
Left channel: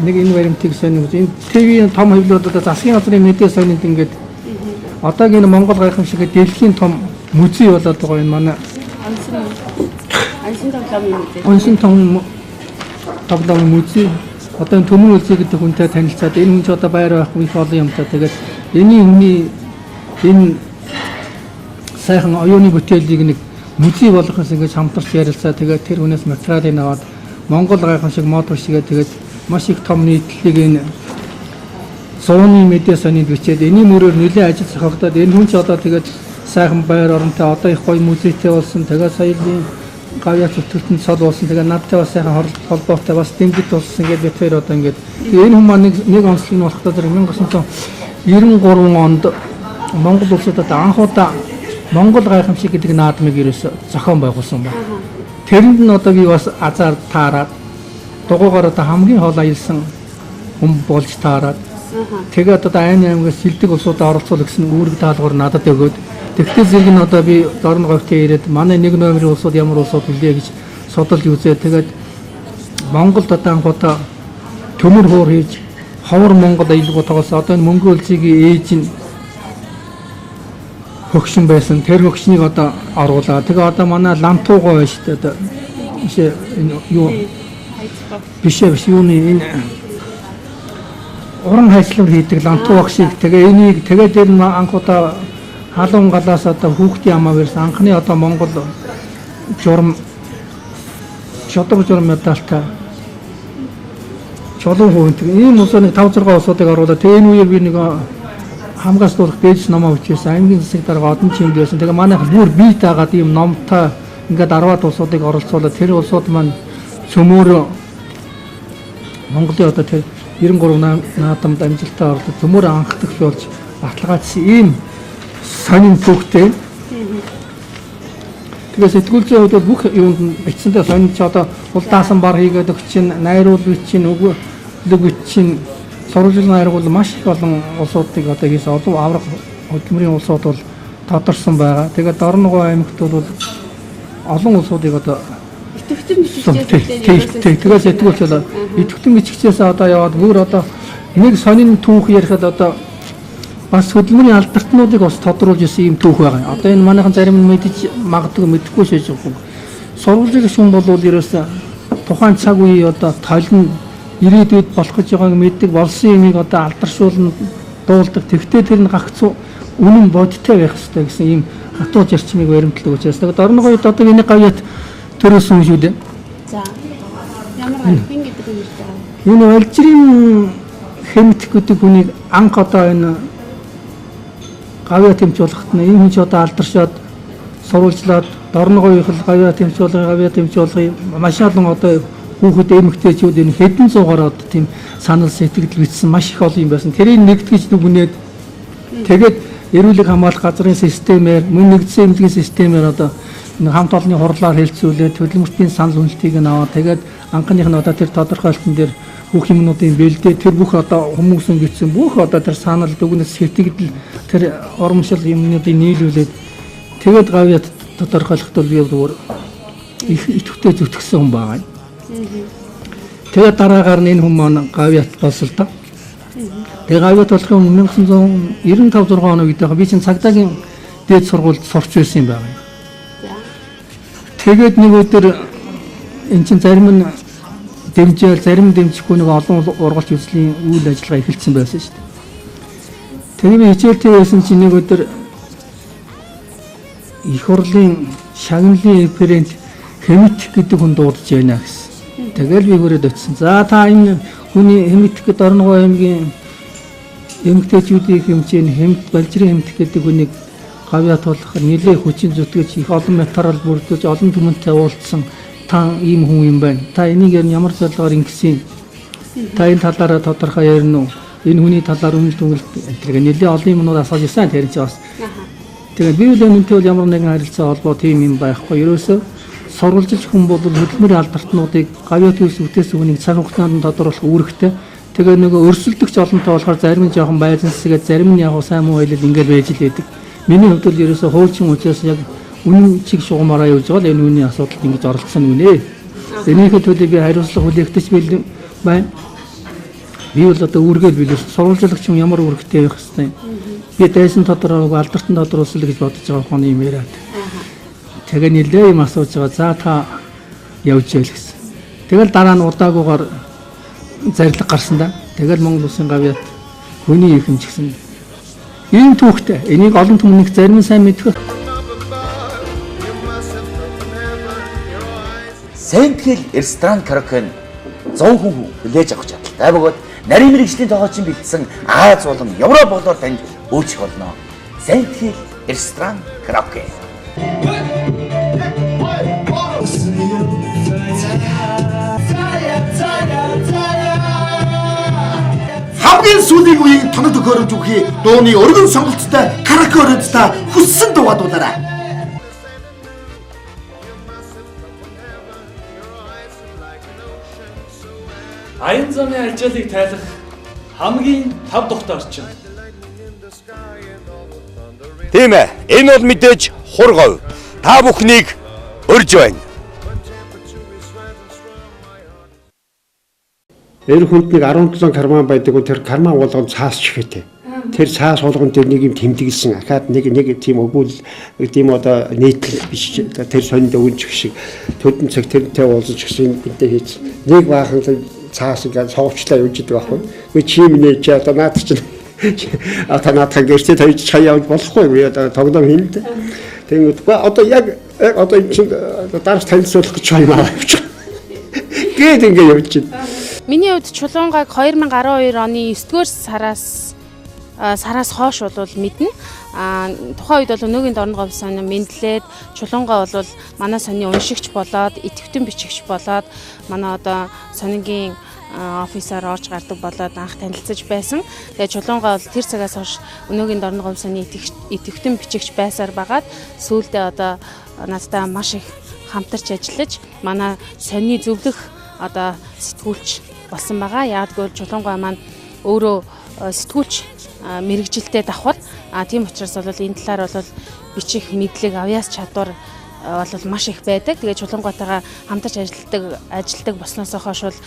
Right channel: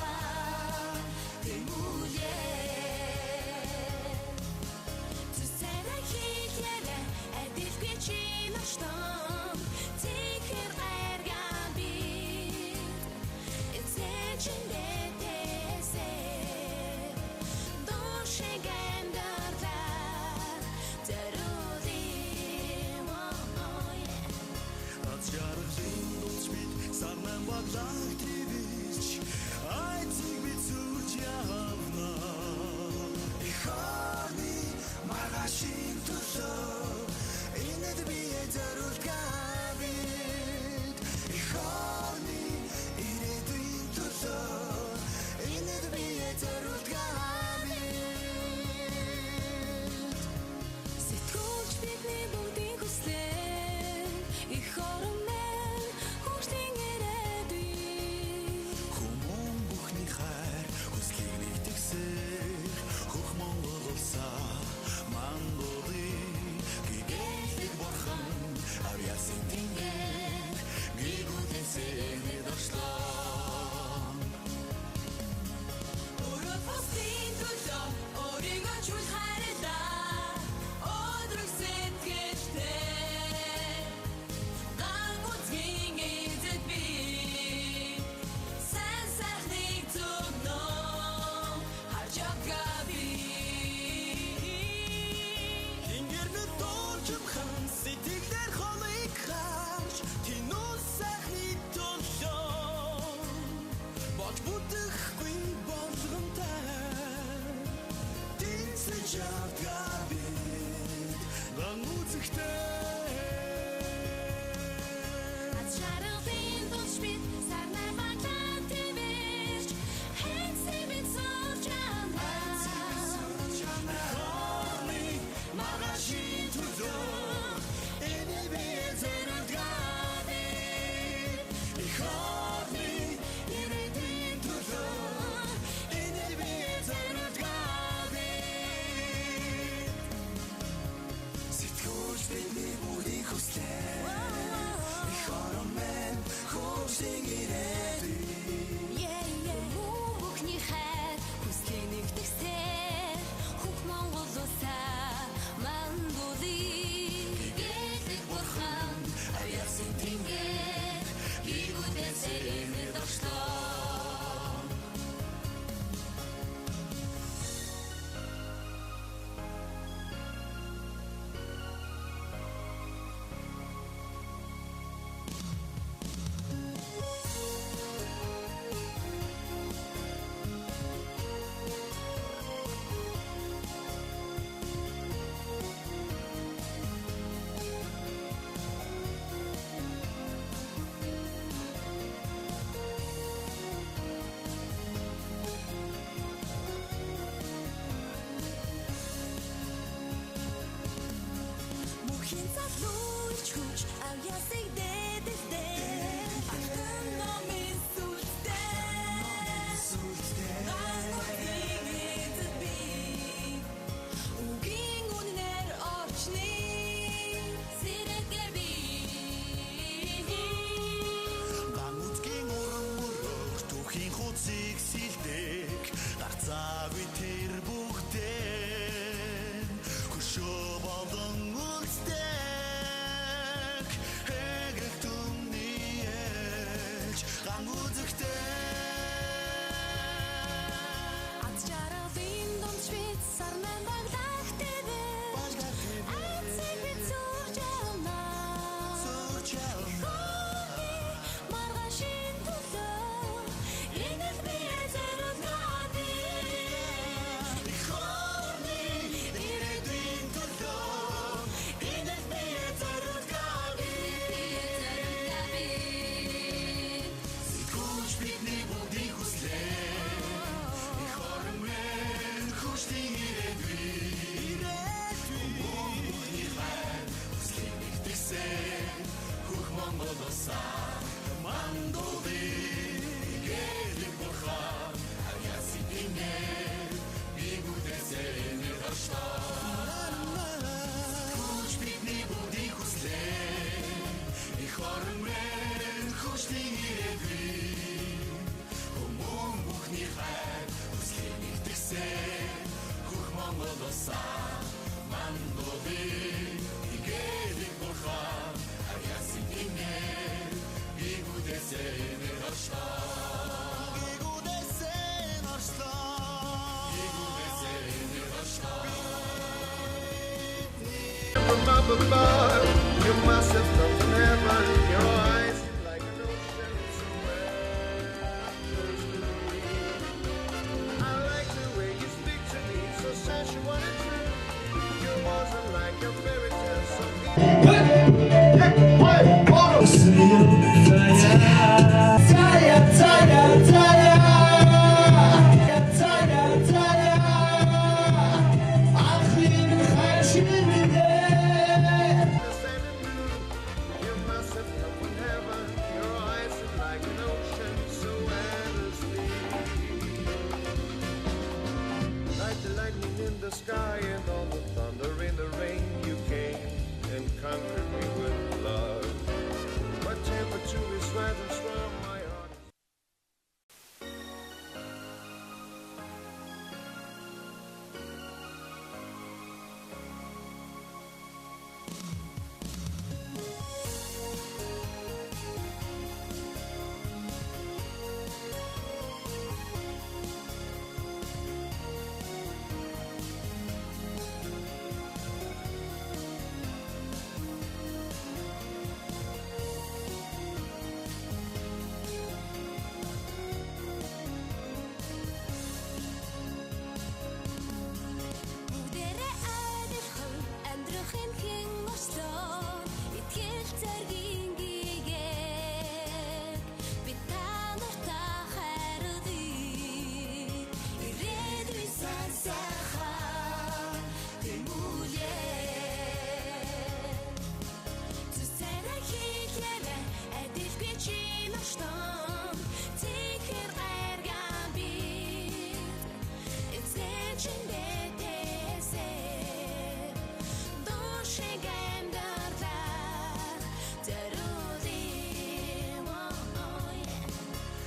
нэг энэ баримтыг сонирхож энэ телевизийн том хэвлэлүүд одоо засгийн газрын медиа сонинд ингээд одоогийн Монгол гайхамшиг дэлхийн том музей болоод байгаа энэ манай онсын том музей одоо энэ төмөр үлзий гэдэг хүнтэй танилцаад энэ хүн ч одоо байр байхгүй их олон юм та тэгээд энэ сайхан оюуны бүтээлийг нэг музей болгохоос ингэж хамтарч ярилцаа тэгээд тэр хүнээс материалыг аваад Монгол гайхамшиг мод бишгээ тэгээд маш их том нийтлэлийг энэ зууны медиа санийд бичээд энэний мөрөөр нэлээд ажил зохиогдоод энэ хүн ч одоо тэгээд сайхан байр оронтой одоо их гоё музейтэй болсон. Тэгээд соёлын гавьяа зүтгэлтэн цол болсон. Тэгээд надтай бас сайхан холбоотой бас дэмжиж болсон. Ингээд бид хоёр одоо ингээд энэ хүмүүс нэг онцлог нь болохдоо 1993 онд Монгол улсад одоо анх удаа Монгол гайхамшиг гэдэг наадмыг ерөөсө зохион байгуулсан байна. Тэрэнд нь одоо би бас азар таараад дугуйгаар одоо хамгийн хол аялсан хүн болж таараад тэгээд одоо аймагаас шилдэг улсуудаа оролцуулах гэсэн үүрэг даалгавар надад өгөөд тэгтээ зэрэг нь одоо би Дорноговьт ирээд манай нэг номерын улсууд ямар улсууд үлээ гэж судалж үзээ. Тэгээд Монголд одоо анх удаа төмөр хуур хийж ховор Монгол аялгуудаас одоо энэ мөнгө үлцгийн ээж нь хөгшин байсан. Тэр хөгшнийг одоо оруулаа. Тэгээ одоо манай лантуугаа байна шүү дээ. Одоо юу биш юуны энэ уран хайслуур хийдэг лантуу багшиг. Тэгээ энийг тэгээд тэр анх удаа халуун галаас одоо хүүхдийн амаа барьсан анхны одоо Монгол журам шодог журам медальтай Чулуун хувь ийм улсыг 5-6 улсуудыг оруулаад тэгээ энэ үеэр би нэг хамгаалалтын бэж номоо бичсэн аймгийн засаг дарга одон чимд байсан. Тэгээ манайх бүр бие даагаад ийм номтой ингээд 10-аад улсуудыг оролцуулаад тэр улсууд маань цөмөр Монголын одоо тэр 93 наадамд амжилттай орлоо цөмөр анх төрлөөлж баталгаажсан ийм сонин түүхтэй. Тэгээ сэтгүүлчийн хувьд бүх юунд бичсэнтэй сонин ч одоо улдаасан бар хийгээд өгчин, найруулж бичин, өгөөг бичин, сурвалжлын найрагуул маш их олон улсуудыг одоо хийсэн олон аврах хөдөлмөрийн улсууд бол тодорсон байгаа. Тэгээд Дорноговь аймагт бол олон улсуудыг одоо тэгээд сэтгүүлч болоо идэвхтэн бичгчээс одоо яваад бүр одоо нэг сонин түүх ярихад одоо бас хөдөлмөрийн алдартнуудыг бас тодруулж ирсэн юм түүх байгаа. Одоо энэ манайхан зарим нь мэдж магадгүй мэдэхгүй шийдэж байгаа. Сурвалжлын шун бол ерөөсөө тухайн цаг үеийн одоо толин ирээдүйд болох гэж байгааг мэддэг болсон юмыг одоо алдаршуулна дуулдаг. Тэгтээ тэр нь гагцуу үнэн бодиттой байх хэрэгтэй гэсэн ийм хатуу зарчмыг баримтлаг учраас. Тэгээд Дорноговьд одоо энэ гавьяат төрөөсөн шүү дээ. За. Ямар аймгийн гэдэг юм бэ? Энэ өлжрийн хэмт гэдэг хүнийг анх одоо энэ гавьяа тэмцүүлэхэд нь энэ ч одоо алдаршаад сурвалжлаад Дорноговьд гавьяа тэмцүүлэх маш олон одоо хүүхэд эмэгтэйчүүд энэ хэдэн зуугаар одоо тийм санал сэтгэл бичсэн маш их олон юм байсан. Тэрийг нэгтгэж дүгнээд тэгээд эрүүлэг хамгаалах газрын системээр мөн нэгдсэн эмнэлгийн системээр одоо хамт олонны хурлаар хэлцүүлээд хөдөлмөртийн санал үнэлтийг нь аваад тэгээд анхных нь одоо тэр тодорхойлолтын дээр бүх юмнуудын бэлдээ тэр бүх одоо хүмүүсийн бичсэн бүх одоо тэр санал дүгнэлт сэтгэл тэр урамшил юмнуудыг нийлүүлээд тэгээд гавьяат тодорхойлоход бол зүгээр их идэвхтэй зүтгэсэн хүн байгаа. Тэгээд дараагаар нь энэ хүн маань гавьяат болсон л да. Тэгээд гавьяат болохын 1995-6 оны үед би чинь цагдаагийн дээд сургуульд сурч байсан юм байна. Тэгээд нэг өдөр эн чинь зарим нь дэмжээл зарим дэмжихгүй нэг олон ургалч үзлийн үйл ажиллагаа эхэлсэн байсан шүү дээ. Тэгээд би хичээлтэй байсан чинь нэг өдөр их хурлын шагналын референт хэмт гэдэг хүн дуудаж байна гэсэн. Тэгэл би хүрээд очсон. За та энэ хүний хэмт гэдэг Дорноговь аймгийн эмэгтэйчүүдийг хэмжээ хэмт балжрын хэмт гэдэг хүнийг гавьяат болох нэлээд хүчин зүтгэж их олон материал бүрдүүлж олон түмэнтэй уулзсан та ийм хүн юм байна. Та энийг ямар зорилгоор ингэсэн? Та энэ талаараа тодорхой ярина уу? Энэ хүний талаар үнэл дүнэлт гэдэг нэлээд олон юмнууд асууж ирсэн тэр чинь бас. Тэгээд би үл өмнөд бол ямар нэгэн харилцаа холбоо тийм юм байхгүй. Ерөөсөө сурвалжилж хүн бол хөдөлмөрийн алдартнуудыг гавьяат үйлс үтээс үнийг цаг хугацаанд тодорхойлох үүрэгтэй. Тэгээ нөгөө өрсөлдөгч олонтой болохоор зарим нь жоохон байрлалсгээд зарим нь яг сайн муу хэлэл ингээд байж л байдаг. Миний хувьд л ерөөсөө хуучин учраас яг үнэн чиг шугамаараа явж байгаа л энэ үнийн асуудалд ингэж оролцсон үнэ. Энийхээ төлөө би хариуцлага хүлээгдэж байна. Би бол одоо үүргээд билээ. Сурвалжлагч юм ямар үүрэгтэй байх хэвтэй. Би дайсан тодорхойг алдартан тодорхойлсон гэж бодож байгаа хүн юм яриад. Тэгээ нэлээ юм асууж байгаа. За та явж ял гэсэн. Тэгэл дараа нь удаагүйгээр зарлиг гарсан да. Тэгэл Монгол Улсын гавьяат хүний ихэмж гэсэн. Ийм түүхтэй. Энийг олон түмнийг зарим нь сайн мэдэх. сайн тэгэл ресторан караоке 100 хүн хүлээж авах чадaltaй бөгөөд нарийн мэрэгжлийн тогоочин бэлдсэн Аз болон Европ болоор танд үйлчлэх болно. Сайн тэгэл ресторан караоке. хамгийн сүүлийн үеийн тоног төхөөрөмж үхий дууны өргөн сонголттой караоке өрөөдтэй хүссэн дуугаараа. Аян замын ажлыг тайлах хамгийн тав дахь орчин. Тийм ээ. Энэ бол мэдээж хургав. Та бүхнийг урьж байна. Энэ хүнд нэг 17 карман байдаг. Тэр карман болгон цаас чихэтэй. Тэр цаас болгон дээр нэг юм тэмдэглэсэн. Ахаад нэг тийм өгүүл тийм одоо нийтлэл биш. Тэр сонинд өвөнчих шиг төдөн цаг тэрнтэй уулзаж гисэн бидээ хийж нэг баахан цаас ингээд совчлаа явж идэг байхгүй. Би чим нэ чи одоо наад чинь ата наатхан гэрчээ тавьж чаяа болохгүй. Одоо тоглоом хийлдэ. Тэгэнгүүт одоо яг одоо энэ чинь дараач танилцуулах гэж байна авчих. Гээд ингээд явж байна. Миний хувьд Чулуунгааг 2012 оны 9-р сараас хойш бол мэднэ. Тухайн үед бол өнөөгийн Дорноговь сони мэдлээд Чулуунгаа бол манай сони уншигч болоод, идэвхтэн бичигч болоод манай одоо сонигийн офисаар орж гардаг болоод анх танилцаж байсан. Тэгээ Чулуунгаа бол тэр цагаас хойш өнөөгийн Дорноговь сони идэвхтэн бичигч байсаар багаад сүүлдээ одоо надтай маш их хамтарч ажиллаж манай сони зөвлөх одоо сэтгүүлч болсон байгаа. Яагтгүй Чулуунгаа маань өөрөө сэтгүүлч мэрэгжилтэй давхар. Тийм учраас бол энэ талаар бол бичих мэдлэг, авьяас чадвар бол маш их байдаг. Тэгээ Чулуунгатайгаа хамтарч ажилладаг болсноос хойш бол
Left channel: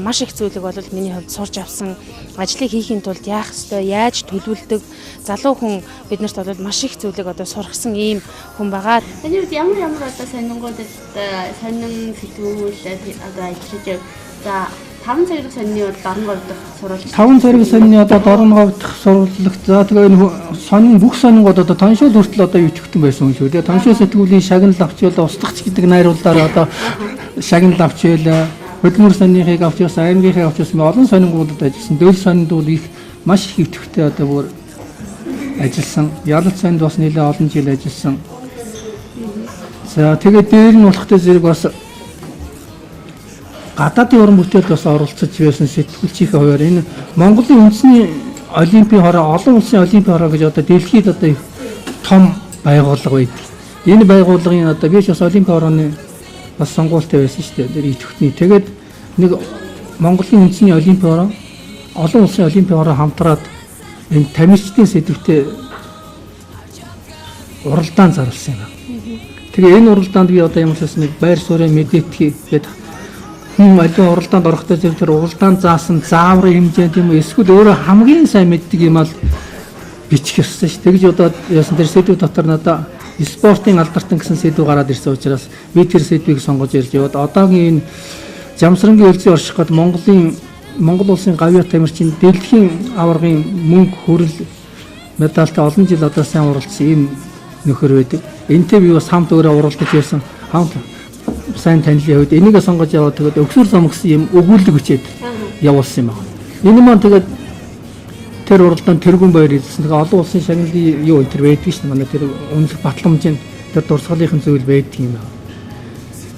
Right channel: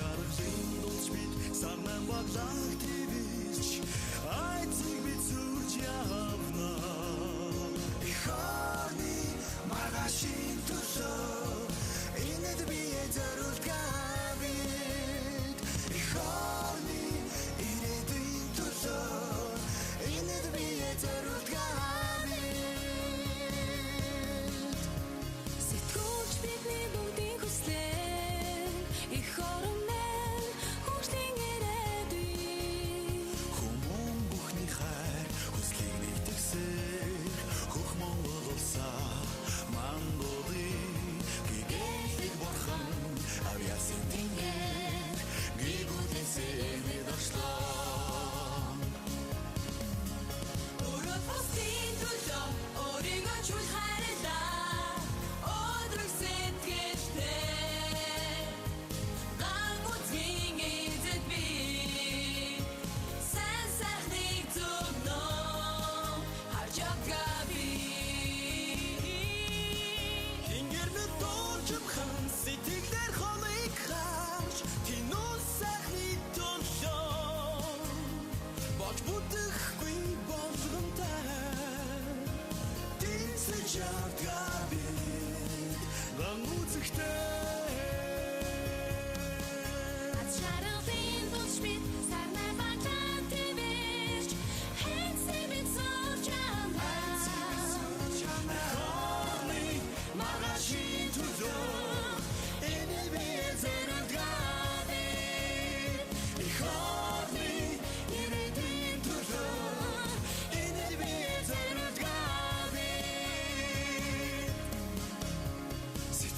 маш их зүйлийг бол миний хувьд сурч авсан. Ажлыг хийхин тулд яах ёстой, яаж төлөвлөдөг, залуу хүн биднэрт бол маш их зүйлийг одоо сургасан ийм хүн байгаа. Таны үед ямар одоо сонингуудад сонин сэтгүүлчд одоо ажиллаж за 5 цагийн сонины бол Дорноговь дахь сурвалж. 5 цагийн сонины одоо Дорноговь дахь сурвалжлагт за тэгээ энэ сонин бүх сонингууд одоо тоншил хүртэл одоо юучгтэн байсан юм шүү. Тэгээ тоншил сэтгүүлийн шагнал авчвал устгагч гэдэг найруулгаар одоо шагнал авчвал хөдөлмөр сониныг авчвал аймгийнхээ авчвал олон сонингуудад ажилласан. Дэвл сонинд бол их маш их идэвхтэй одоо бүр ажилласан. Ялалт сонинд бас нэлээд олон жил ажилласан. За тэгээд дээр нь болохтой зэрэг бас гадаадын уран бүтээлд бас оролцож байсан сэтгүүлчийнхээ хувьд энэ Монголын үндэсний олимпийн хороо, олон улсын олимпийн хороо гэж одоо дэлхийд одоо том байгууллага байдаг. Энэ байгууллагын одоо би ч бас олимпийн хорооны бас сонгуультай байсан шүү дээ. Тэр идэвхтний. Тэгээд нэг Монголын үндэсний олимпийн хороо, олон улсын олимпийн хороо хамтраад энэ тамирчдын сэдвтэ уралдаан зарласан юм. Тэгээ энэ уралдаанд би одоо ямар ч нэг байр суурийн мэдээлэл гэдэг хүн аливаа уралдаанд орохдоо тэр уралдаанд заасан зааврын хэмжээ тийм үү эсвэл өөрөө хамгийн сайн мэддэг юм ал бичих ёстой ш. Тэгж одоо яасан тэр сэдв дотор надаа спортын албартан гэсэн сэдв гараад ирсэн учраас би тэр сэдвийг сонгож ирж яваад одоогийн энэ жамсрангийн хөлзөө орших гээд Монгол улсын гавьяа тамирчин дэлхийн аваргын мөнгө хүрэл медальтай олон жил одоо сайн уралдсан ийм нөхөр байдаг. Энтэй би бас хамт өөрөө уралдаж байсан. Хамт сайн танилын хувьд энийг сонгож яваад тэгээд өгсөр зомгсон юм өгүүлэг өчээд явуулсан юм байна. Энэ маань тэгээд тэр уралдаанд тэргүүн баяр хэлсэн. Тэгээд олон улсын шагналын юу энэ байдаг шүү дээ. Манай тэр үнэлэх батламжийн тэр дурсгалынхын зүйл байдаг юм байна.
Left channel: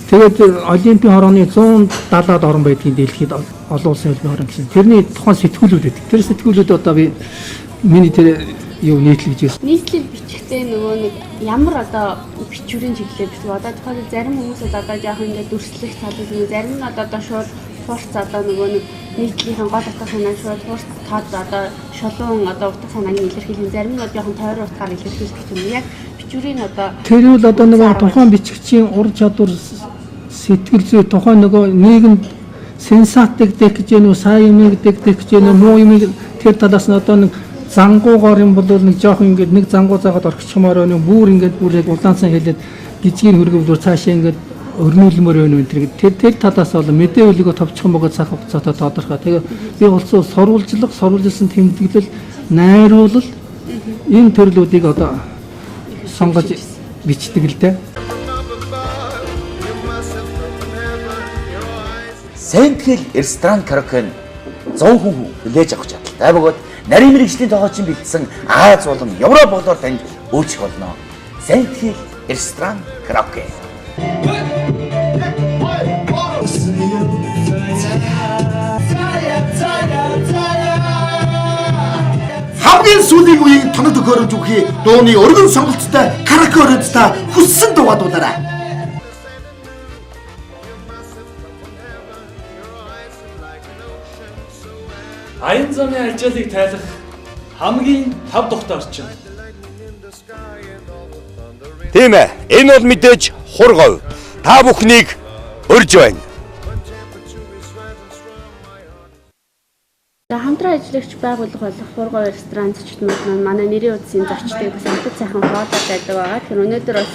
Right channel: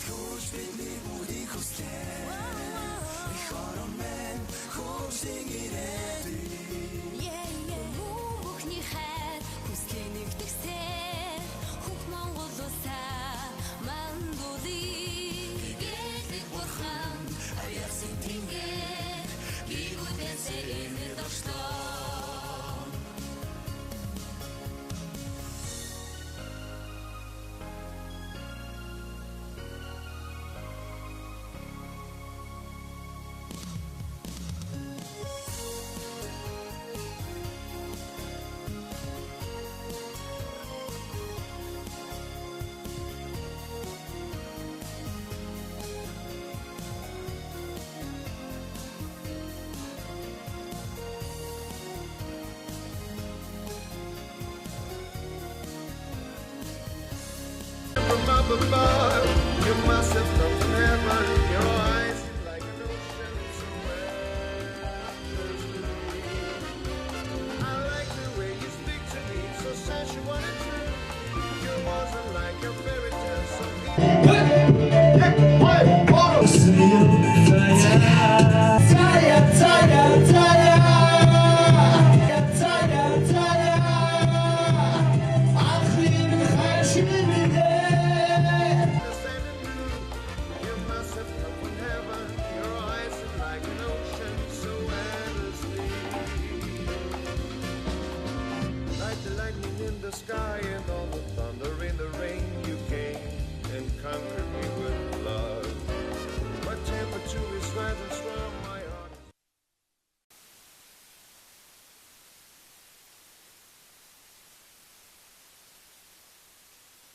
Тэгээд олимпийн хорооны 170-аад орн байдгийн дэлхийд олон улсын олимпийн хорон гэсэн. Тэрний тухайн сэтгүүлүүд байдаг. Тэр сэтгүүлүүд одоо би миний тэр юу нийтлэж байсан. Нийтлэл бичихтэй нөгөө нэг ямар одоо бичвэрийн чиглэлээ биш. Одоо тухайн зарим хүмүүсд одоо яг ингээд дүрслэх талууд нэг зарим нь одоо шууд туулц одоо нөгөө нэг нийтлэлийн гол утга санаа шууд туулц таад одоо шулуун одоо утга санааны илэрхийлэн зарим нь яг тойрон утгаар илэрхийлэх юм. Яг бичвэрийн одоо тэр үл одоо нөгөө тухайн бичгчийн ур чадвар сэтгэл зүй тухайн нөгөө нийгэмд сенсатик дэх гэж нөө сайн юмыг дэх гэж нөө муу юмыг тэр талаас нь одоо нэг зангуугаар юм бол нэг жоох ингээд нэг зангуу заагаад орчихмоор байна. Бүр ингээд бүр яг улаансан хэлээд гизгийн хөргөвлөөр цаашаа ингээд өрнүүлмөр байна энэ тэр талаас бол мэдээлэлийг товчхон бөгөөд цаг хугацаатай тодорхой. Тэгээ би улсын сурвалжлсан тэмдэглэл, найруулал энэ төрлүүдийг одоо сонгож бичдэг л дээ. Сэнтгэл ресторан караоке 100 хүн хүлээж авах чадaltaй бөгөөд нарийн мэргэжлийн тогоочин бэлдсэн Аз болон Европ болоор танд үйлчлэх болно. Сэнтгэл ресторан караоке. Хамгийн сүүлийн үеийн тоног төхөөрөмж бүхий дууны өргөн сонголттой караоке өрөөндөө хүссэн дуугадуулаарай. Аян замын ажлыг тайлах хамгийн тав тухтай орчин. Тийм ээ. Энэ бол мэдээж хургав. Та бүхнийг урьж байна. Хамтран ажиллагч байгууллага болох Прокурор ресторан зочднууд манай нэрийн хуудасын зочдыг бас амтд сайхан хоолой байдаг байгаа. Тэгэхээр өнөөдөр бол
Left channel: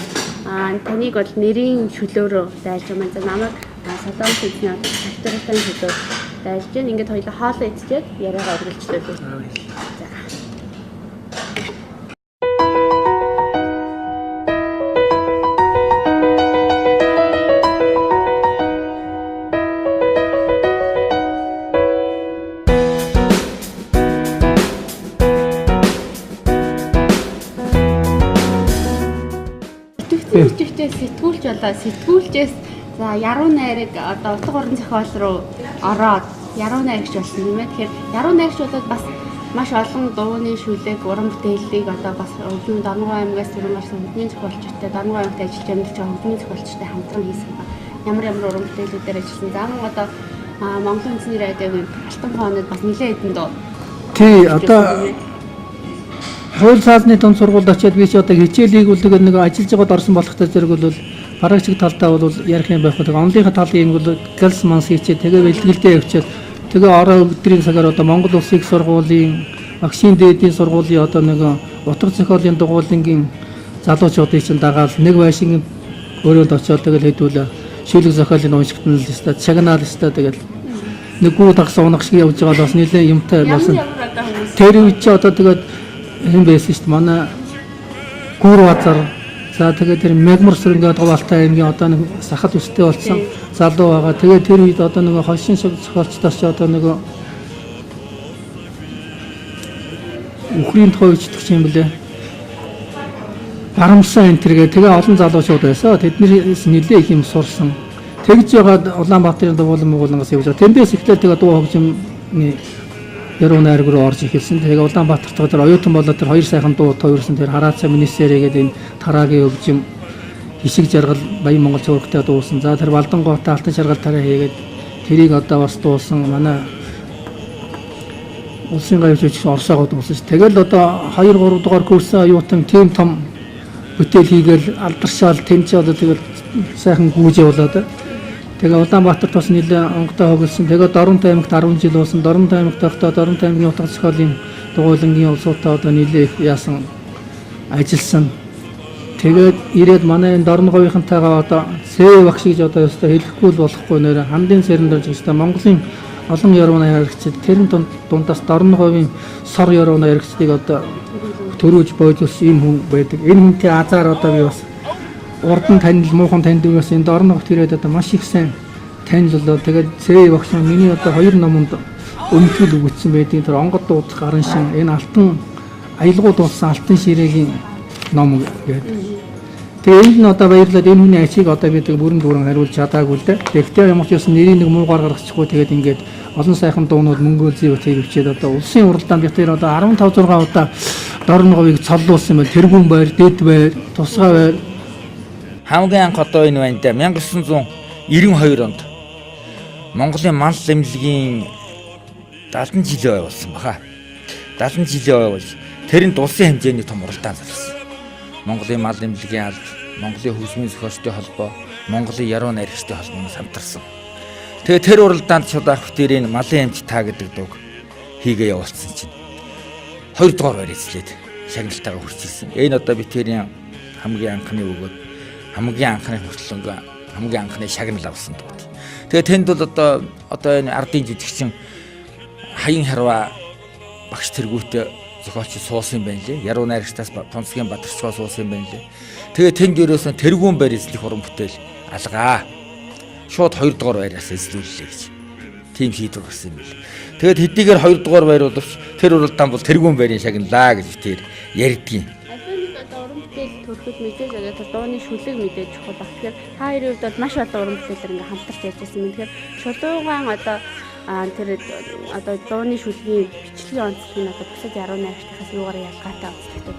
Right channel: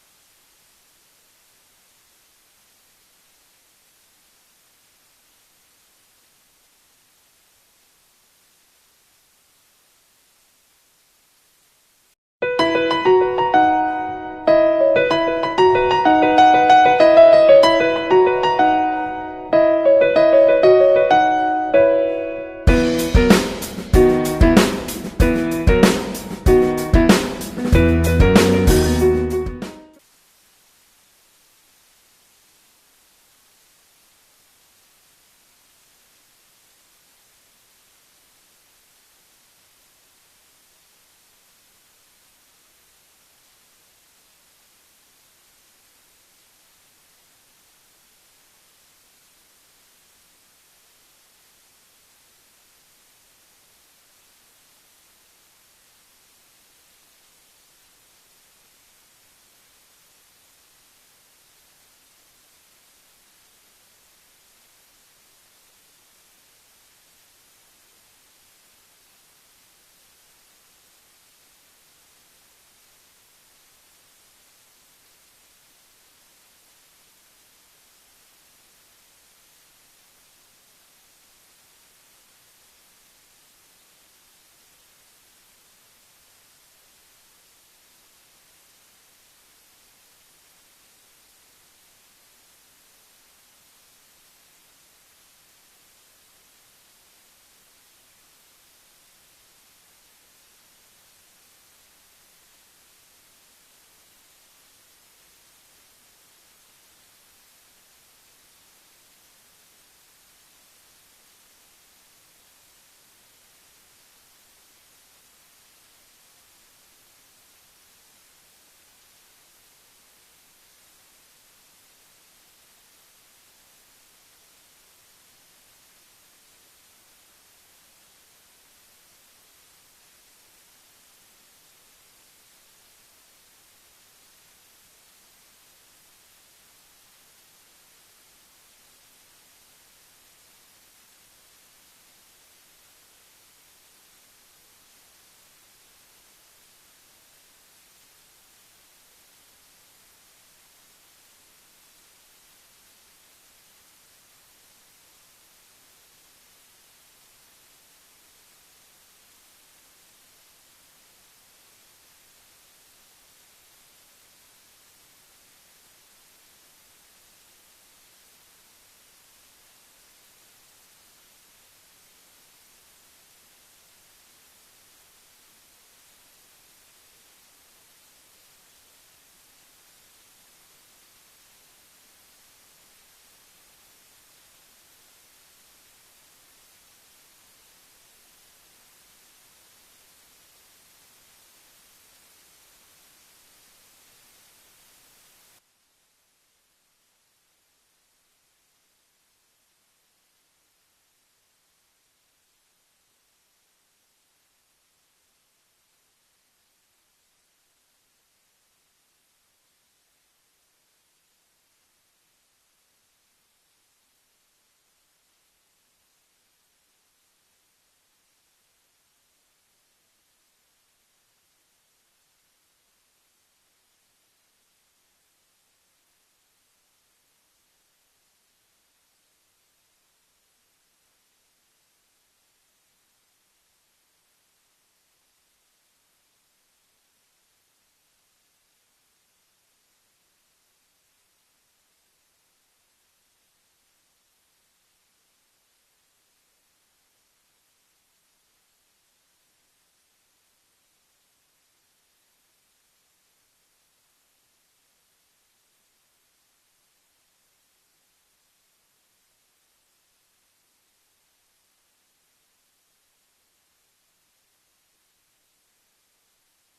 таныг бол нэрийн чөлөөрөө зайлж байгаа маань намайг солон хийсний авторитын чөлөөр зайлж байна. Ингээд хоёулаа хоолой идчихээд яриагаа үргэлжлүүлээ. За. Сэтгүүлч болоо сэтгүүлчээс за яруу найраг одоо утга орон зохиол руу ороод яруу найрагч болсон юм байна. Тэгэхээр яруу найрагч болоод бас маш олон дууны шүлэг, уран бүтээлийг одоо бас өвлийн Дорноговь аймгаас түрүүн гарсан хөдний зохиолчтой, Дорноговь аймагт ажиллаж амьдарч байгаа хөдний зохиолчтой хамтран хийсэн ба. Ямар уран бүтээлүүдээр ажилласан. За мөн одоо Монголын үндэсний радиогийн алтан хоонод бас нэлээд хэдэн дуу. Тий одоо хууль саазны дунд сургуульд очиад би ч одоо хичээлийг бол нэг ажиллаж байгаад орсон болохтой зэрэг бол парагчиг талдаа бол ярих юм байх. Тэгээ онлынхаа талын юм бол галс манс хийчээ тэгээ бэлтгэлдээ явчихад тэгээ ороо өдрийн цагаар одоо Монгол Улсын их сургуулийн Багшийн дээдийн сургуулийн одоо нэг утга зохиолын дугуулангийн залуучуудыг чинь дагаад нэг байшин өрөөнд очиод тэгэл хэдүүлээ шүлэг зохиолын уншигтан л өстой чагнаал өстой тэгэл нэг гүү тагс унах шиг явж байгаа бас нэлээ юмтай болсон. Тэр үед ч одоо тэгээд юм байсан шүү дээ. Манай гүр базар за тэгээд тэр мегмар сүрэнгээ Говьалтай аймгийн одоо нэг сахад өстэй болсон залуу байгаа. Тэгээд тэр үед одоо нэг хошин зохиолчдоос ч одоо нэг Украинд хойчдох юм блэ. Барамсан энэ тэргээ тэгээ олон залуучууд байсан. Тэднээс нэлээ их юм сурсан. Тэгж ягаад Улаанбаатарын дугуулангаас явж байгаа. Тэндээс ихтэй тэгээ дуу хөгжимний яруу найраг руу орж ирсэн. Тэгээ Улаанбаатарт тэр оюутан болоод тэр хоёр сайхан дуу тойрсон тэр хараацаа министерээ гэдэг энэ тараагийн хөгжим хишиг жаргал Баян Монгол цуврагтай дуусан. За тэр Балдангоотой алтан шаргал тараа хийгээд тэрийг одоо бас дуусан. Манай улсын гавьч Оросоогоо дуусан ш. Тэгэл одоо 2 3 дугаар курсын оюутан тийм том бүтээл хийгээл алдаршаал тэнцээ одоо тэгэл сайхан гүйж явуулаад. Тэгээ Улаанбаатарт бас нэлээ онготой хогөлсөн. Тэгээ Дорноговь аймагт 10 жил уусан. Дорноговь аймагт байхдаа Дорноговь аймгийн утга зохиолын дугуулангийн улсуудаа одоо нэлээ их яасан ажилласан. Тэгээд ирээд манай энэ Дорноговийнхантайгаа одоо Сэ багш гэж одоо өстой хэлэхгүй л болохгүй нэрэ хандын сэрэн дөрж өстой Монголын олон яруу найрагчид тэрэн дундаас Дорноговийн сор яруу найрагчдыг одоо төрөөж бойлуулсан ийм хүн байдаг. Энэ хүнтэй азар одоо би бас урдан танил муухан таньдаг бас энэ Дорноговт ирээд одоо маш их сайн танилцлаа. Тэгээд Сэ багш миний одоо 2 номонд өмтгөл өгсөн байдаг. Тэр онгод дуудах гарын шин энэ алтан аялгууд болсон алтан ширээгийн ном гэдэг. Тэгээ энд нь одоо баярлалаа энэ хүний ачийг одоо бид бүрэн дүүрэн хариулж чадаагүй л дээ. Тэгэхдээ ямар ч юм нэрийн нэг муугаар гаргачихгүй тэгээд ингээд олон сайхан дуунууд мөнгөө зүй хөвчээд одоо улсын уралдаанд бид тэр одоо 15 6 удаа Дорноговыг цоллуулсан байл тэргүүн байр, дэд байр, тусгай байр. Хамгийн анх одоо энэ байна да 1992 онд Монголын мал эмнэлгийн 70 жилийн ой болсон баха. 70 жилийн ой бол тэрэнд улсын хэмжээний том уралдаан зарласан. Монголын мал эмнэлгийн алба, Монголын хөгжмийн зохиолчдын холбоо, Монголын яруу найрагчдын холбооноос хамтарсан. Тэгээ тэр уралдаанд чудаах бүтээрийн малын эмч та гэдэг дууг хийгээ явуулсан чинь 2 дугаар байр эзлээд шагналтайгаа хүрч ирсэн. Энэ одоо бүтээрийн хамгийн анхны өгөөд хамгийн анхны хүртлэнг хамгийн анхны шагнал авсан дуу. Тэгээ тэнд бол одоо энэ ардын жүжигчин хаян харва багш тэргүүтээ зохиолч суусан юм байна лээ. Яруу найрагчдаас тонцгийн бадарчгаа суусан юм байна лээ. Тэгээ тэнд ерөөсөн тэргүүн байр эзлэх уран бүтээл алгаа. Шууд 2 дугаар байраас эзлүүллээ гэж. тийм шийдвэр гарсан юм бэл. Тэгээд хэдийгээр 2 дугаар байр боловч тэр уралдаан бол тэргүүн байрын шагналаа гэж тэр ярьдгийн. Уран бүтээл төрөхөд мэдээж яг дууны шүлэг мэдээж чухал баг. Тэгэхээр та хоёрын хувьд бол маш олон уран бүтээлээр ингээ хамтарч ярьжсэн юм. Тэгэхээр Чулуугаан одоо дууны шүлгийн бичлэгийн онцлог нь одоо бусад яруу найрагчдаас юугаар ялгаатай онцлогтой.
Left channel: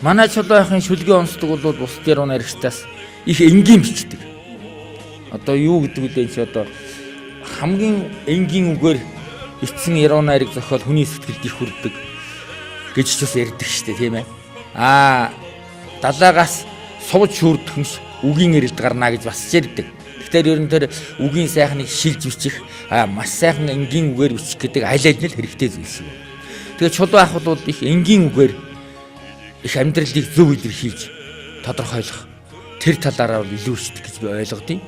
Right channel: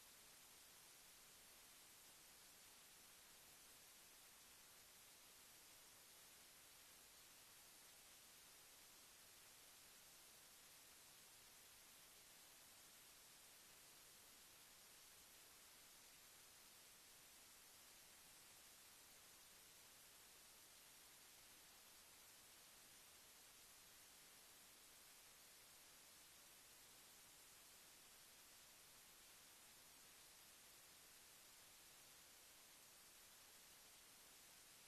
Манай Чулуугаахын шүлгийн онцлог бол бусад яруу найрагчдаас их энгийн бичдэг. Одоо юу гэдэг вэ чи одоо хамгийн энгийн үгээр эцсэн яруу найраг зохиол хүний сэтгэлд их хүрдэг гэж ч бас ярьдаг шүү дээ, тийм ээ. Далаагаас сувж шүрдөхмш үгийн эрэлд гарна гэж бас ярьдаг. Тэгэхээр ер нь тэр үгийн сайхныг шилж бичих, маш сайхан энгийн үгээр бичих гэдэг аль аль нь л хэрэгтэй зүйлс юм. Тэгээд Чулуугаах бол их энгийн үгээр их амьдралыг зөв илэрхийлж тодорхойлох тэр талаараа илүү ихтэй гэж би ойлгодیں۔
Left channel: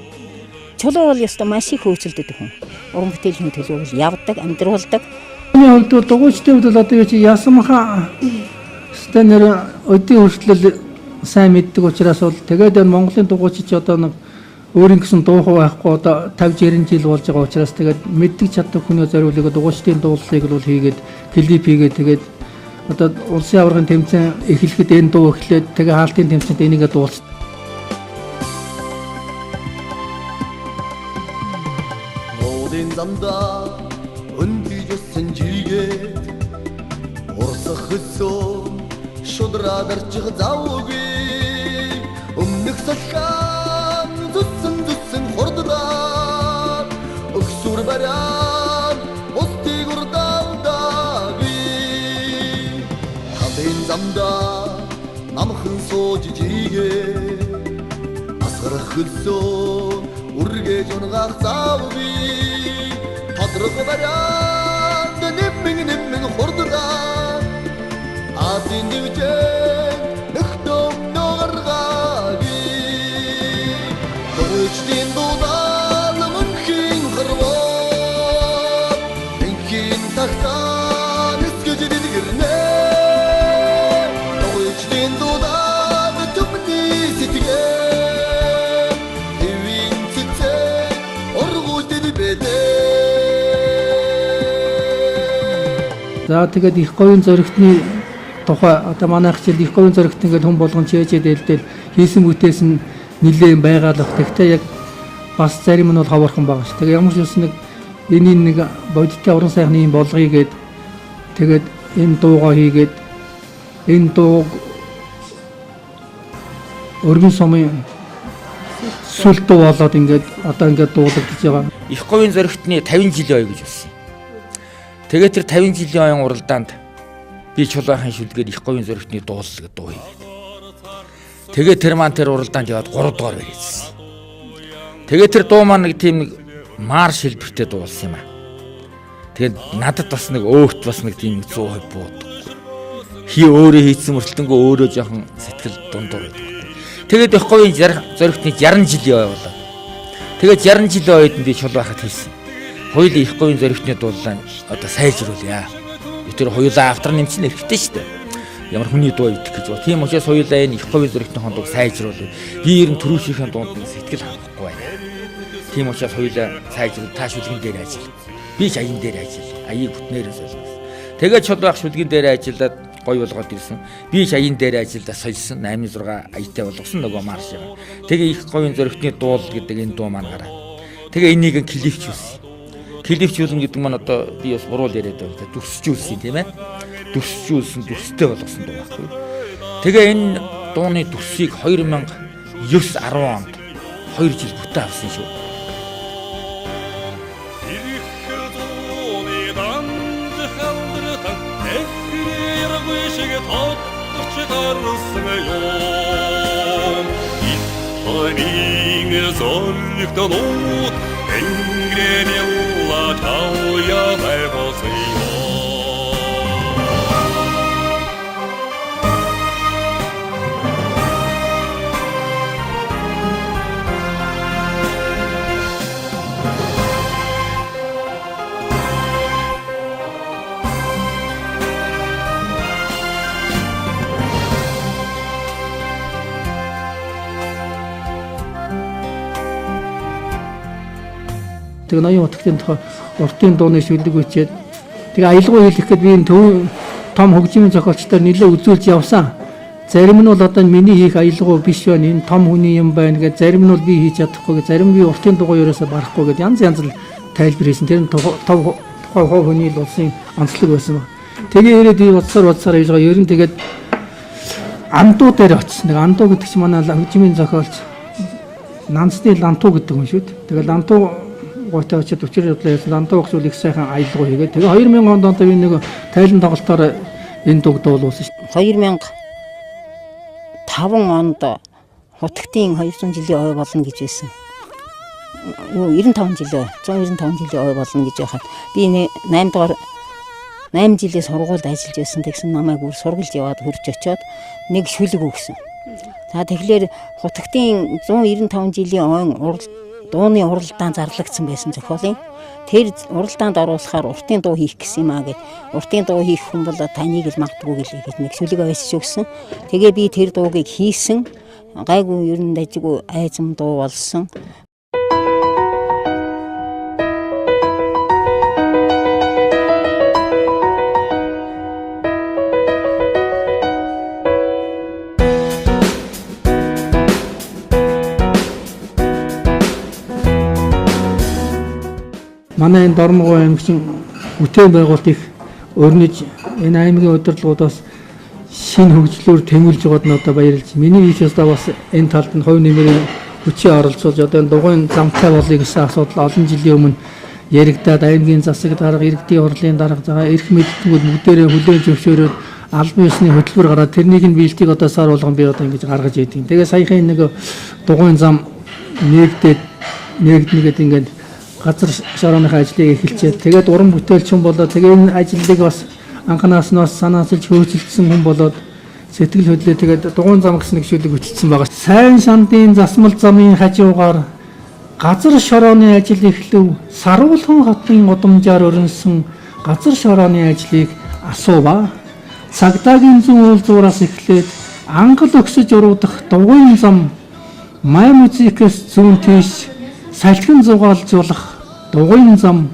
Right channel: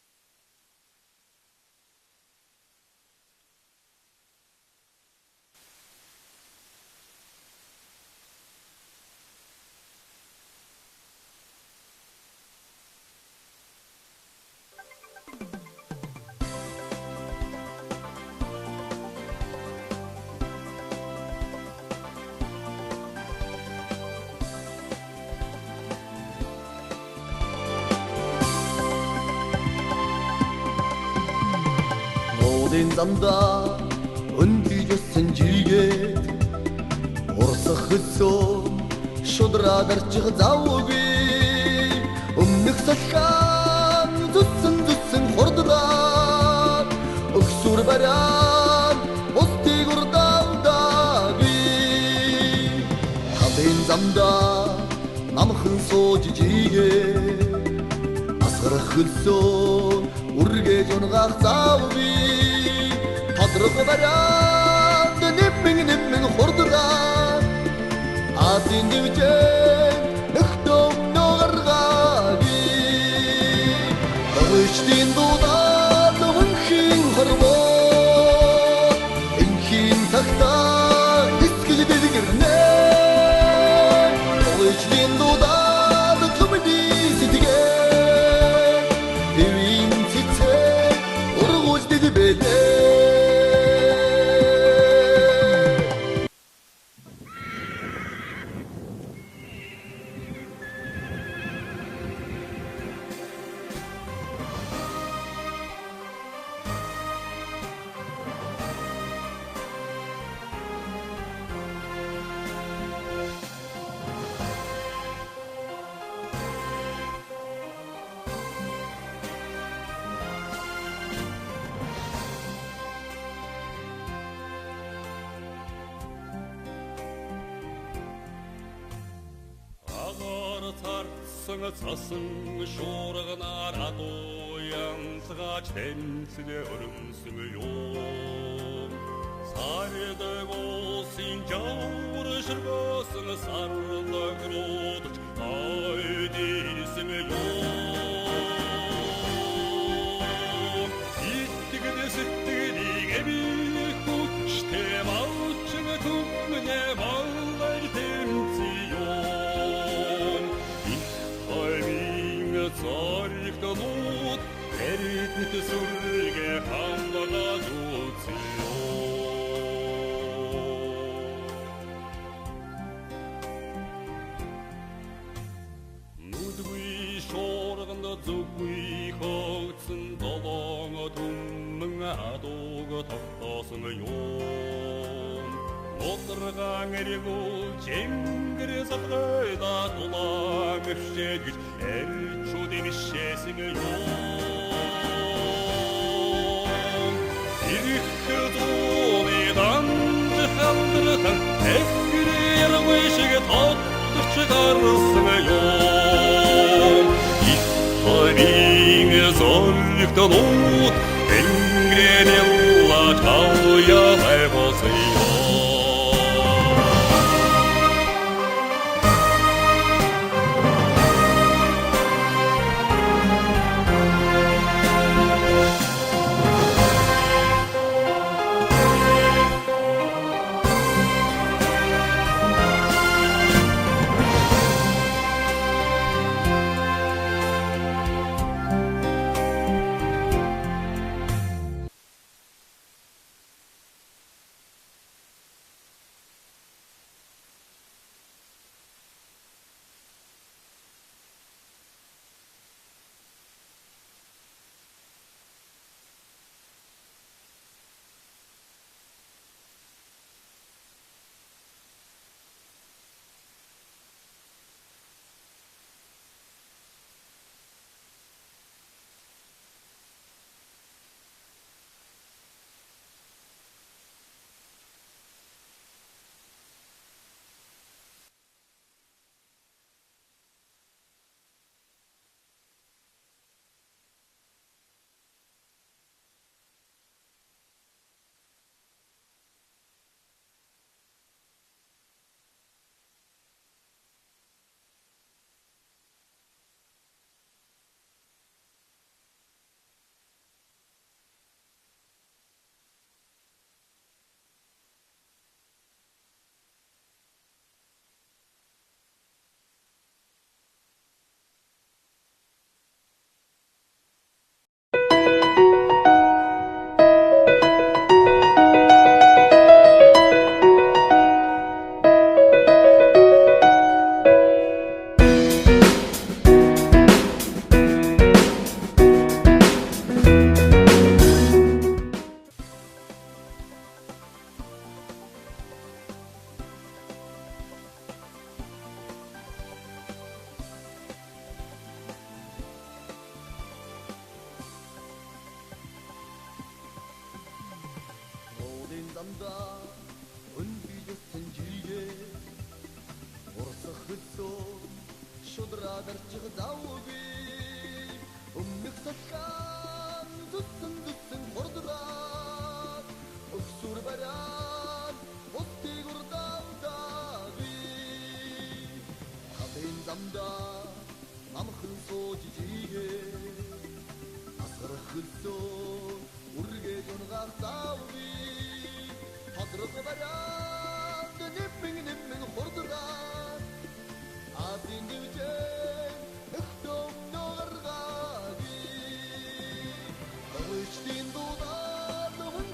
Чулуу бол ёстой маш их хөөцөлдөг хүн. Уран бүтээлийн төлөв явдаг, амьдруулдаг. Миний хувьд бол дугуйчдын хувьд бол одоо юу чи ясамха стенер өдийн хүртэл сайн мэддэг учраас бол тэгээд Монголын дугуйчид ч одоо нэг өөрийн гэсэн дуу байхгүй одоо 50 60 жил болж байгаа учраас тэгээд мэддэг чаддаг хүний зориулыг дугуйчдын дуулалыг бол хийгээд клип хийгээд тэгээд одоо улсын аваргын тэмцээн эхлэхэд энэ дуу эхлээд тэгээд хаалтын тэмцээнд энийгээ дуулсан. Нуудын замда өндөжсөн жигээ урсах хөсөө шудраа дарчих завгүй өмнөх салхаан зүсэн хурдаа өксүр барян устиг урдаагүй хадын замда намхан сууж жигээ асгарах хөлсөө үргэж унгаах завгүй тодрог барян нэмэн хурдаа Азин дивчэн нөхтөм нөгаргаги Өчтин дулан өнхин хармоо Инхин тахтан эскэлэн гэрнэ Өчтин дулан төмди ситгэ Ирвин цицэ олгуус дэдбэтэ За тэгээд их говийн зөрөгтний тухай одоо манайх чил их говийн зөрөгт ингээд хүн болгон чээжээ дэлдэл хийсэн бүтээс нь нэлээд байгаалах. Тэгтээ яг бас зарим нь бол ховорхон байгаа ш. Тэгээ ямар ч үс нэг энийг нэг бодиттой уран сайхны юм болгоё гээд тэгээд энэ дуугаа хийгээд энэ дуу өргөн сумын сүл дуу болоод ингээд одоо ингээд дуулагдаж байгаа. Их говийн зөрөгтний 50 жилийн ой гэж болсон. Тэгээд тэр 50 жилийн оюун уралдаанд би Чулуугаахын шүлгээр их говийн зөрөгтний дуулал гэдэг дуу. Тэгээд тэр маань тэр уралдаанд яваад 3 дугаар байжсэн. Тэгээд тэр дуу маань нэг тийм нэг марш хэлбэртэй дуулсан юм аа. Тэгээд надад бас нэг өөхт бас нэг тийм 100% бууд. Хий өөрөө хийсэн мөртлөнгөө өөрөө жоохон сэтгэл дундуур. Тэгээд их говийн зөрөгтний 60 жилийн ой болоо. Тэгээд 60 жилийн ойд би Чулуугаахад хийсэн. Хоёул их говийн зөрөгтний дуулаа одоо сайжруулъя. Тэр хоёулаа автар нэмсэн хэрэгтэй шүү дээ. Ямар хүний дуу идэх гэж байна. Тийм учраас хоёулаа энэ их говийн зөрөгтний хондоо сайжруулъя. Би ер нь төрүүлсхийн дунд сэтгэл хангахгүй байна. Тийм учраас хоёулаа сайжруул тааш шүлгэн дээр ажил. Би ч аян дээр ажил. Аяыг бүтнээрээс ажилласан. Тэгээд Чулуугаах шүлгэн дээр ажиллаад гой болгоод ирсэн. Би ч аян дээр ажиллаад сольсон. 8-6 аятай болгосон нөгөө марш. Тэгээ их говийн зөрөгтний дуул гэдэг энэ дуу маань гараа. Тэгээ энийг клипчүүлсэн. Клипчүүлэн гэдэг маань одоо би бас гурвал яриад байна. Дүрсжүүлсэн тийм ээ. Дүрсжүүлсэн, дүрстэй болгосон байна. Тэгээ энэ дууны дүрсийг 2009-10 онд 2 жил бүтээ авсан шүү. Ирэх дууны данд халдрatan эхрээр шиг тодорч гарсан юм. Их хавийн зоригтнууд энгрэнэл Чауя байбосё тэгээ ноён утгын тухай уртын дууны шүлэг бичээд тэгээ аялгау хийх гээд би энэ том хөгжмийн зохиолчдоор нэлээд үзүүлж явсан. Зарим нь бол одоо миний хийх аялгау биш байна. Энэ том хүний юм байна гэж зарим нь бол би хийж чадахгүй гэж зарим нь би уртын дугуй ерөөсө барахгүй гэж янз янз л тайлбар хийсэн. Тэр нь тухай хүний л улсын онцлог байсан ба. Тэгээ ирээд би бодсоор хийж байгаа. Ер нь тэгээд андуу дээр очсон. Нэг андуу гэдэг чинь манай хөгжмийн зохиолч Нансны лантуу гэдэг юм шүү дээ. Тэгээ лантуу гойтой очиод өчир явдлаа яасан лантуу гол их сайхан аялгау хийгээд тэгээ 2000 онд одоо би нэг тайлан тоглолтоор энэ дуг дуулуулсан шүү. 2005 онд хутагтын 200 жилийн ой болно гэж байсан. 95 жилийн 195 жилийн ой болно гэж байхад би 8 жилийн сургуульд ажиллаж байсан. Тэгсэн намайг сургалж яваад хурж очиод нэг шүлэг өгсөн. За тэгэхээр хутагтын 195 жилийн ойн дууны уралдаан зарлагдсан байсан зохиолын. Тэр уралдаанд оруулахаар уртын дуу хийх гэсэн юм аа гэд. Уртын дуу хийх хүн бол таныг л магадгүй гэж нэг шүлэг авчиж өгсөн. Тэгээ би тэр дуугийг хийсэн. Гайгүй ер нь дажгүй айзам дуу болсон. Манай энэ Дорноговь аймгийн бүтээн байгуулалт их өрнөж энэ аймгийн удирдлагуудаас шинэ хөгжлөөр тэмүүлж байгаад нь одоо баярлж. Миний хийхээс бас энэ талд нь хувь нэмрийн хүчээ оролцуулж одоо дугуйн замтай болъё гэсэн асуудал олон жилийн өмнө яригдаад аймгийн засаг дарга, иргэдийн хурлын дарга, эрх мэдтгүүд бүгдээрээ хүлээн зөвшөөрөөд албан ёсны хөтөлбөр гараад тэрнийг нь биелтийг одоо сар болгон би одоо ингэж гаргаж ийдэг. Тэгээ саяхан нэг дугуйн зам нэгднэгээд ингээд газар шорооныхаа ажлыг эхэлчихэд тэгээд уран бүтээлчин болоод тэгээ энэ ажлыг бас анханаас нь санаасалж хөөцөлдсөн хүн болоод сэтгэл хөдлөө тэгээд дугуйн зам гэсэн нэг шүлэг хөтөлсөн байгаа. Сайн шандын засмал замын хажуугаар газар шорооны ажил эхлэв. Саруулхан хотын удамжаар өрнсөн газар шорооны ажлыг асуува. Цагдаагийн зүүн уулзуураас эхлээд ангал өгсөж уруудах дугуйн зам май музикээс зүүн тийш салхин зугаалжуулах дугуйн зам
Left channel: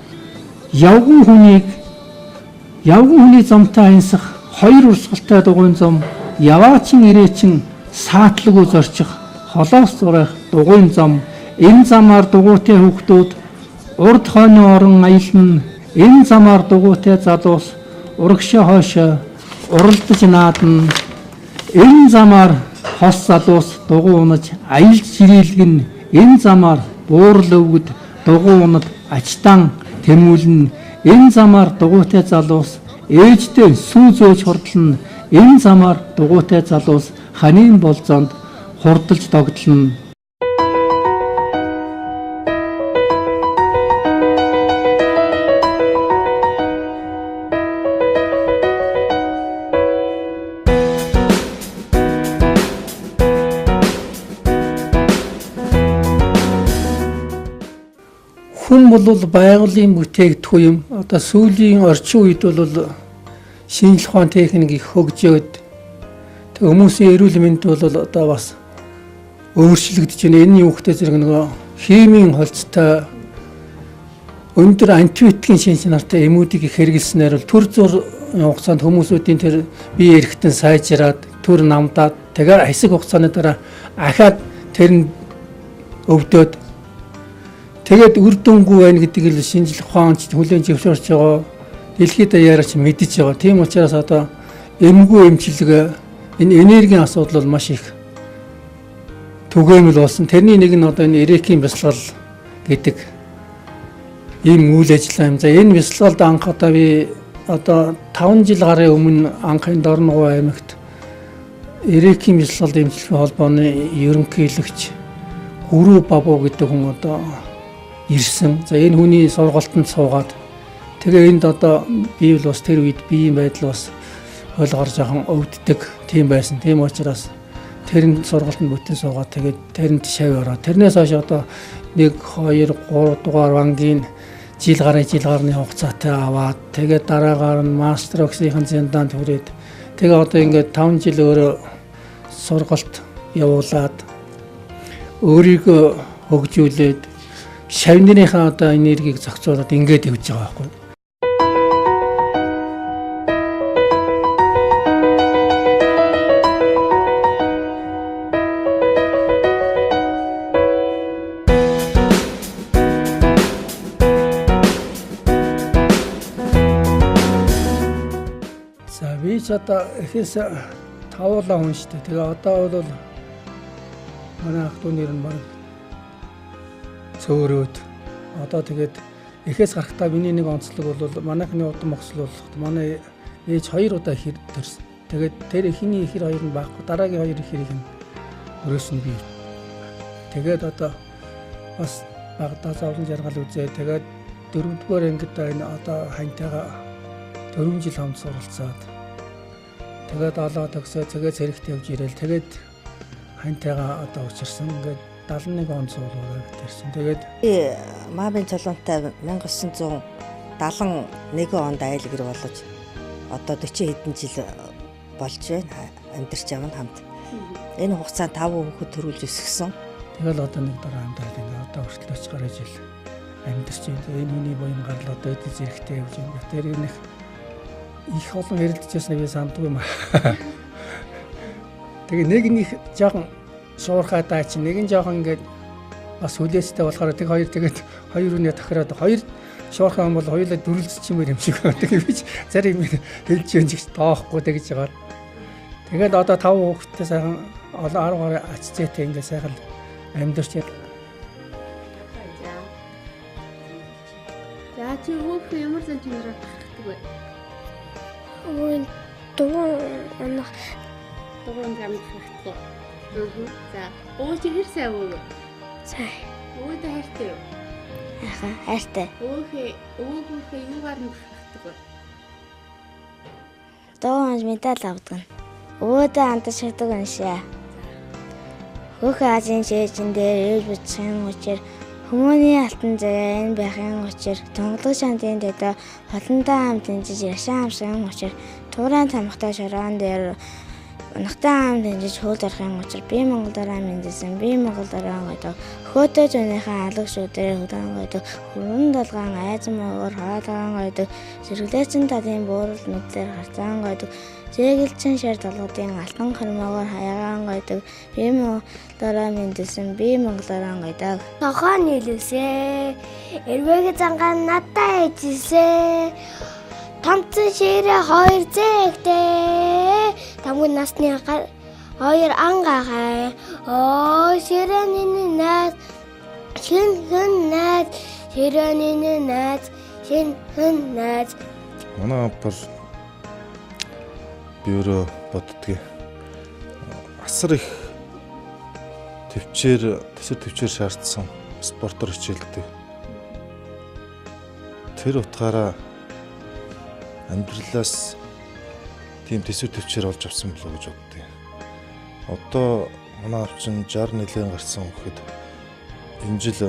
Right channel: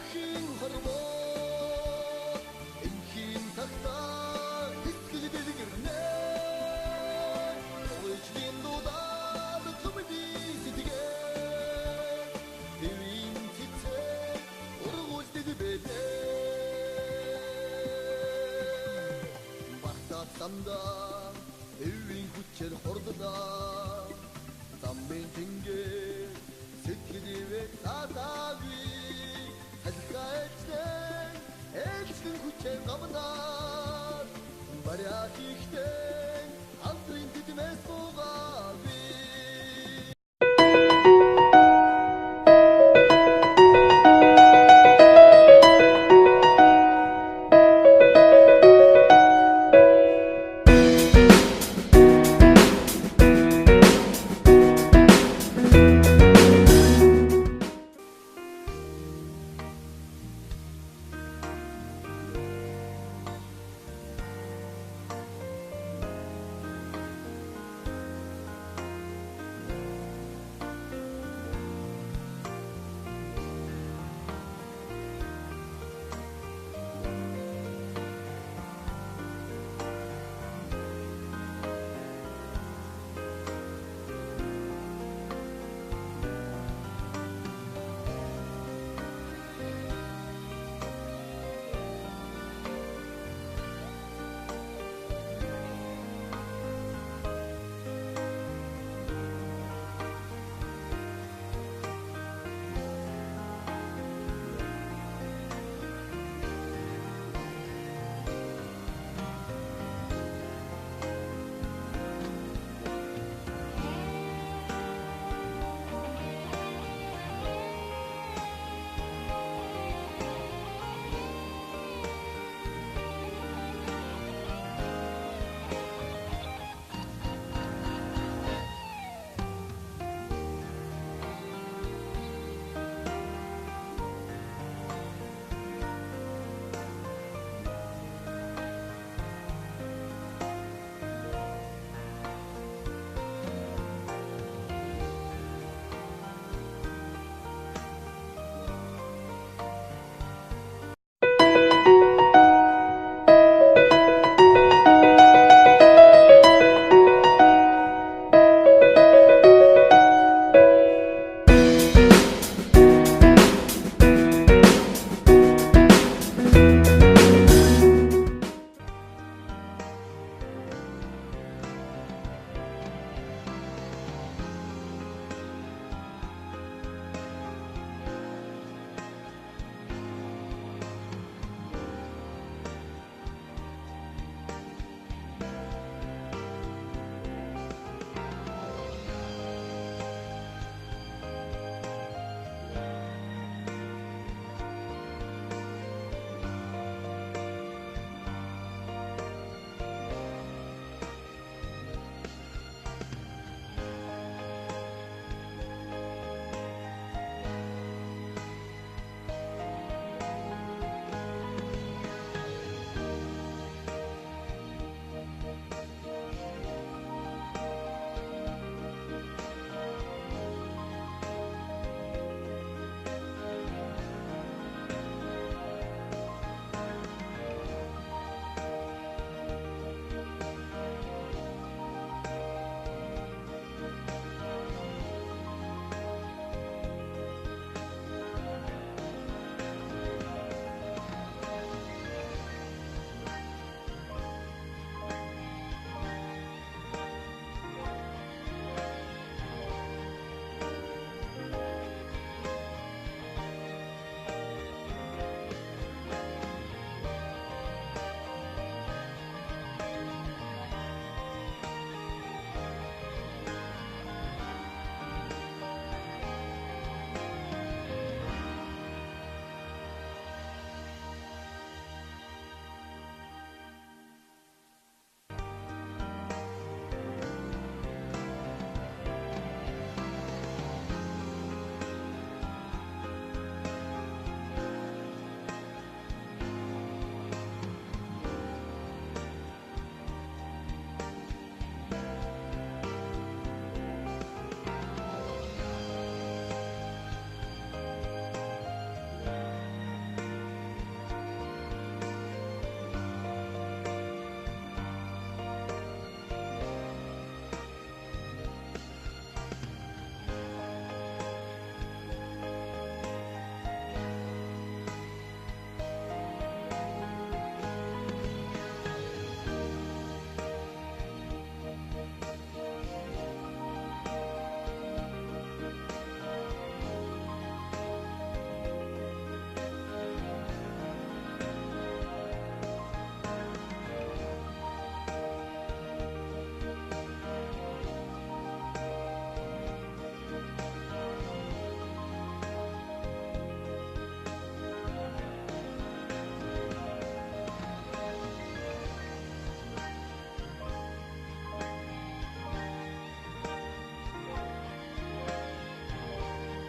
явган хүний замтай аясах хоёр урсгалтай дугуйн зам яваачин ирээчин саатлгүй зорчих холоос зурах дугуйн зам энэ замаар дугуйтай хүүхдүүд урд хойно орон аялна энэ замаар дугуйтай залуус урагшаа хойшоо уралдаж наадна энэ замаар хос залуус дугуй унаж аялж ширээлгэн энэ замаар буурал өвгөд дугуй унад ачтан тэмүүлнэ энэ замаар дугуйтай залуус ээжтэй сүү зөөж хурдлна энэ замаар дугуйтай залуус ханийн болзоонд хурдалж догдлно. Хүн бол байгалийн бүтээгдэхүүн юм. Одоо сүүлийн орчин үед бол шинжлэх ухааны техник их хөгжөөд хүмүүсийн эрүүл мэнд бол одоо бас өөрчлөгдөж байна. Энэ юу гэдэг зэрэг нөгөө химийн холцтой өндөр антибиотикийн шинж чанартай эмүүдийг их хэрэглэснээр бол төр зур хугацаанд хүмүүсүүдийн тэр бие эрхтэн сайжраад төр намдаад тэгээ хэсэг хугацааны дараа ахаад тэр нь өвдөд тэгээд үр дүнгүй байна гэдгийг л шинжлэх ухаанч хүлээн зөвшөөрч байгаа. Дэлхийд даяарч мэдэж байгаа. Тийм учраас одоо эмгүү эмчилгээ энэ энергийн асуудал бол маш их түгээмэл болсон. Тэрний нэг нь одоо энэ эрекийн бясалгал гэдэг ийм үйл ажиллагаа юм. За энэ бясалгалд анх одоо би одоо 5 жил гарын өмнө анх энэ Дорноговь аймагт эрекийн бясалгалд эмчилгээ холбооны ерөнхийлөгч Хүрүү Бабу гэдэг хүн одоо ирсэн. За энэ хүний сургалтанд суугаад тэгээ энд одоо би бол бас тэр үед биеийн байдал бас ойлгоор жоохон өвддөг тийм байсан. Тийм учраас тэр нь сургалтанд бүтэн суугаад тэгээд тэрэнд шав ороод тэрнээс хойш одоо 1 2 3 дугаар бангийн жил гарны хугацаатай аваад тэгээд дараагаар нь мастер өгсөхийн зэндаанд хүрээд тэгээ одоо ингээд 5 жил өөрөө сургалт явуулаад өөрийгөө хөгжүүлээд шавныхаа одоо энергийг зохицуулаад ингээд явж байгаа байхгүй. Одоо эхээс тавуулаа хүн шүү дээ. Тэгээ одоо бол манай ах トゥ нэр нь маань цөөрөөд одоо тэгээд эхээс гарахтаа миний нэг онцлог бол манайхны удам огцлол манай ээж 2 удаа ихэр төрсөн. Тэгээд тэр эхний ихэр 2 нь баггүй дараагийн 2 ихэрийг нь өрөөсөн би. Тэгээд одоо бас багтаа зовлон жаргал үзээ. Тэгээд 4-р ангид энэ одоо хантайгаа 4 жил хамт суралцаад тэгээд олоод өгсөө тэгээд зэрэгт явж ирээл тэгээд хантайгаа одоо учирсан ингээд 71 он суулгаад ирсэн. Тэгээд Маамын Чулуунтай 1971 онд айлгэр болж одоо 40 хэдэн жил болж байна. Амьдарч явна хамт. Энэ хугацаанд 5 хүүхэд төрүүлж өсгсөн. Тэгэл одоо нэг дараа хамтаа одоо хүртэл гараж ил амьдарч байна. Энэ миний боён гарлаа дээд зэрэгтэй явж байгаа. Тэр энэ их олон ярилцчихсан би сандгүй юм. Тэгээ нэг жоохон шуурхаа даа чи нэг нь жоохон ингээд бас хүлээстэй болохоор тэг хоёр тэгээд хоёр үнэ тохироод хоёр шуурхаа юм бол хоёулаа дүрлцчихмээр юм шиг байна. Тэгээ би зарим хэлж юм шиг тоохгүй тэгж байгаа. Тэгээд одоо 5 хүүхэдтэй сайхан 10 ачцээтэй ингээд сайхан амьдарч байна. За чи хүүхдээ ямар л юм бэ? дугуйн хамтлагтай. За өөч хэрсээ өө. Сайн. Өөдөө хайртай. Хайртай. Өөхөө юугаар нь хатдаг. Дугуйн медаль авдаг. Өөдөө андаж шатдаг аншаа. Хөөхөө азийн шээжин дээр бичсэн учраас хүмүүний алтан зэгээ энэ байхын учраас тонглог шантын дэдэ холондоо хамт дэмжиж яшаан амсан учраас туурайн тамхтай шороон дээр унахтай хамт дэмжиж хууль орохын учраас би Монгол дараа мэдсэн би Монгол дараа гэдэг хөөтөө зөнийхээ алга шүүдээр хөдөн гэдэг хүрэн долгаан айз муугаар хаалгаан гэдэг зэрэглээсэн талын буурал нүдлэр харцаан гэдэг зэгэлчин шар толгодын алтан хормоогоор хаягаан гэдэг би Монгол дараа мэдсэн би Монгол дараа гэдэг нохоо нийлвсээ эрвэгээ зангаан надтай ээжсээ томцсон ширээ 2 зэгтэй тамгүй насны хоёр ангахай оо ширэний наад шин наад ширэний наад шин наад манай бол бюро боддгийг асар их төсөв төвчээр шаардсан спортоор хичээлдэг. Тэр утгаараа амьдралаас тийм төсөв төвчээр олж авсан болоо гэж боддог. Одоо манай чинь 60 нэлээд гарсан гэхэд энэ жил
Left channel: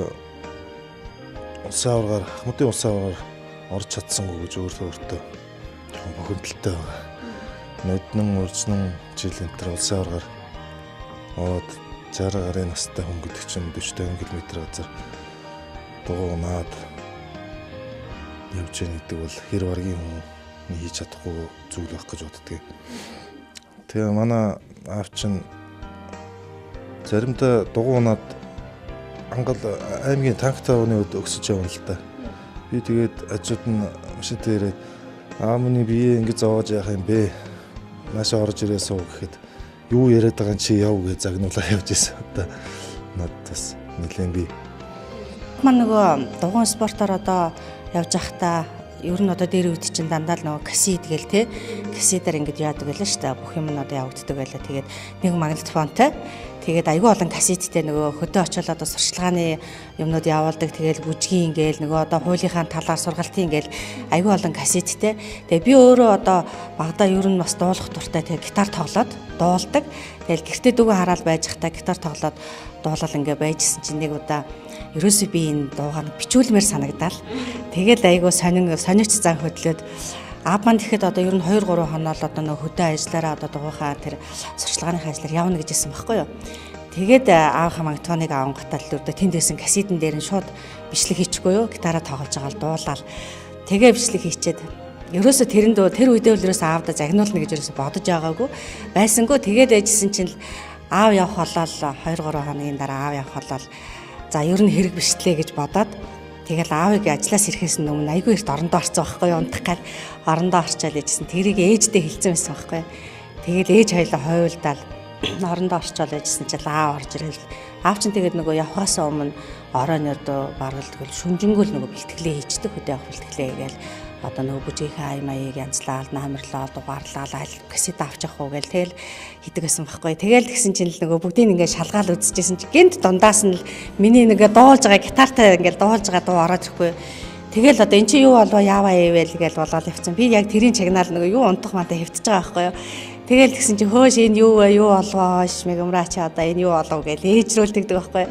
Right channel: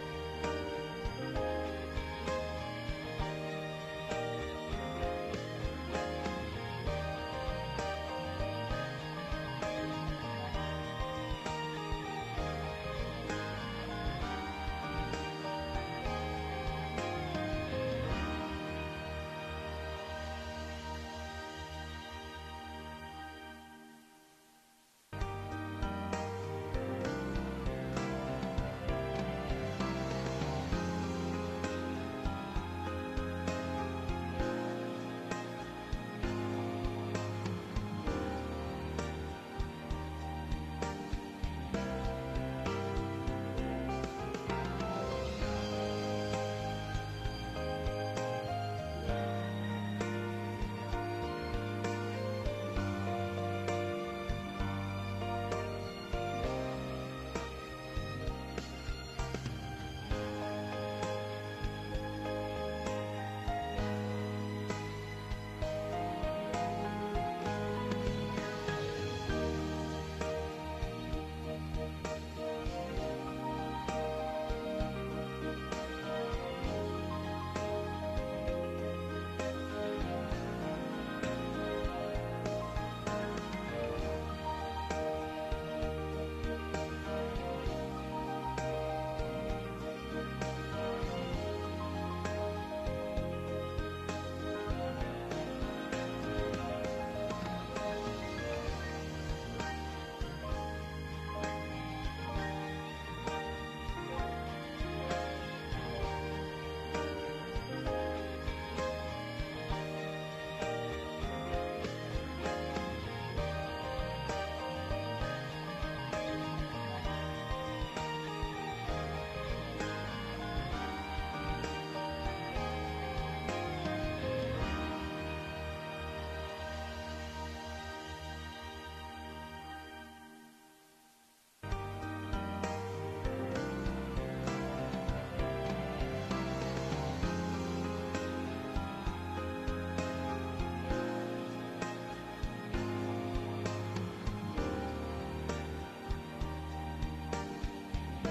улсын аваргаар Ахмадын улсын аваргаар орж чадсан гэж өөртөө хөндлөлттэй байна. Мэднэн урьдчилан жил энэ улсын аваргаар аваад 60 гарын настай хүн гэдэг чинь 40 км газар дуунаад явж байгаа гэдэг бол хэр баргийн хүн хийж чадахгүй зүйл байх гэж боддөг. Тэгээ манай аав чинь заримдаа дугуунаад ангал аймгийн танктай өний үед өксөж явна л да. Би тэгээд ажууд нь шидээр аамны бие ингэ зовоож яах юм бэ? Наашаа орж ирээсөө гэхэд юу яриад байгаа чи яв гэж загнуулаа явж ирсэн. Одоо надаас нэлээд би маань нөгөө дугуйн спортоор одоо явж байхдаа ер нь одоо дээр үт чинь дандаа л нөгөө кассет гээл те кассетаар ингэж яадаг байлаа шүү дээ. Бүх юм нь одоо явагддаг байлаа. Тэгээд нэг магнитофонтой тэгээд айгүй олон кассеттэй нөгөө хөдөө очиод одоо сурчлагын юмнууд явуулдаг. Тэгээд бүжгийн гээл нөгөө одоо хуулийнхаа талаар сургалтын гээл айгүй олон кассеттэй. Тэгээд би өөрөө одоо багада ер нь бас дуулах дуртай. Тэгээд гитар тоглоод дуулдаг. Тэгээд гэртээ дүүгээ хараад байж захтаа гитар тоглоод дуулал ингээ байжсэн чинь нэг удаа ерөөсөө би энэ дуугаар бичүүлмээр санагдал. Тэгээд айгүй сонирч зан хөдлөөд аав маань тэгэхэд одоо ер нь 2-3 хоноо л одоо нөгөө хөдөө ажиллаараа одоо дугуйхаа тэр сурчлагын ажлаар явна гэж хэлсэн байхгүй юу. Тэгээд аавынхаа магнитофоныг авангатал л өдөө тэнд байсан кассетэн дээр нь шууд бичлэг хийчихгүй юу? Гитараа тоглож байгаа л дуулаад тэгээ бичлэг хийчээд ерөөсө тэр үедээ л ерөөсө аавда загнуулна гэж ерөөсө бодож байгаагүй байсангүй. Тэгээд ээжсэн чинь аав явах болол 2-3 хоногийн дараа аав явах болол за ер нь хэрэг бичлээ гэж бодоод тэгэл аавыг ажлаас ирэхээс өмнө айгүй их орондоо орцсон байхгүй юу? Унтах гээд орондоо орчоод ээжсэн. Тэрийг ээждээ хэлсэн байсан байхгүй юу? Тэгэл ээж хоёлаа хойволдаал орондоо орчоод ээжсэн чинь аав орж ирэл. Аав чинь тэгээд нөгөө явхаас өмнө оройнод баргалдгал шүнжэнгөл нөгөө бэлтгэлээ хийждэг хөдөө авах бэлтгэлээ гээл одоо нөгөө бүжийнхээ аймаяыг янзлаад намарлаа дугаарлаа аль касет авч явах уу гээл тэгэл хийдэг байсан байхгүй. Тэгэл тэгсэн чинь л нөгөө бүгдийг ингээд шалгаал үзчихсэн чинь гинт дундаас нь л миний нэгэ дуулж байгаа гитартай ингээд дуулж байгаа дуу ороод ирэхгүй. Тэгэл одоо эн чинь юу болов яаваа ивэл гээл болоод явцсан. Би яг тэрийн чагнаал нөгөө юу унтах мата хэвтэж байгаа байхгүй юу. Тэгэл тэгсэн чинь хөөш энэ юу вэ юу олгоош мэгэмраа чи одоо энэ юу болов гээл ээжрүүл тэгдэг байхгүй.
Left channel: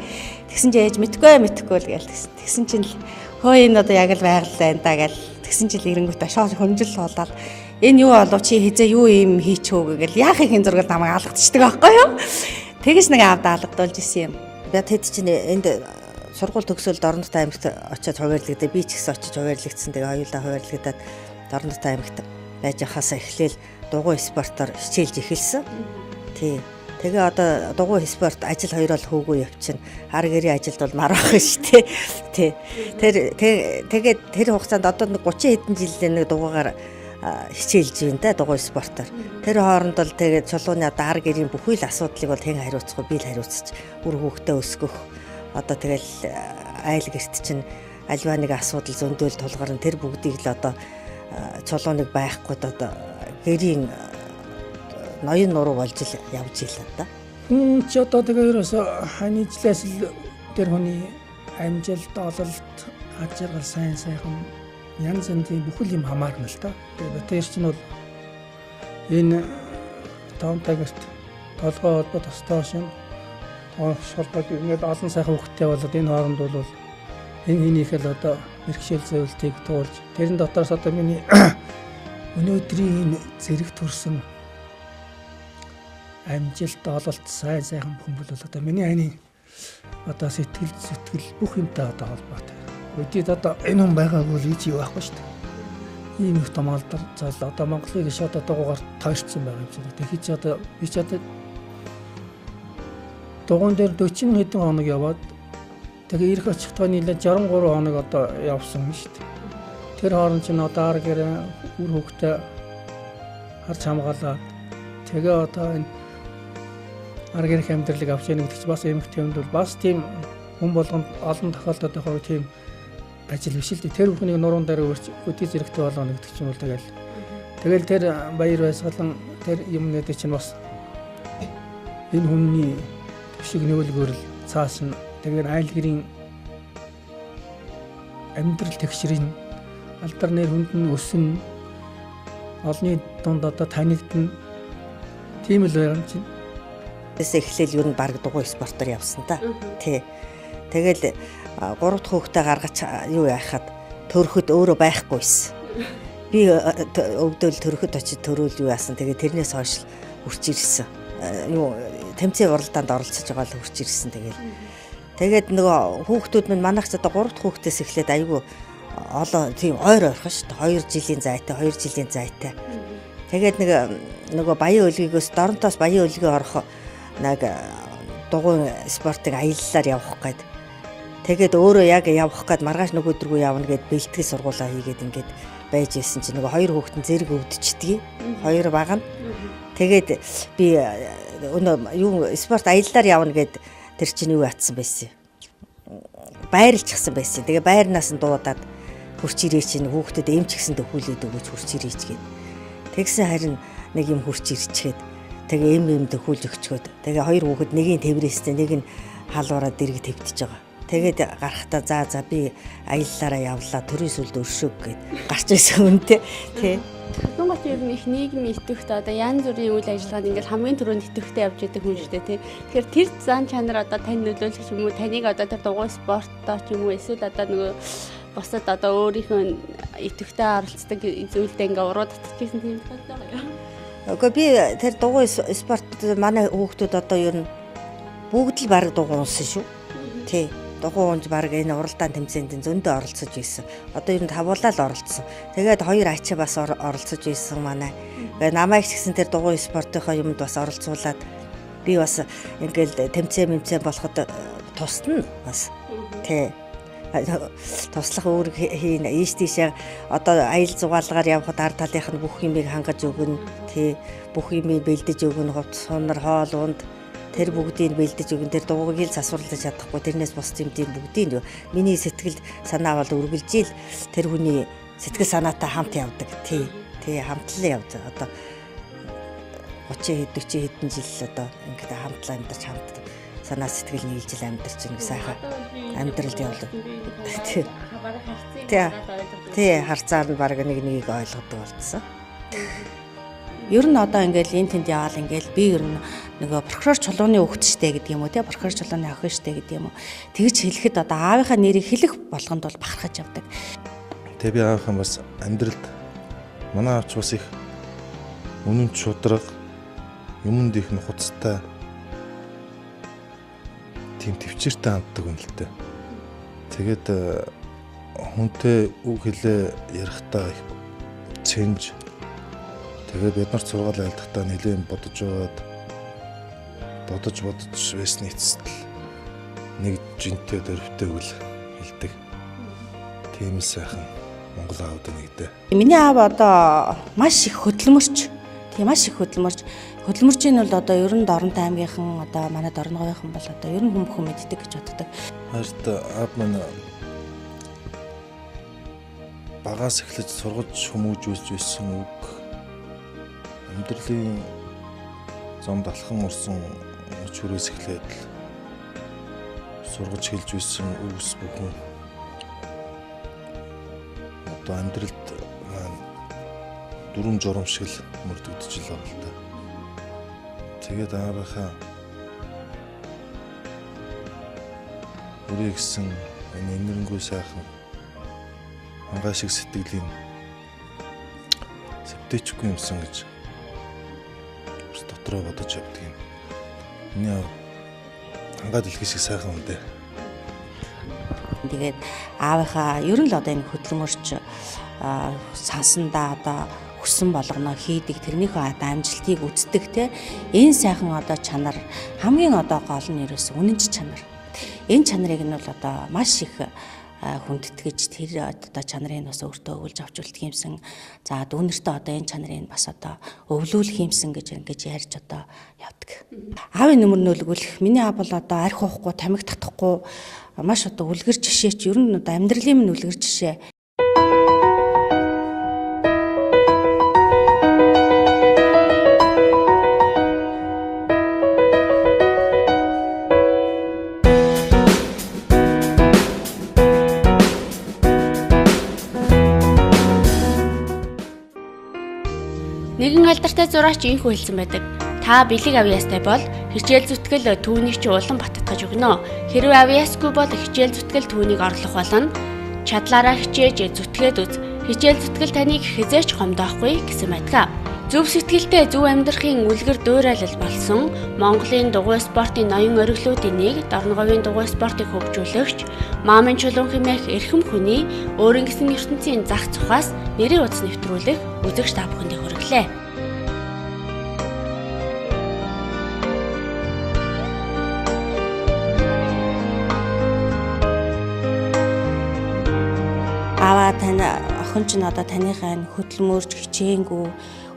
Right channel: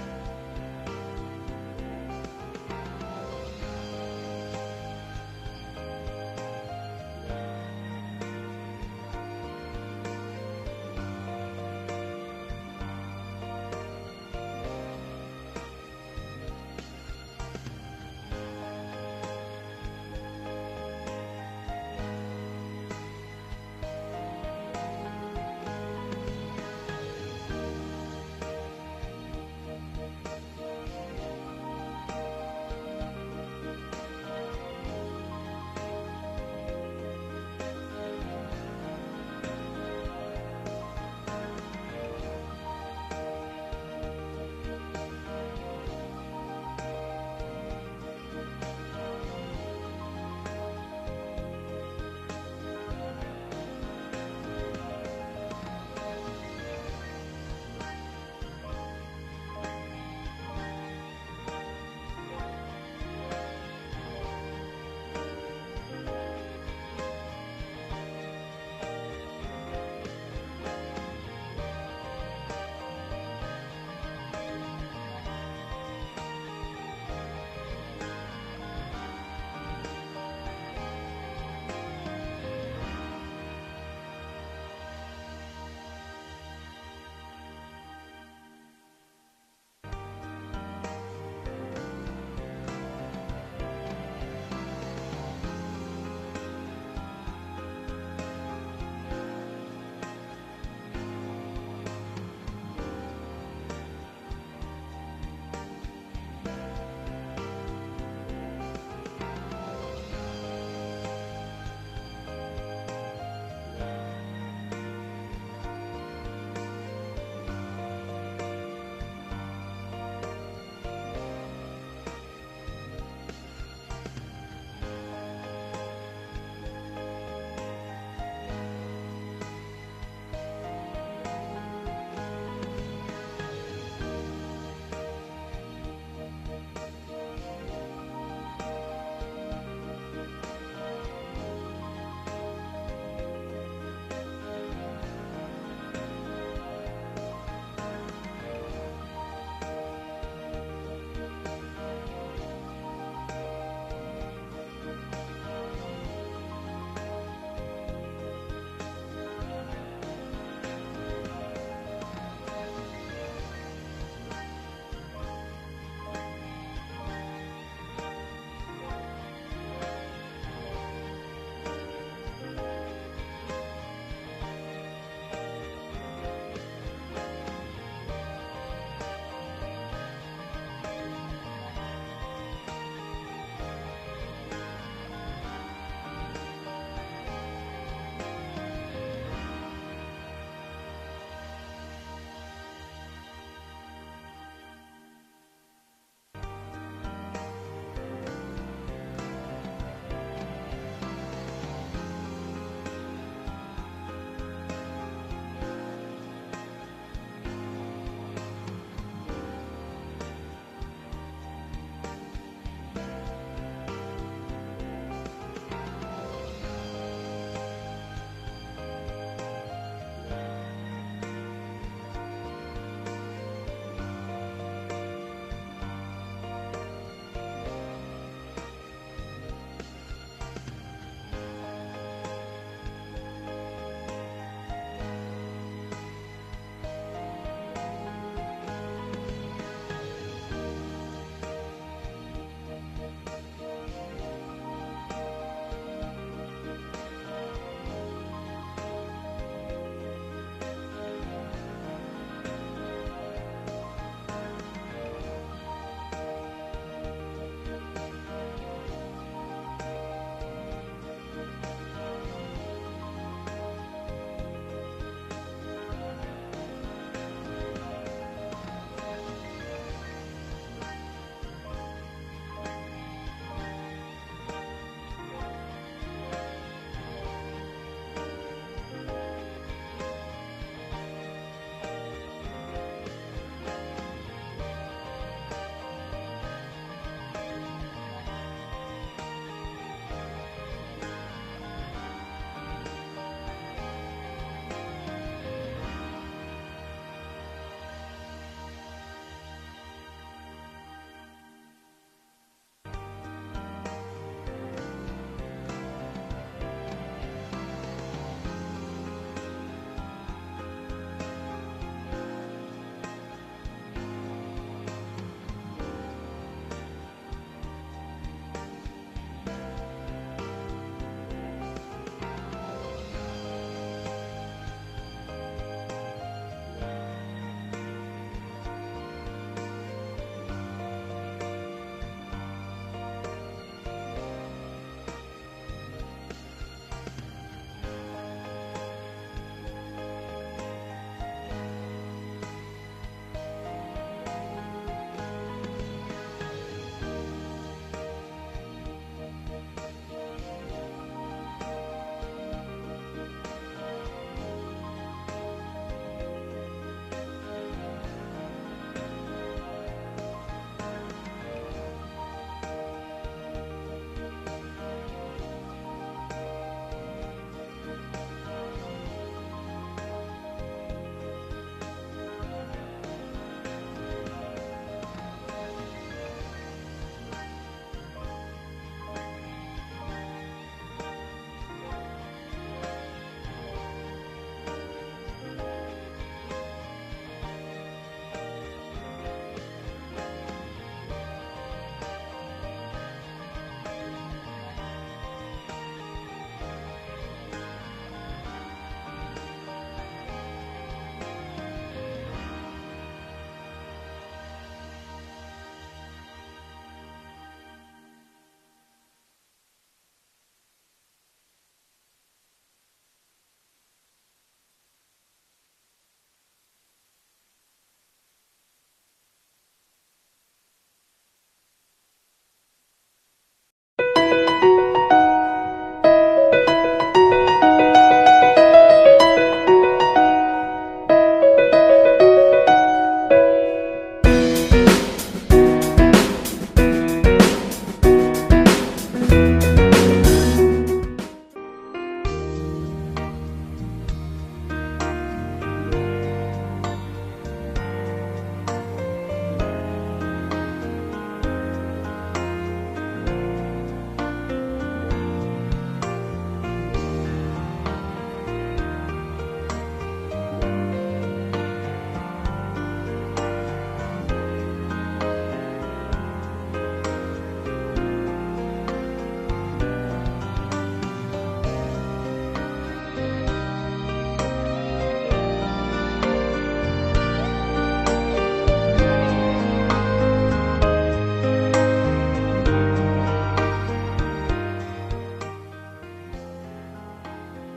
Тэгсэн чинь ээж мэдгүй л гээл тэгсэн чинь хөө энэ одоо яг л байгалаа энэ да гээл тэгсэн чинь ирэнгүүтээ шоол хөнжил суулаад энэ юу болов чи хизээ юу юм хийчихөө гээл яахын зургал намайг алгадчихдаг байхгүй юу. Тэгэж нэг аавда алгадуулж исэн юм. За тэд чинь энд сургууль төгсөөл Дорноговь аймагт очиод хуваарлагдаа би ч гэсэн очиж хуваарлагдсан. Тэгээ хоёулаа хуваарлагдаад Дорноговь аймагт байж байхаас эхлээл дугуйн спортоор хичээлж эхэлсэн. Тий. Тэгээ одоо дугуйн спорт ажил хоёроо хөөгүй явчихна. Хар гэрийн ажилд бол мар байх шүү дээ. Тий. Тэгээд тэр хугацаанд одоо 30 хэдэн жилийн нэг дугуйгаар хичээлж байна да дугуйн спортоор. Тэр хооронд бол тэгээд чулууны одоо хар гэрийн бүхий л асуудлыг бол хэн хариуцахгүй би л хариуцчих. Үр хүүхдээ өсгөх. Одоо тэгэл айл гэрт чинь альва нэг асуудал зөндөөл тулгарна. Тэр бүгдийг л одоо чулууныг байхгүй одоо гэрийн ноён нуруу болж л явж ийлээ да. Ч одоо тэгээ ерөөсө ханийжлээс л тэр хүний амжилт ололт ажил сайн янз бүрийн бүхэл юм хамаарна л да. Тэр чинь бол энэ таамтагт толгой холбоо тостоо шин шалгаж ингээд олон сайхан хөвгтэй болоод энэ хооронд бол энэ хийнийхэл одоо бэрхшээл зөвлөлтийг туулж тэрэн дотоос одоо миний өнөөдрийн зэрэг төрсөн амжилт ололт сайхан хүмүүс бол одоо миний айны одоо сэтгэл бүх юмтай одоо холбоотой. Үдид одоо энэ хүн байгаагүй л юу байхгүй шүү дээ. Ийм их томалдар цааш одоо Монголын иш одоо дугуугаар тойрцсон байгаа юм шиг. Тэгэхээр чи одоо би ч одоо дугуйн дээр 40 хэдэн хоног яваад тэгээ ирэх очихдоо нийлээ 63 хоног одоо явсан юм шүү дээ. Тэр хооронд чинь одоо ар гэрээ үр хөвгтэй харж хамгаалаа. Тэгээ одоо энэ ар гэрэх амьдралыг авч яах гэж бас эмэгтэй юм бол бас тийм хүн болгонд олон тохиолдолд яг тийм ажил биш л дээ. Тэр бүхнийг нуруунд дээр үгүй зэрэгтэй болгоно гэдэг чинь бол тэгэл тэр баяр баясгалан тэр юм гэдэг чинь бас энэ хүний шиг нөлөөлгөөр цааш нь тэгээд айл гэрийн амьдрал тэгшрийн алдар нэр хүнд нь өснө олны дунд одоо танигдна тийм л байгаа юм чинь. Тэс эхлээл юу н баг дугуйн спортоор явсан та. Тий. Тэгэл 3 дахь хүүхдээ гаргаж юу яахад төрөхөд өөрөө байхгүйсэн. Би өвдөөл төрөхөд очиж төрөөл юу яасан. Тэгээ тэрнээс хойш хурц ирсэн. Юу тэмцээн уралдаанд оролцож байгаа л хурц ирсэн тэгээд нөгөө хүүхдүүд минь манайх одоо 3 дахь хүүхдээс эхлээд айгүй олон тийм ойр орхон шүү дээ. 2 жилийн зайтай. Тэгээд нөгөө баян өлгийгөөс Дорнотоос баян өлгий орох нэг дугуйн спортыг аяллаар явах гээд тэгээд өөрөө яг явах гээд маргааш нэг өдргөө явна гэд бэлтгэл сургуулаа хийгээд ингээд байж исэн чинь нөгөө 2 хүүхдэн зэрэг өвдчихдгийг 2 баг нь тэгээд би юу спорт аяллаар явна гэд тэр чинь юу атсан байсан. Байрлчихсан байсан. Тэгээ байрнаас нь дуудаад хурц ирээ чинь хүүхдэд эмч гисэн төхүүлээд өгөөч хурц ирээч гээд. Тэгсэн харин нэг юм хурц ирчгээд тэгээ эм төхүүлж өгчгөөд тэгээ 2 хүүхэд нэг нь тэврээстэй нэг нь халуураад дэрэг твдэж байгаа. Тэгээд гарахтаа за би аяллаараа явлаа төрийн сүлд өршөөг гээд гарч ирсэн үнтэй тий. Монгол ер нь их нийгэм идэвхтэй одоо янз бүрийн үйл ажиллагаанд ингээд хамгийн түрүүнд идэвхтэй явж байдаг хүн шүү дээ тий. Тэгэхээр тэр зан чанар одоо тань нөлөөлөх юм уу? Таныг одоо тэр дугуйн спорттой ч юм уу эсвэл одоо нөгөө бусад одоо өөрийнхөө идэвхтэй оролцдог зүйлдээ ингээд уруу татчихсан тийм байна. Окей би тэр дугуйн спорт манай хүүхдүүд одоо ер нь бүгд л баг дугуйн унсан шүү. Тий. дугуйнд баг энэ уралдаан тэмцээнд зөндөө оролцож байсан. Одоо ер нь тавуулаа л оролцсон. Тэгээд хоёр ачаа бас оролцож байсан манай. Тэгээд намайг ч гэсэн тэр дугуйн спортынхоо юмд бас оролцуулаад би бас ингээл тэмцээн болоход тусна бас. Тэ туслах өөр хийн ийш тийшээ одоо аял зугаалгаар явхад ард талынх нь бүх юмыг хангаж өгнө. Тэ бүх юмыг бэлдэж өгнө. Хувцас сунар хоол унд тэр бүгдийг бэлдэж өгнө. Тэр дугуйг л засварлаж чадахгүй. Тэрнээс бус юмдийн бүгдийг миний сэтгэл санаа бол үргэлж ил тэр хүний сэтгэл санаатай хамт явдаг. Тий хамтлан явж байгаа. Одоо 30 хэдэн жил одоо ингээд хамтлан амьдарч хамт санаа сэтгэл нийлж амьдарч байгаа сайхан амьдралд явдаг. Тий харцаа би баг нэг ойлгодог болсон. Ер нь одоо ингээл энэ тэнд яваал ингээл би ер нь нөгөө прокурор чулууны хүүхэд штэ гэдэг юм уу те прокурор чулууны охин штэ гэдэг юм уу тэгж хэлэхэд одоо аавынхаа нэрийг хэлэх болгонд бол бахархаж явдаг. Тэгээ би аавынхаа бас амьдралд манай аавч бас их үнэн шудраг юмд их нухацтай тийм төвчээртэй авдаг юм л дээ. Тэгээд хүнтэй үг хэлээ ярихтаа цэнж тэгээд бид нар цугаал айлтгатаа нэлээд бодож байсны эцэст нэг жинтэй дөрвтэй үл хэлдэг. Тийм сайхан Монгол аавд нэгдэ. Миний аав одоо маш их хөдөлмөрч. Хөдөлмөрч нь бол одоо ер нь Дорноговь аймгийнхан одоо манай Дорноговьийнхан бол одоо ер нь хүн мэддэг гэж боддог. Харин аав маань багаас эхлэж сургаж хүмүүжүүлж байсан үг амьдралын зам далхан урсан чүрээс эхлээд сургаж хэлж байсан үгс бүгд одоо амьдралд дөрвөн журам шиг л мөрдөгдөж л байна. Тэгээд аавынхаа үргэлжсэн энэргүй сайхан ангаа шиг сэтгэлийн сэвтэйчгүй юмсан гэж дотроо бодож явдаг юм. Миний ангаа дэлхий шиг сайхан үдэ. Тэгээд аавынхаа ер нь л одоо энэ хөдөлмөрч сансандаа одоо хүссэн болгоно хийдэг тэрнийхээ амжилтыг үздэг те энэ сайхан одоо чанар хамгийн одоо гол нь ерөөс үнэнч чанар. Энэ чанарыг нь бол одоо маш их хүндэтгэж тэр одоо чанарыг бас өөртөө өвлж авч үлдэх юмсан. За дүүнэртээ одоо энэ чанарыг бас одоо өвлүүлэх юмсан гэж ингэж ярьж одоо явдаг. Аавын нөмөр нөлгүүлэх миний аав бол одоо арх уухгүй, тамхи татахгүй маш одоо үлгэр жишээч ер нь одоо амьдралын минь үлгэр жишээ. Нэгэн алдартай зураач инхүү хэлсэн байдаг. Та бэлэг авьяастай бол хичээл зүтгэл түүнийг ч улан баттгаж өгнө. Хэрвээ авьяасгүй бол хичээл зүтгэл түүнийг орлох болно. Чадлаараа хичээж зүтгээд үз. Хичээл зүтгэл таныг хизээч гомдоохгүй гэсэн байдаг. Зөв сэтгэлтэй зөв амьдрахын үлгэр дуурайлал болсон Монголын дугуйн спортын ноён ориглуудын нэг Дорноговийн дугуйн спортыг хөгжүүлэгч Маамын Чулуун хэмээх эрхэм хүний өөрийн гэсэн ертөнцийн зах цухаас нэрийн утас нэвтрүүлэг үзэгч та бүхэнд хүргэлээ. Аваа тань охин ч одоо таныхаа хөдөлмөрч хичээнгүү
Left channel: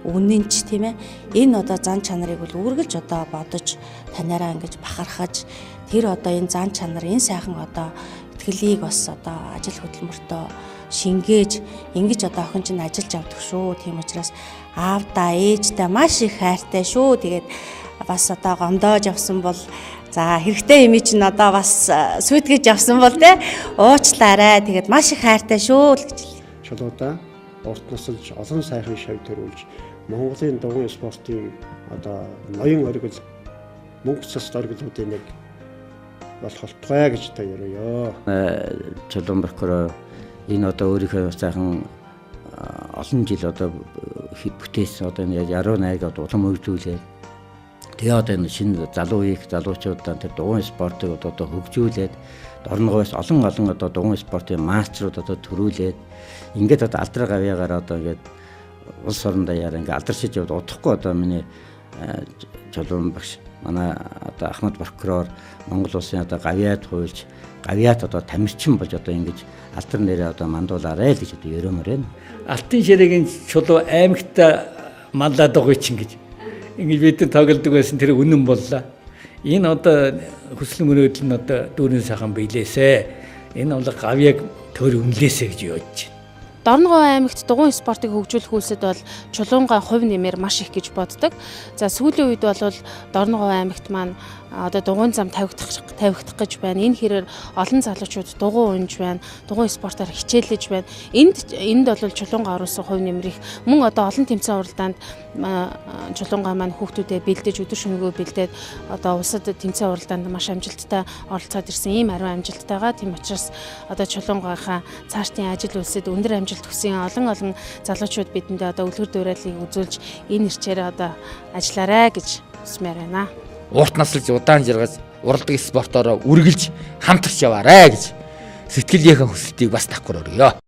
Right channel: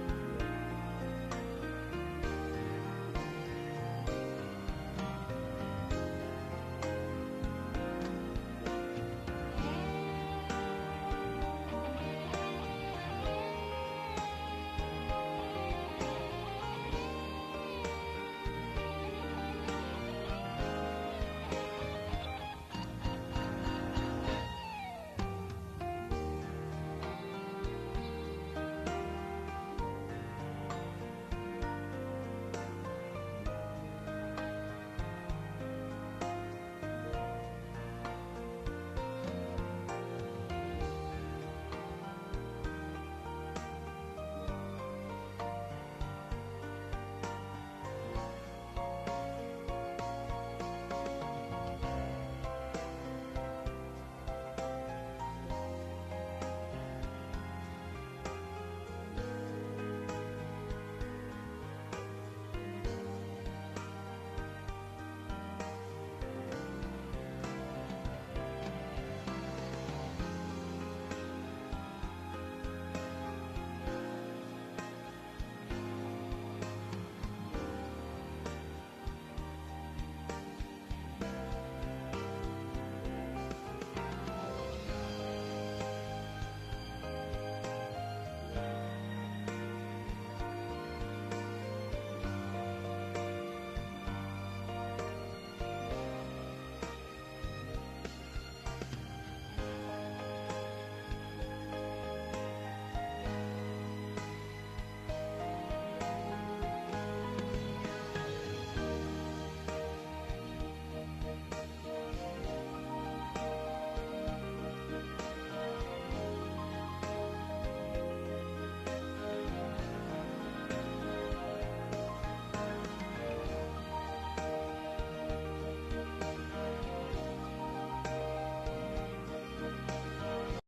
үнэнч тийм ээ энэ одоо зан чанарыг бол үргэлж одоо бодож танаараа ингэж бахархаж тэр одоо энэ зан чанар энэ сайхан одоо итгэлийг бас одоо ажил хөдөлмөртөө шингээж ингэж одоо охин чинь ажиллаж авдаг шүү. Тийм учраас аавдаа ээждээ маш их хайртай шүү. Тэгээд бас одоо гомдоож авсан бол за хэрэгтэй юм чинь одоо бас сүйтгэж авсан бол те уучлаарай. Тэгээд маш их хайртай шүү л гэж хэлээ. Чулуудаа урт насалж олон сайхан шав төрүүлж Монголын дугуйн спортын одоо ноён оргил мөнгө цэс оргилуудын нэг болох болтугай гэж та яриа. Чулуун прокурор энэ одоо өөрийнхөө сайхан олон жил одоо бүтээсэн одоо яруу найрагч одоо улам өргөжүүлээ. Тэгээ одоо энэ шинэ залуучуудаа тэр дугуйн спортыг одоо хөгжүүлээд Дорноговоос олон одоо дугуйн спортын мастерууд одоо төрүүлээд ингээд одоо алдраа гавьяагаар одоо ингээд улс орон даяар ингээд алдаршиж явд удахгүй одоо миний Чулуун багш манай одоо Ахмад прокурор Монгол улсын одоо гавьяад хуульч гавьяат одоо тамирчин болж одоо ингэж алдар нэрээ одоо мандуулаарай л гэж одоо ерөмөр байна. Алтын ширээгийн Чулуун аймагт манлаа дугуйчин гэж ингэж бид тоглодог байсан тэр үнэн боллоо. Энэ одоо хүсэл мөрөөдөл нь одоо дүүрэн сайхан биелээсэ. Энэ бол гавьяаг төр үнэлээсэ гэж явж байна. Дорноговь аймагт дугуйн спортыг хөгжүүлэх үйлсэд бол Чулуунгаа хувь нэмэр маш их гэж боддог. За сүүлийн үед бол Дорноговь аймагт маань одоо дугуйн зам тавигдах гэж байна. Энэ хэрээр олон залуучууд дугуй унж байна. Дугуйн спортоор хичээлж байна. Энд бол Чулуунгаа оруулсан хувь нэмрийг мөн одоо олон тэмцээн уралдаанд Чулуунгаа маань хүүхдүүдэд бэлдэж өдөр шөнөгүй бэлдээд одоо улсад тэмцээн уралдаанд маш амжилттай оролцоод ирсэн ийм ариун амжилттайгаа. Тийм учраас одоо Чулуунгийнхаа цаашдын ажил үйлсэд өндөр амжилт хүсэн олон залуучууд бидэндээ одоо үлгэр дуурайлыг үзүүлж энэ ирчээр одоо ажиллаарай гэж хүсмээр байна. Урт наслж удаан жаргаж уралдаг спортоор үргэлж хамтарч яваарай гэж сэтгэлийнхээ хүсэлтийг бас давхар өргөё.